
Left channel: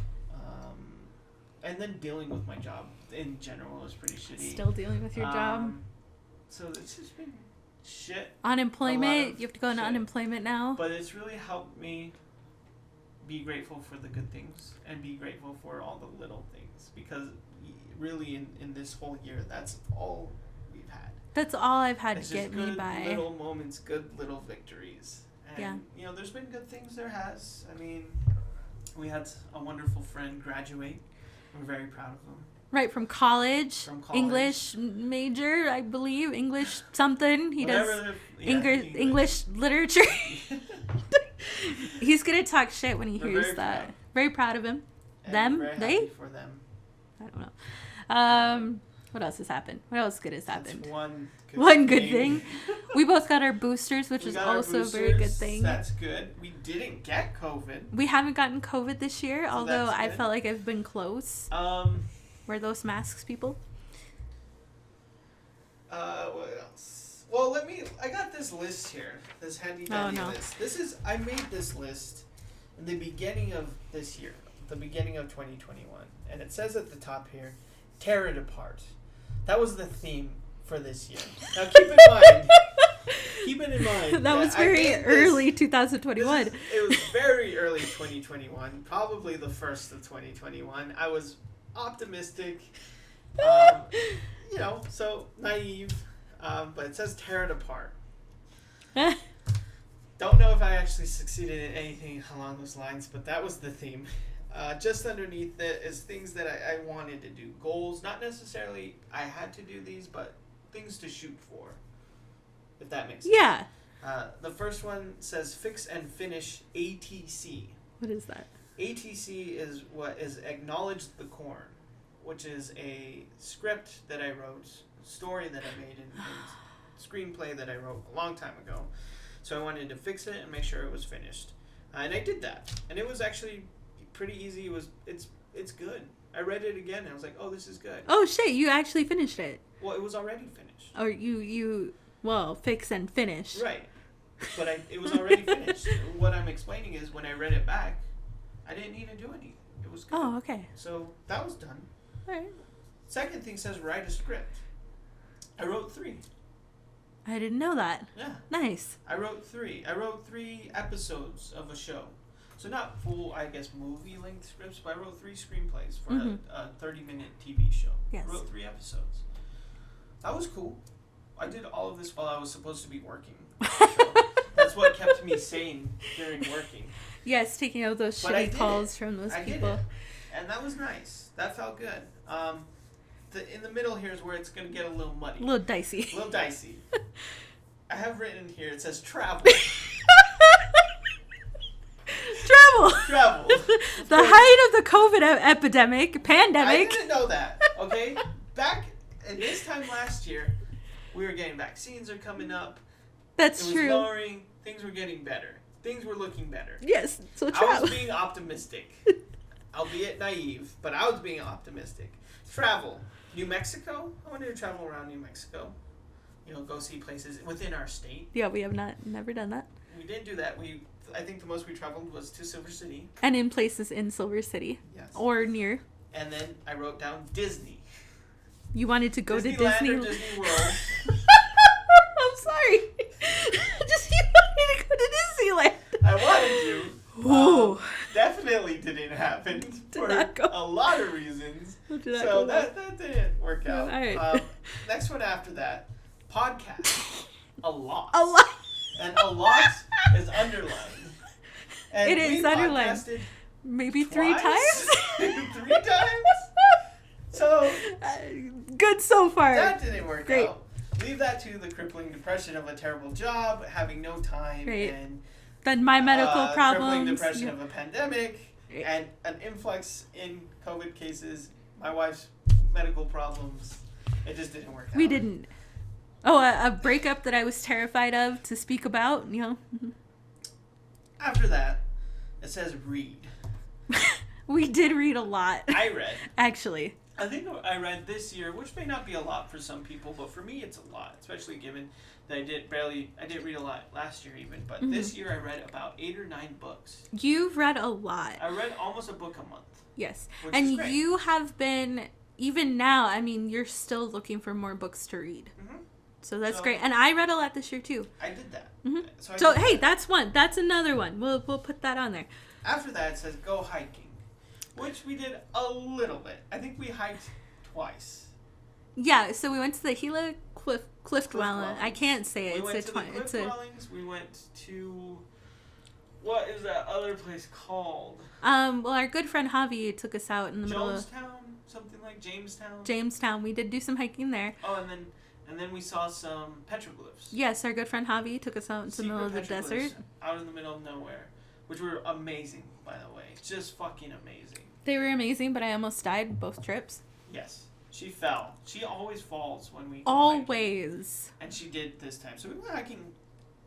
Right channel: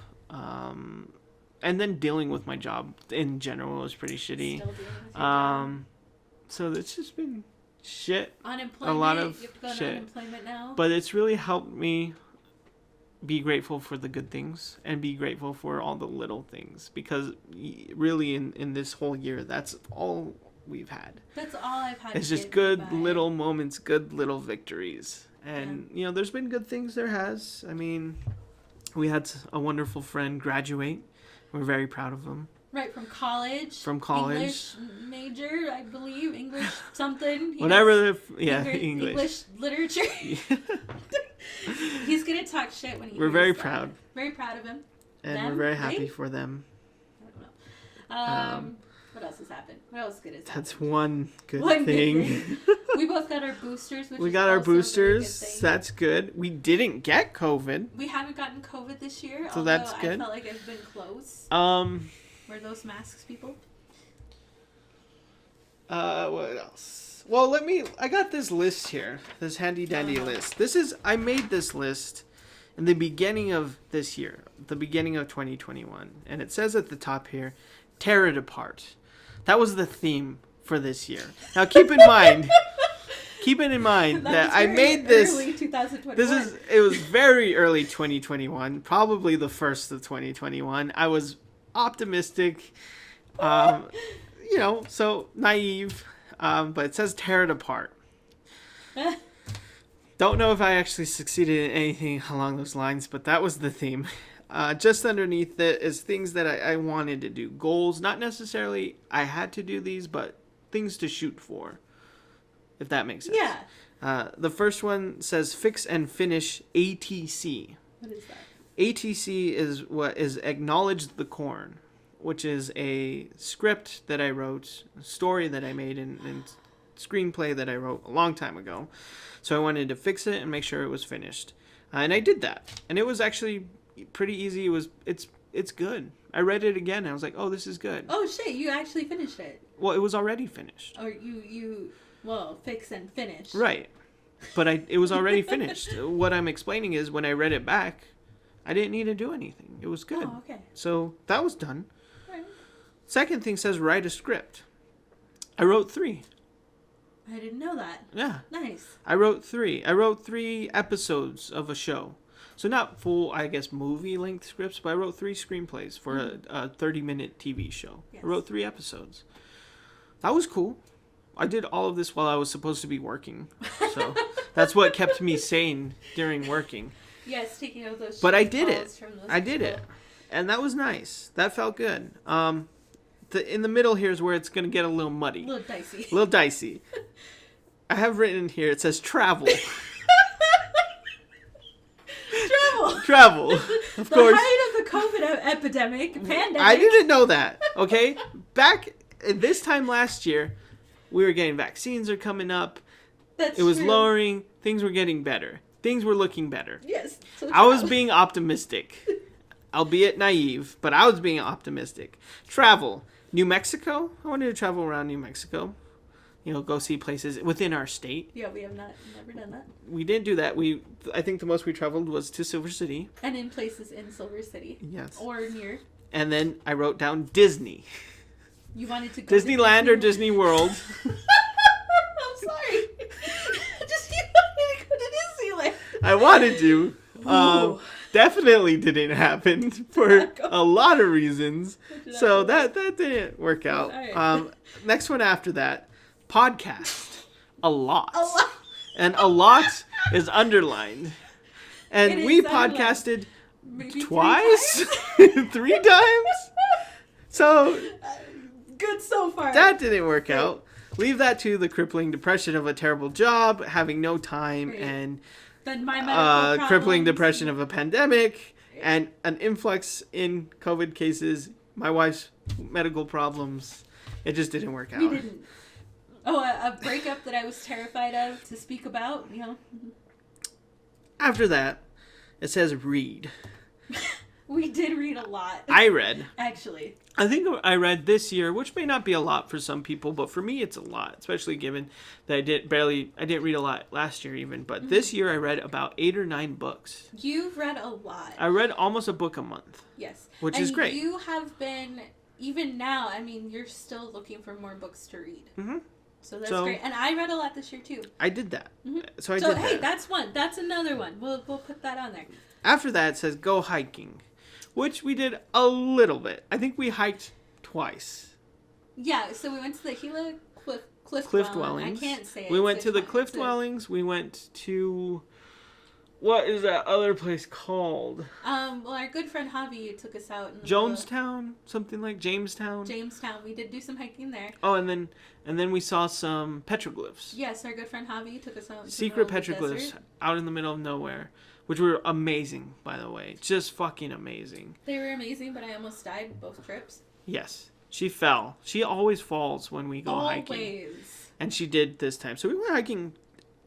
And then dealing with my job in general was pretty shitty. Still dealing with your job. So it's just been shit. Unemployment. You have to go on unemployment now. But it's really helped me be grateful for the good things and be grateful for all the little things, because really in this whole year, that's all we've had. That's all I've had. It's just good little moments, good little victories. And there's been good things. There has. I mean, we had a wonderful friend graduate. We're very proud of him. Right, from college. English major, I believe. English something. English literature. He's going to talk shit when he hears that. We're very proud. Very proud of him. And we're very happy for them. I don't know. What else has happened? What else good has happened? That's one good thing. We both got our boosters, which is also a very good thing. That's good. We didn't get COVID. We haven't gotten COVID this year, so although I felt like I've been close. Wear those masks, people. What else? Well, I got this list here. This handy dandy list. I made this list in the beginning of this year, the beginning of 2021. And it says at the top here, tear it apart. That was the theme for this year. Now keep in mind that I made this early 2021. It was very early 2021, probably the first of 2021. I was optimistic, so naive, but it says tear it apart. Don't know if I actually succeeded in anything along those lines, but that was the theme. just underneath it is things that I wanted to do. Goals, not necessarily I had to do these, but things to shoot for, if that makes sense. Yeah. The first one says fix and finish ATC. What is that? ATC is what is Acknowledge the Corn, which is a script that I wrote, a story that I made, and screenplay that I wrote a long time ago. So I wanted to fix it and make sure it was finished. And I did that. And it was actually pretty easy. It's good. I read it again and I was like, oh, this is good. Oh shit, you actually finished it. Well, it was already finished. Or you fix and finish. Right. But it was already finished. What I'm explaining is when I read it back, I didn't need to do anything. It was good. Oh, okay. So that was done. All right. Second thing says write a script. I wrote 3. I didn't know that. Yeah. Nice. I wrote 3. I wrote 3 episodes of a show. So not full, I guess, movie-length scripts, but I wrote 3 screenplays for a 30-minute TV show. Yes. I wrote 3 episodes. That was cool. I did all of this while I was supposed to be working. So that's what kept me sane during working. Yes, taking out those But I shit did calls it. from those I did people. it. And that was nice. That felt good. In the middle here is where it's going to get a little muddy. A little dicey. A little dicey. I have written in here, it says travel. Travel. The height of the COVID epidemic, pandemic. I didn't know that, okay? Back in this time last year, we were getting vaccines are coming up. That's It was true. lowering. Things were getting better. Things were looking better. Yes. So I was being optimistic. Albeit naive, but I was being optimistic. Travel. New Mexico? I wanted to travel around New Mexico. You know, go see places within our state. Yeah, we have never done that. We didn't do that. I think the most we traveled was to Silver City. And in places in Silver City. Yes. Or near. And then I wrote down Disney. You wanted to go Disneyland to or Disney World. I'm sorry. Just you want me to go to Disneyland. I wanted to. Ooh. Definitely didn't happen for not go. a lot of reasons. Did not So go. that didn't work out. All right. Next one after that, podcast. A lot. A lot. And a lot is underlined. And It is we underlined. podcasted Maybe twice? 3 times. 3 times? So Good so far. that didn't work Great. out. Leave that to the crippling depression of a terrible job, having no time, Great. and Then my medical problems. crippling depression of a pandemic, and an influx in COVID cases, my wife's medical problems. It just didn't work out. We didn't. Oh, a breakup that I was terrified of to speak about, you know. After that, it says read. We did read a lot. I read. Actually. I think I read this year, which may not be a lot for some people, but for me it's a lot, especially given that I didn't read a lot last year even, but this year I read about 8 or 9 books. You've read a lot. I read almost a book a month. Yes. Which is great. And you have been, even now, I mean, you're still looking for more books to read. Mm-hmm. So that's great. And I read a lot this year too. I did that. Mm-hmm. So hey, that. that's one. That's another one. We'll put that on there. After that it says go hiking, which we did a little bit. I think we hiked twice. Yeah, so we went to the Gila Cliff Dwelling. I can't say it. We went to the Cliff Dwellings. We went to... What is that other place called? Well, our good friend Javi took us out in the Jonestown? Something like Jamestown? Jamestown. We did do some hiking there. Oh, and then we saw some petroglyphs. Yes, our good friend Javi took us out to Secret the middle of the petroglyphs desert. out in the middle of nowhere, which were amazing, by the way. Just fucking amazing. They were amazing, but I almost died both trips. Yes. She fell. She always falls when we go hiking. Always. And she did this time. So we went hiking.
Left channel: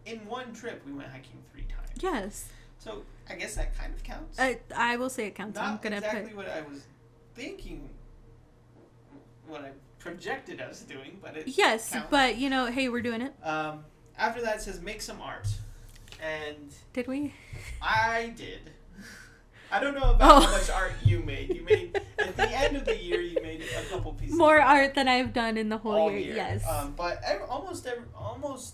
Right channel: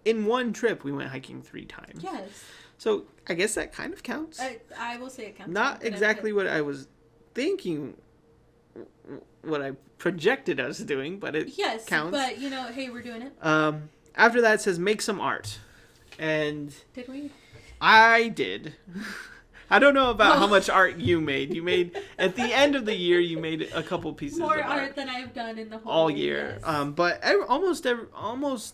In one trip, we went hiking 3 times. Yes. So I guess that kind of counts. I will say it counts. Not exactly what I was thinking, what I projected us doing, but it counts. But, hey, we're doing it. After that, it says make some art. And Did we? I did. I don't know about how much art you made. You made, at the end of the year, you made a couple pieces More of art than I've done in the whole all year. year. Yes. But almost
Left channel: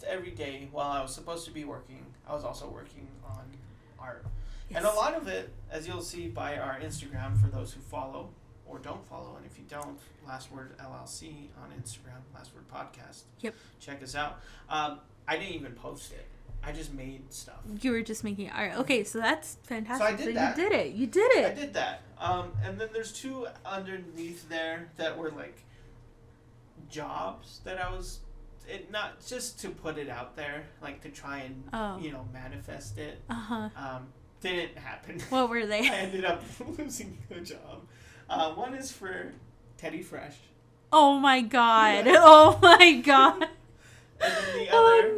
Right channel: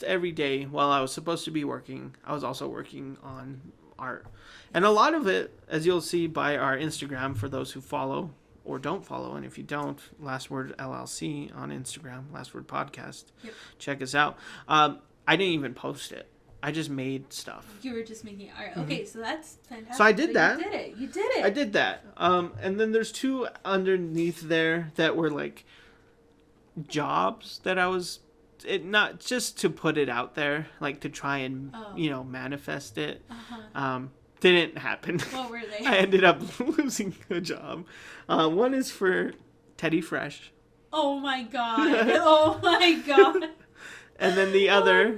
every day while I was supposed to be working, I was also working on art. Yes. And a lot of it, as you'll see by our Instagram, for those who follow or don't follow, and if you don't, Last Word LLC on Instagram, Last Word Podcast. Yep. Check us out. I didn't even post it. I just made stuff. You were just making art. Okay, so that's fantastic. So I did that. You did it. I did that. And then there's 2 underneath there that were like jobs that I was, not just to put it out there, like to try and manifest it. Didn't happen. What were they? I ended up losing a job. One is for Teddy Fresh. Oh my god. Oh my god. And then the other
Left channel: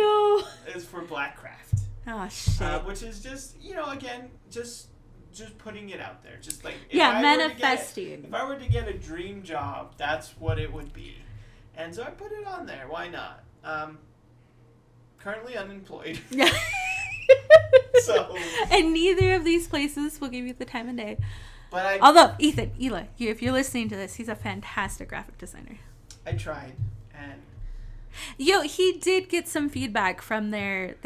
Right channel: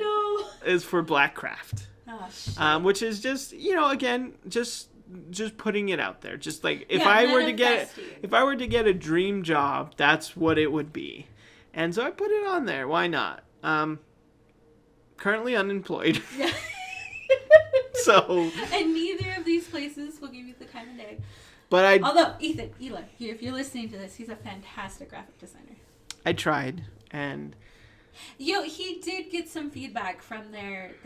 is for Blackcraft. Oh shit. Which is just, again, just putting it out there. Just like if I were to get a dream job, that's what it would be. And so I put it on there. Why not? Currently unemployed. Yeah. So. And neither of these places will give you the time of day. But although Eli, if you're listening to this, he's a fantastic graphic designer. I tried, and he did get some feedback from their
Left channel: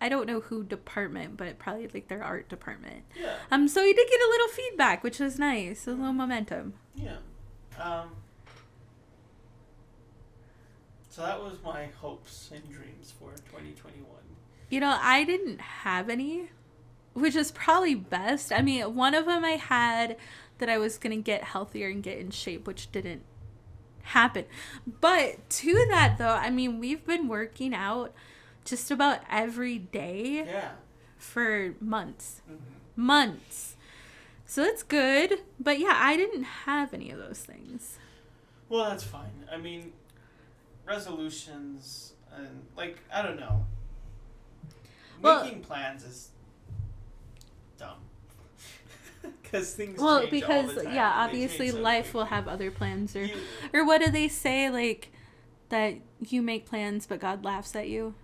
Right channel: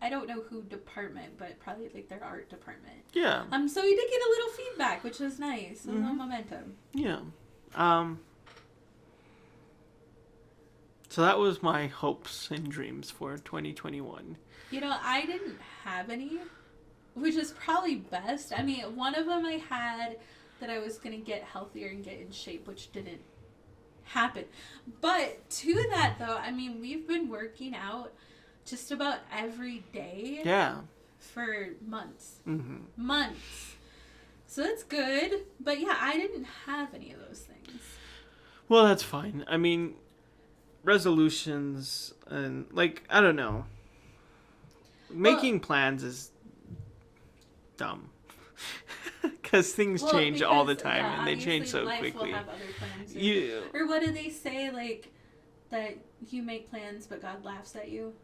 I don't know who department, but probably like their art department. Yeah. So he did get a little feedback, which was nice. A little momentum. Yeah. So that was my hopes and dreams for 2021. I didn't have any, which is probably best. I mean, one of them I had that I was going to get healthier and get in shape, which didn't happen. But to that, though, I mean, we've been working out just about every day. Yeah. For months. Mm-hmm. Months. So that's good. But yeah, I didn't have any of those things. Well, that's fine. I mean, resolutions and, I don't know. Making plans is dumb. Because things change all the time. Yeah, and they obviously change so life quickly. will have other plans. Or what do they say, that you make plans but God laughs at you?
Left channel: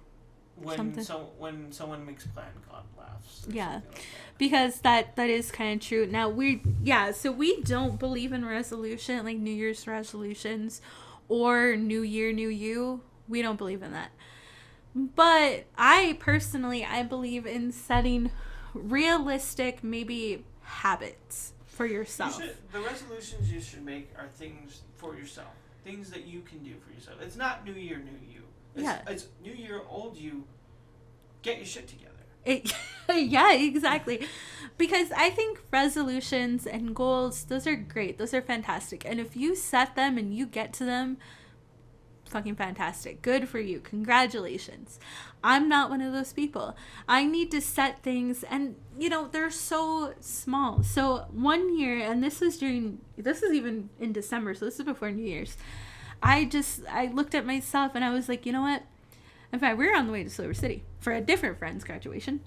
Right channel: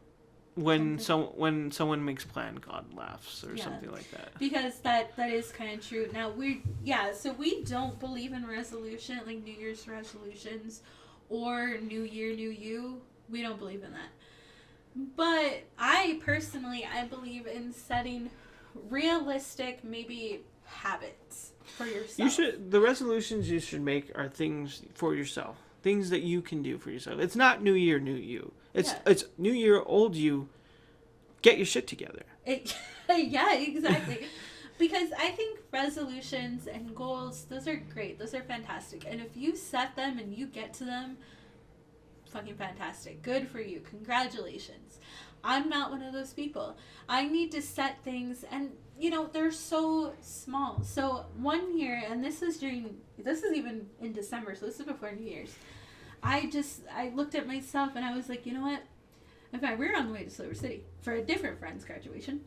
When someone makes plan, God laughs or something like that. Because that is kind of true. Now, so we don't believe in resolution, like New Year's resolutions or New Year, New You. We don't believe in that. But I believe in setting realistic, maybe habits for yourself. The resolutions you should make are things for yourself. Things that you can do for yourself. It's not New Year, New You. It's New Year, old you. Get your shit together. Yeah, exactly. Because I think resolutions and goals, those are great. Those are fantastic. And if you set them and you get to them, fucking fantastic. Good for you. Congratulations. I'm not one of those people. I need to set things, and they're so small. So one year, and this is even in December, so this is before New Year's. I looked at myself and I was like, you know what? In fact, we were on the way to Silver City for a different friend's graduation,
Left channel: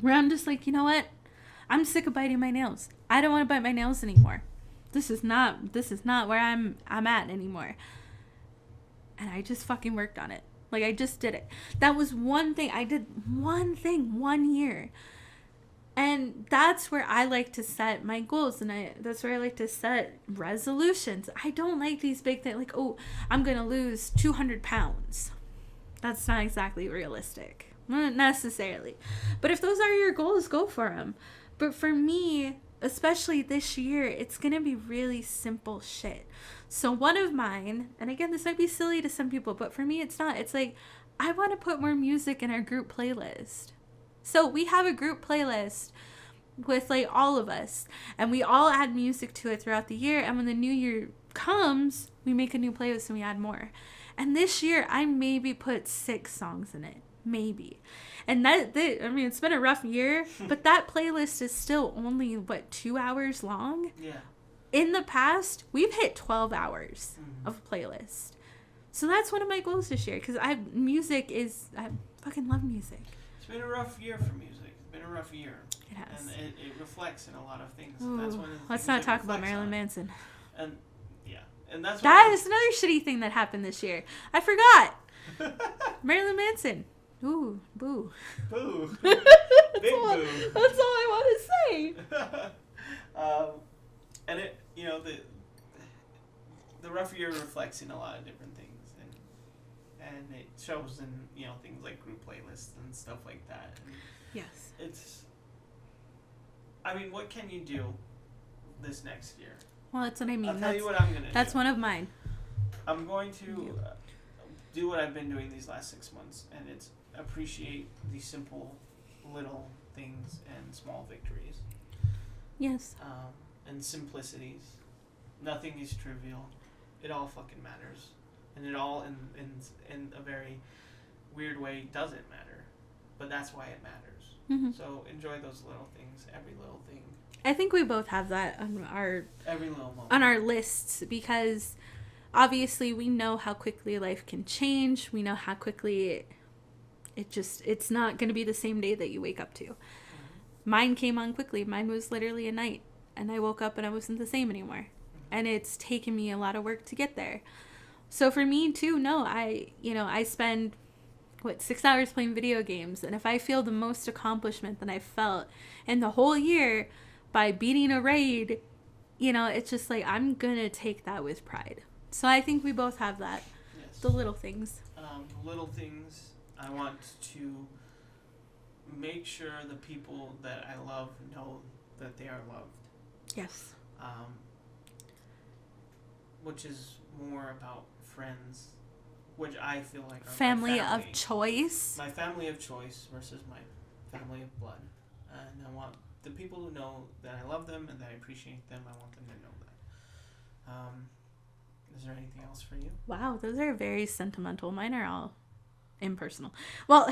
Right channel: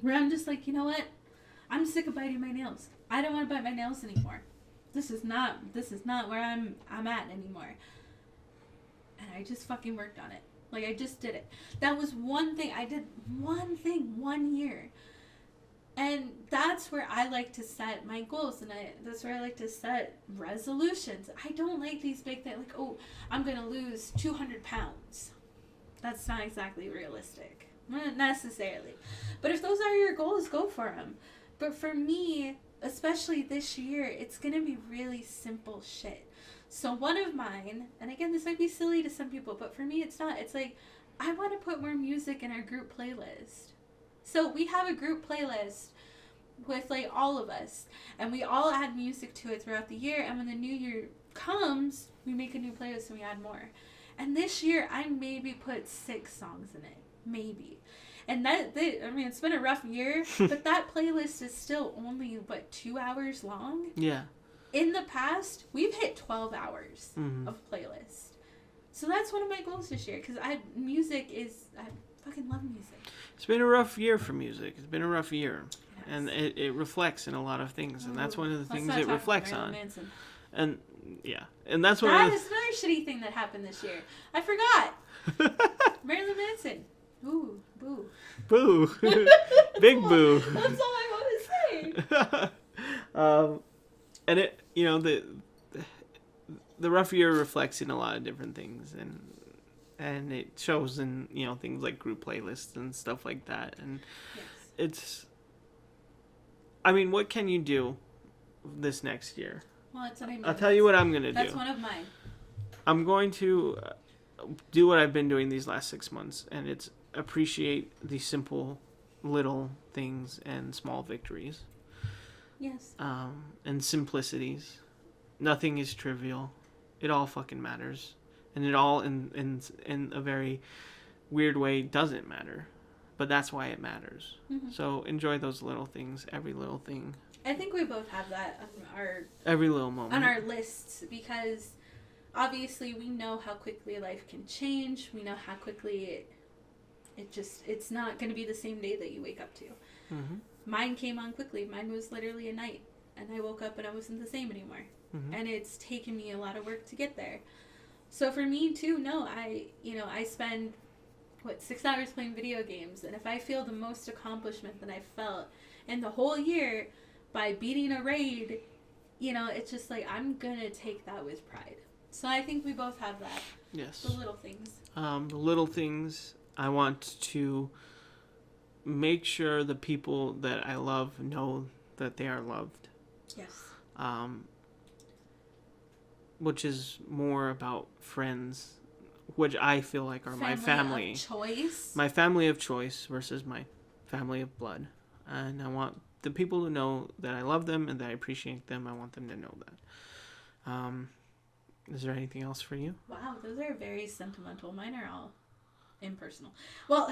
where I'm just like, you know what? I'm sick of biting my nails. I don't want to bite my nails anymore. This is not where I'm at anymore. And I just fucking worked on it. I just did it. That was one thing. I did one thing 1 year. And that's where I like to set my goals. And that's where I like to set resolutions. I don't like these big things. I'm going to lose 200 pounds. That's not exactly realistic. Not necessarily. But if those are your goals, go for them. But for me, especially this year, it's going to be really simple shit. So one of mine, and again, this might be silly to some people, but for me, it's not. It's I want to put more music in our group playlist. So we have a group playlist with all of us, and we all add music to it throughout the year. And when the new year comes, we make a new playlist and we add more. And this year, I maybe put 6 songs in it, maybe. And it's been a rough year, but that playlist is still only 2 hours long. Yeah. In the past, we've hit 12 hours of playlist. So that's one of my goals this year, because I fucking love music. It's been a rough year for music. It's been a rough year. It has. And it reflects in a lot of things. And that's one of the things it reflects on. Manson. And, yeah. And that's That is another shitty thing that happened this year. I forgot. Marilyn Manson. Ooh, boo. Boo. Big boo. That's all I want to say. And it, the rough year reflects in a lot of different things, and it shows in things like group playlists and stuff like that. And yes, what can you do this next year? Well, that's what I mean. I'll tell you what I'm gonna do. That's one of mine. I'm going to do what I've been doing these last 6 months, and it's appreciate the simple little things and small victories. Yes. And simplicities. Nothing is trivial. It all fucking matters. And it all, in a very weird way, doesn't matter. But that's why it matters. Mm-hmm. So enjoy those little things, every little thing. I think we both have that on every little moment. On our lists, because obviously we know how quickly life can change. We know how quickly it's not going to be the same day that you wake up to. Mm-hmm. Mine came on quickly. Mine was literally a night, and I woke up and I wasn't the same anymore. Mm-hmm. And it's taken me a lot of work to get there. So for me too, no, I spend 6 hours playing video games, and if I feel the most accomplishment that I felt in the whole year by beating a raid, it's just like I'm gonna take that with pride. So I think we both have that. Yes. The little things. The little things. I want to make sure the people that I love know that they are loved. Yes. Which is more about friends, which I feel like are family my family of choice. My family of choice versus my family of blood. And I want the people to know that I love them and that I appreciate them. I want them to know that. Is there anything else for you? Wow, those are very sentimental. Mine are all impersonal. Well,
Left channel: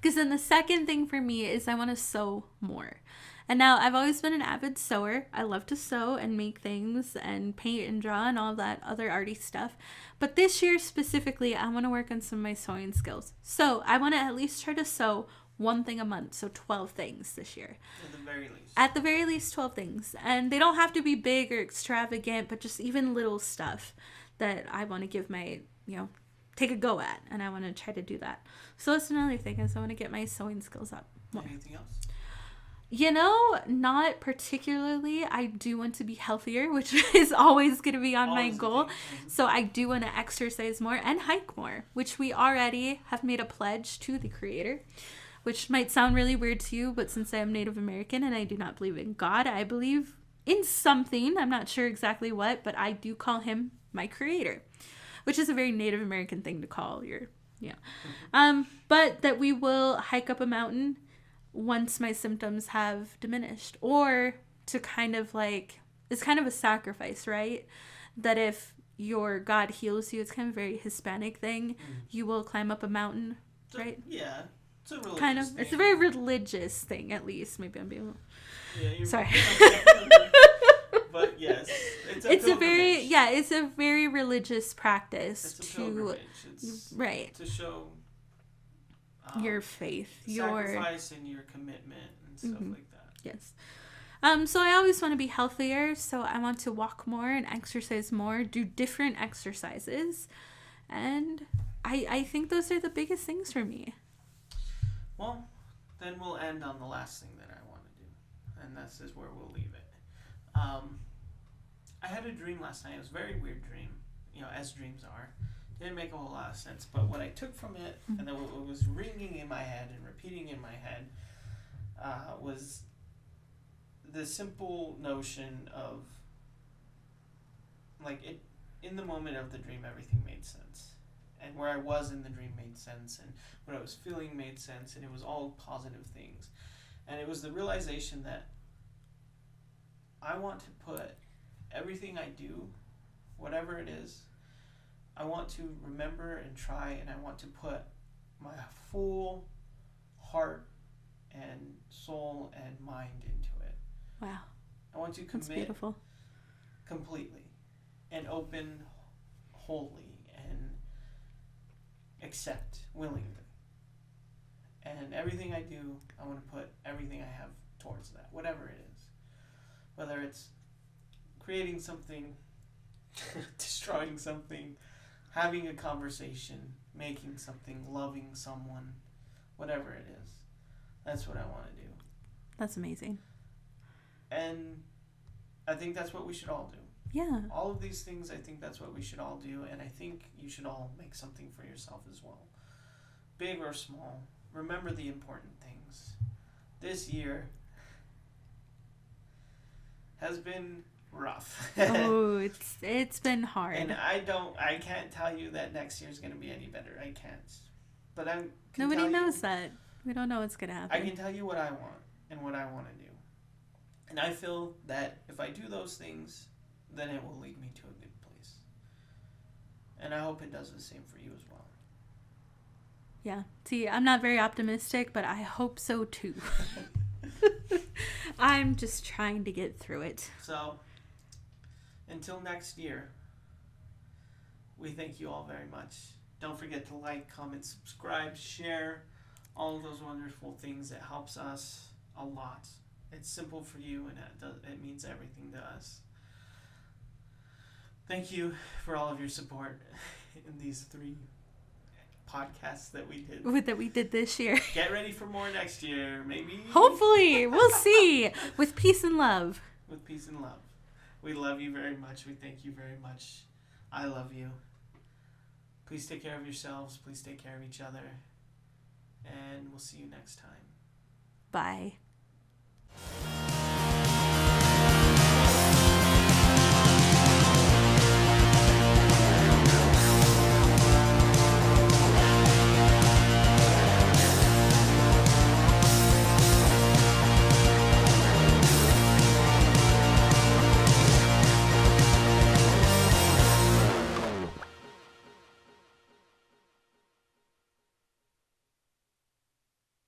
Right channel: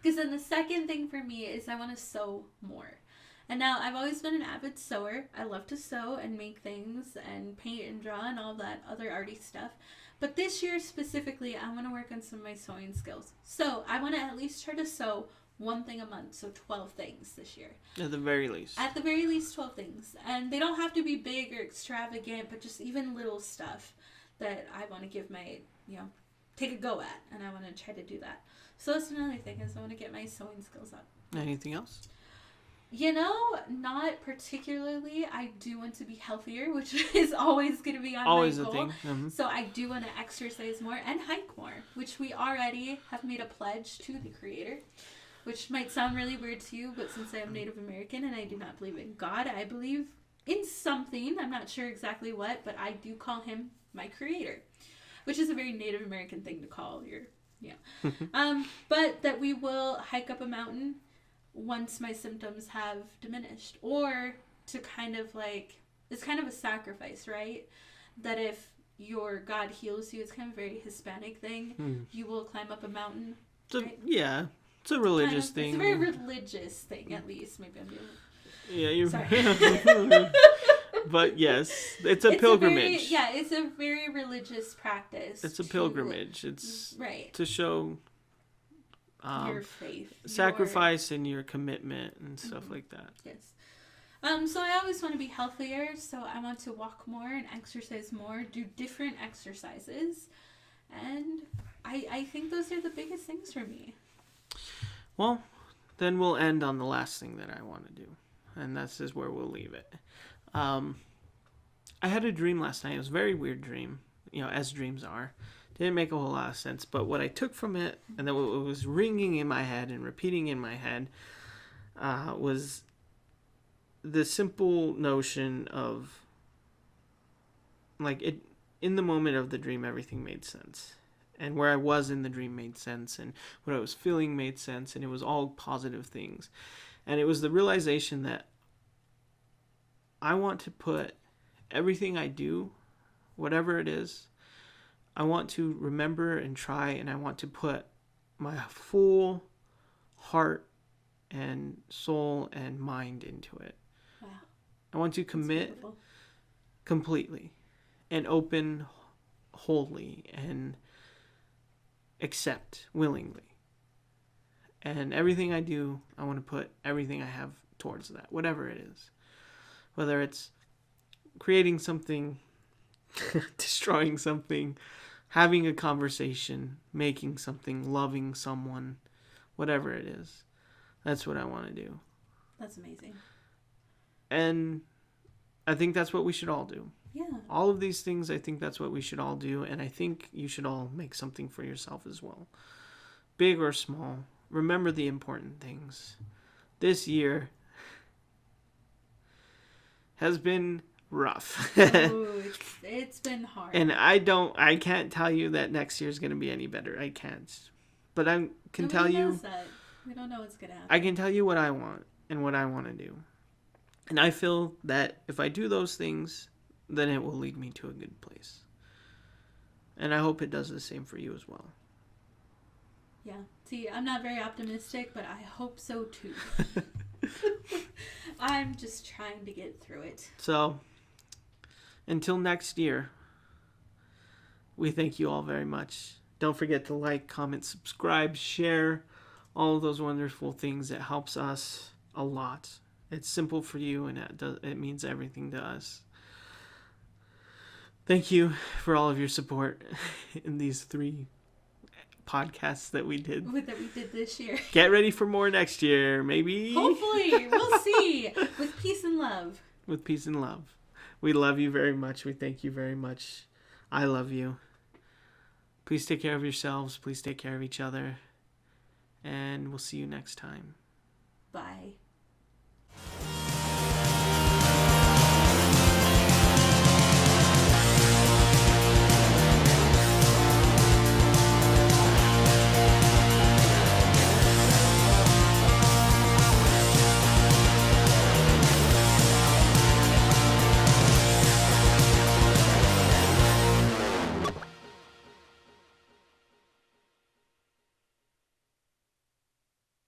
because then the second thing for me is I want to sew more. And now I've always been an avid sewer. I love to sew and make things and paint and draw and all that other arty stuff. But this year specifically, I want to work on some of my sewing skills. So I want to at least try to sew one thing a month, so 12 things this year. At the very least. At the very least, 12 things. And they don't have to be big or extravagant, but just even little stuff that I want to give my, take a go at. And I want to try to do that. So that's another thing, is I want to get my sewing skills up. Anything else? Not particularly. I do want to be healthier, which is always going to be on always my goal. Mm-hmm. So I do want to exercise more and hike more, which we already have made a pledge to the Creator, which might sound really weird to you, but since I am Native American and I do not believe in God, I believe in something. I'm not sure exactly what, but I do call him my Creator, which is a very Native American thing to call your, but that we will hike up a mountain once my symptoms have diminished, or to kind of it's kind of a sacrifice, right? That if your God heals you, it's kind of a very Hispanic thing. You will climb up a mountain, right? Yeah, it's a religious thing. It's a very religious thing, at least. Maybe I'm being... Yeah, you're sorry. But yes, it's a pilgrimage. It's a very religious practice. It's a pilgrimage. It's right to show your faith, sacrifice, and your commitment and stuff like that. Yes. So I always want to be healthier. So I want to walk more and exercise more, do different exercises, and I think those are the biggest things for me. Well, then we'll end on the last thing that I want to do, and this is where we'll leave it. I had a dream last night. It was a very weird dream, as dreams are. Didn't make a whole lot of sense, but what I took from it, and then what was ringing in my head and repeating in my head, was the simple notion of, in the moment of the dream, everything made sense. And where I was in the dream made sense, and what I was feeling made sense, and it was all positive things. And it was the realization that I want to put everything I do, whatever it is, I want to remember and try, and I want to put my full heart and soul and mind into it. Wow. I want to commit completely and open wholly and accept willingly. And everything I do, I want to put everything I have towards that, whatever it is. Whether it's creating something, destroying something, having a conversation, making something, loving someone, whatever it is. That's what I want to do. That's amazing. And I think that's what we should all do. Yeah. All of these things, I think that's what we should all do. And I think you should all make something for yourself as well. Big or small. Remember the important things. This year has been rough. Oh, it's been hard. And I can't tell you that next year's going to be any better. I can't. But I can Nobody tell you. knows that. We don't know what's going to happen. I can tell you what I want and what I want to do. And I feel that if I do those things, then it will lead me to a good place. And I hope it does the same for you as well. Yeah. See, I'm not very optimistic, but I hope so too. I'm just trying to get through it. So, until next year, we thank you all very much. Don't forget to like, comment, subscribe, share, all of those wonderful things. It helps us a lot. It's simple for you, and it means everything to us. Thank you for all of your support in these 3 podcasts that we did. That we did this year. Get ready for more next year, maybe. Hopefully. We'll see. With peace and love. With peace and love. We love you very much. We thank you very much. I love you. Please take care of yourselves. Please take care of each other. And we'll see you next time. Bye.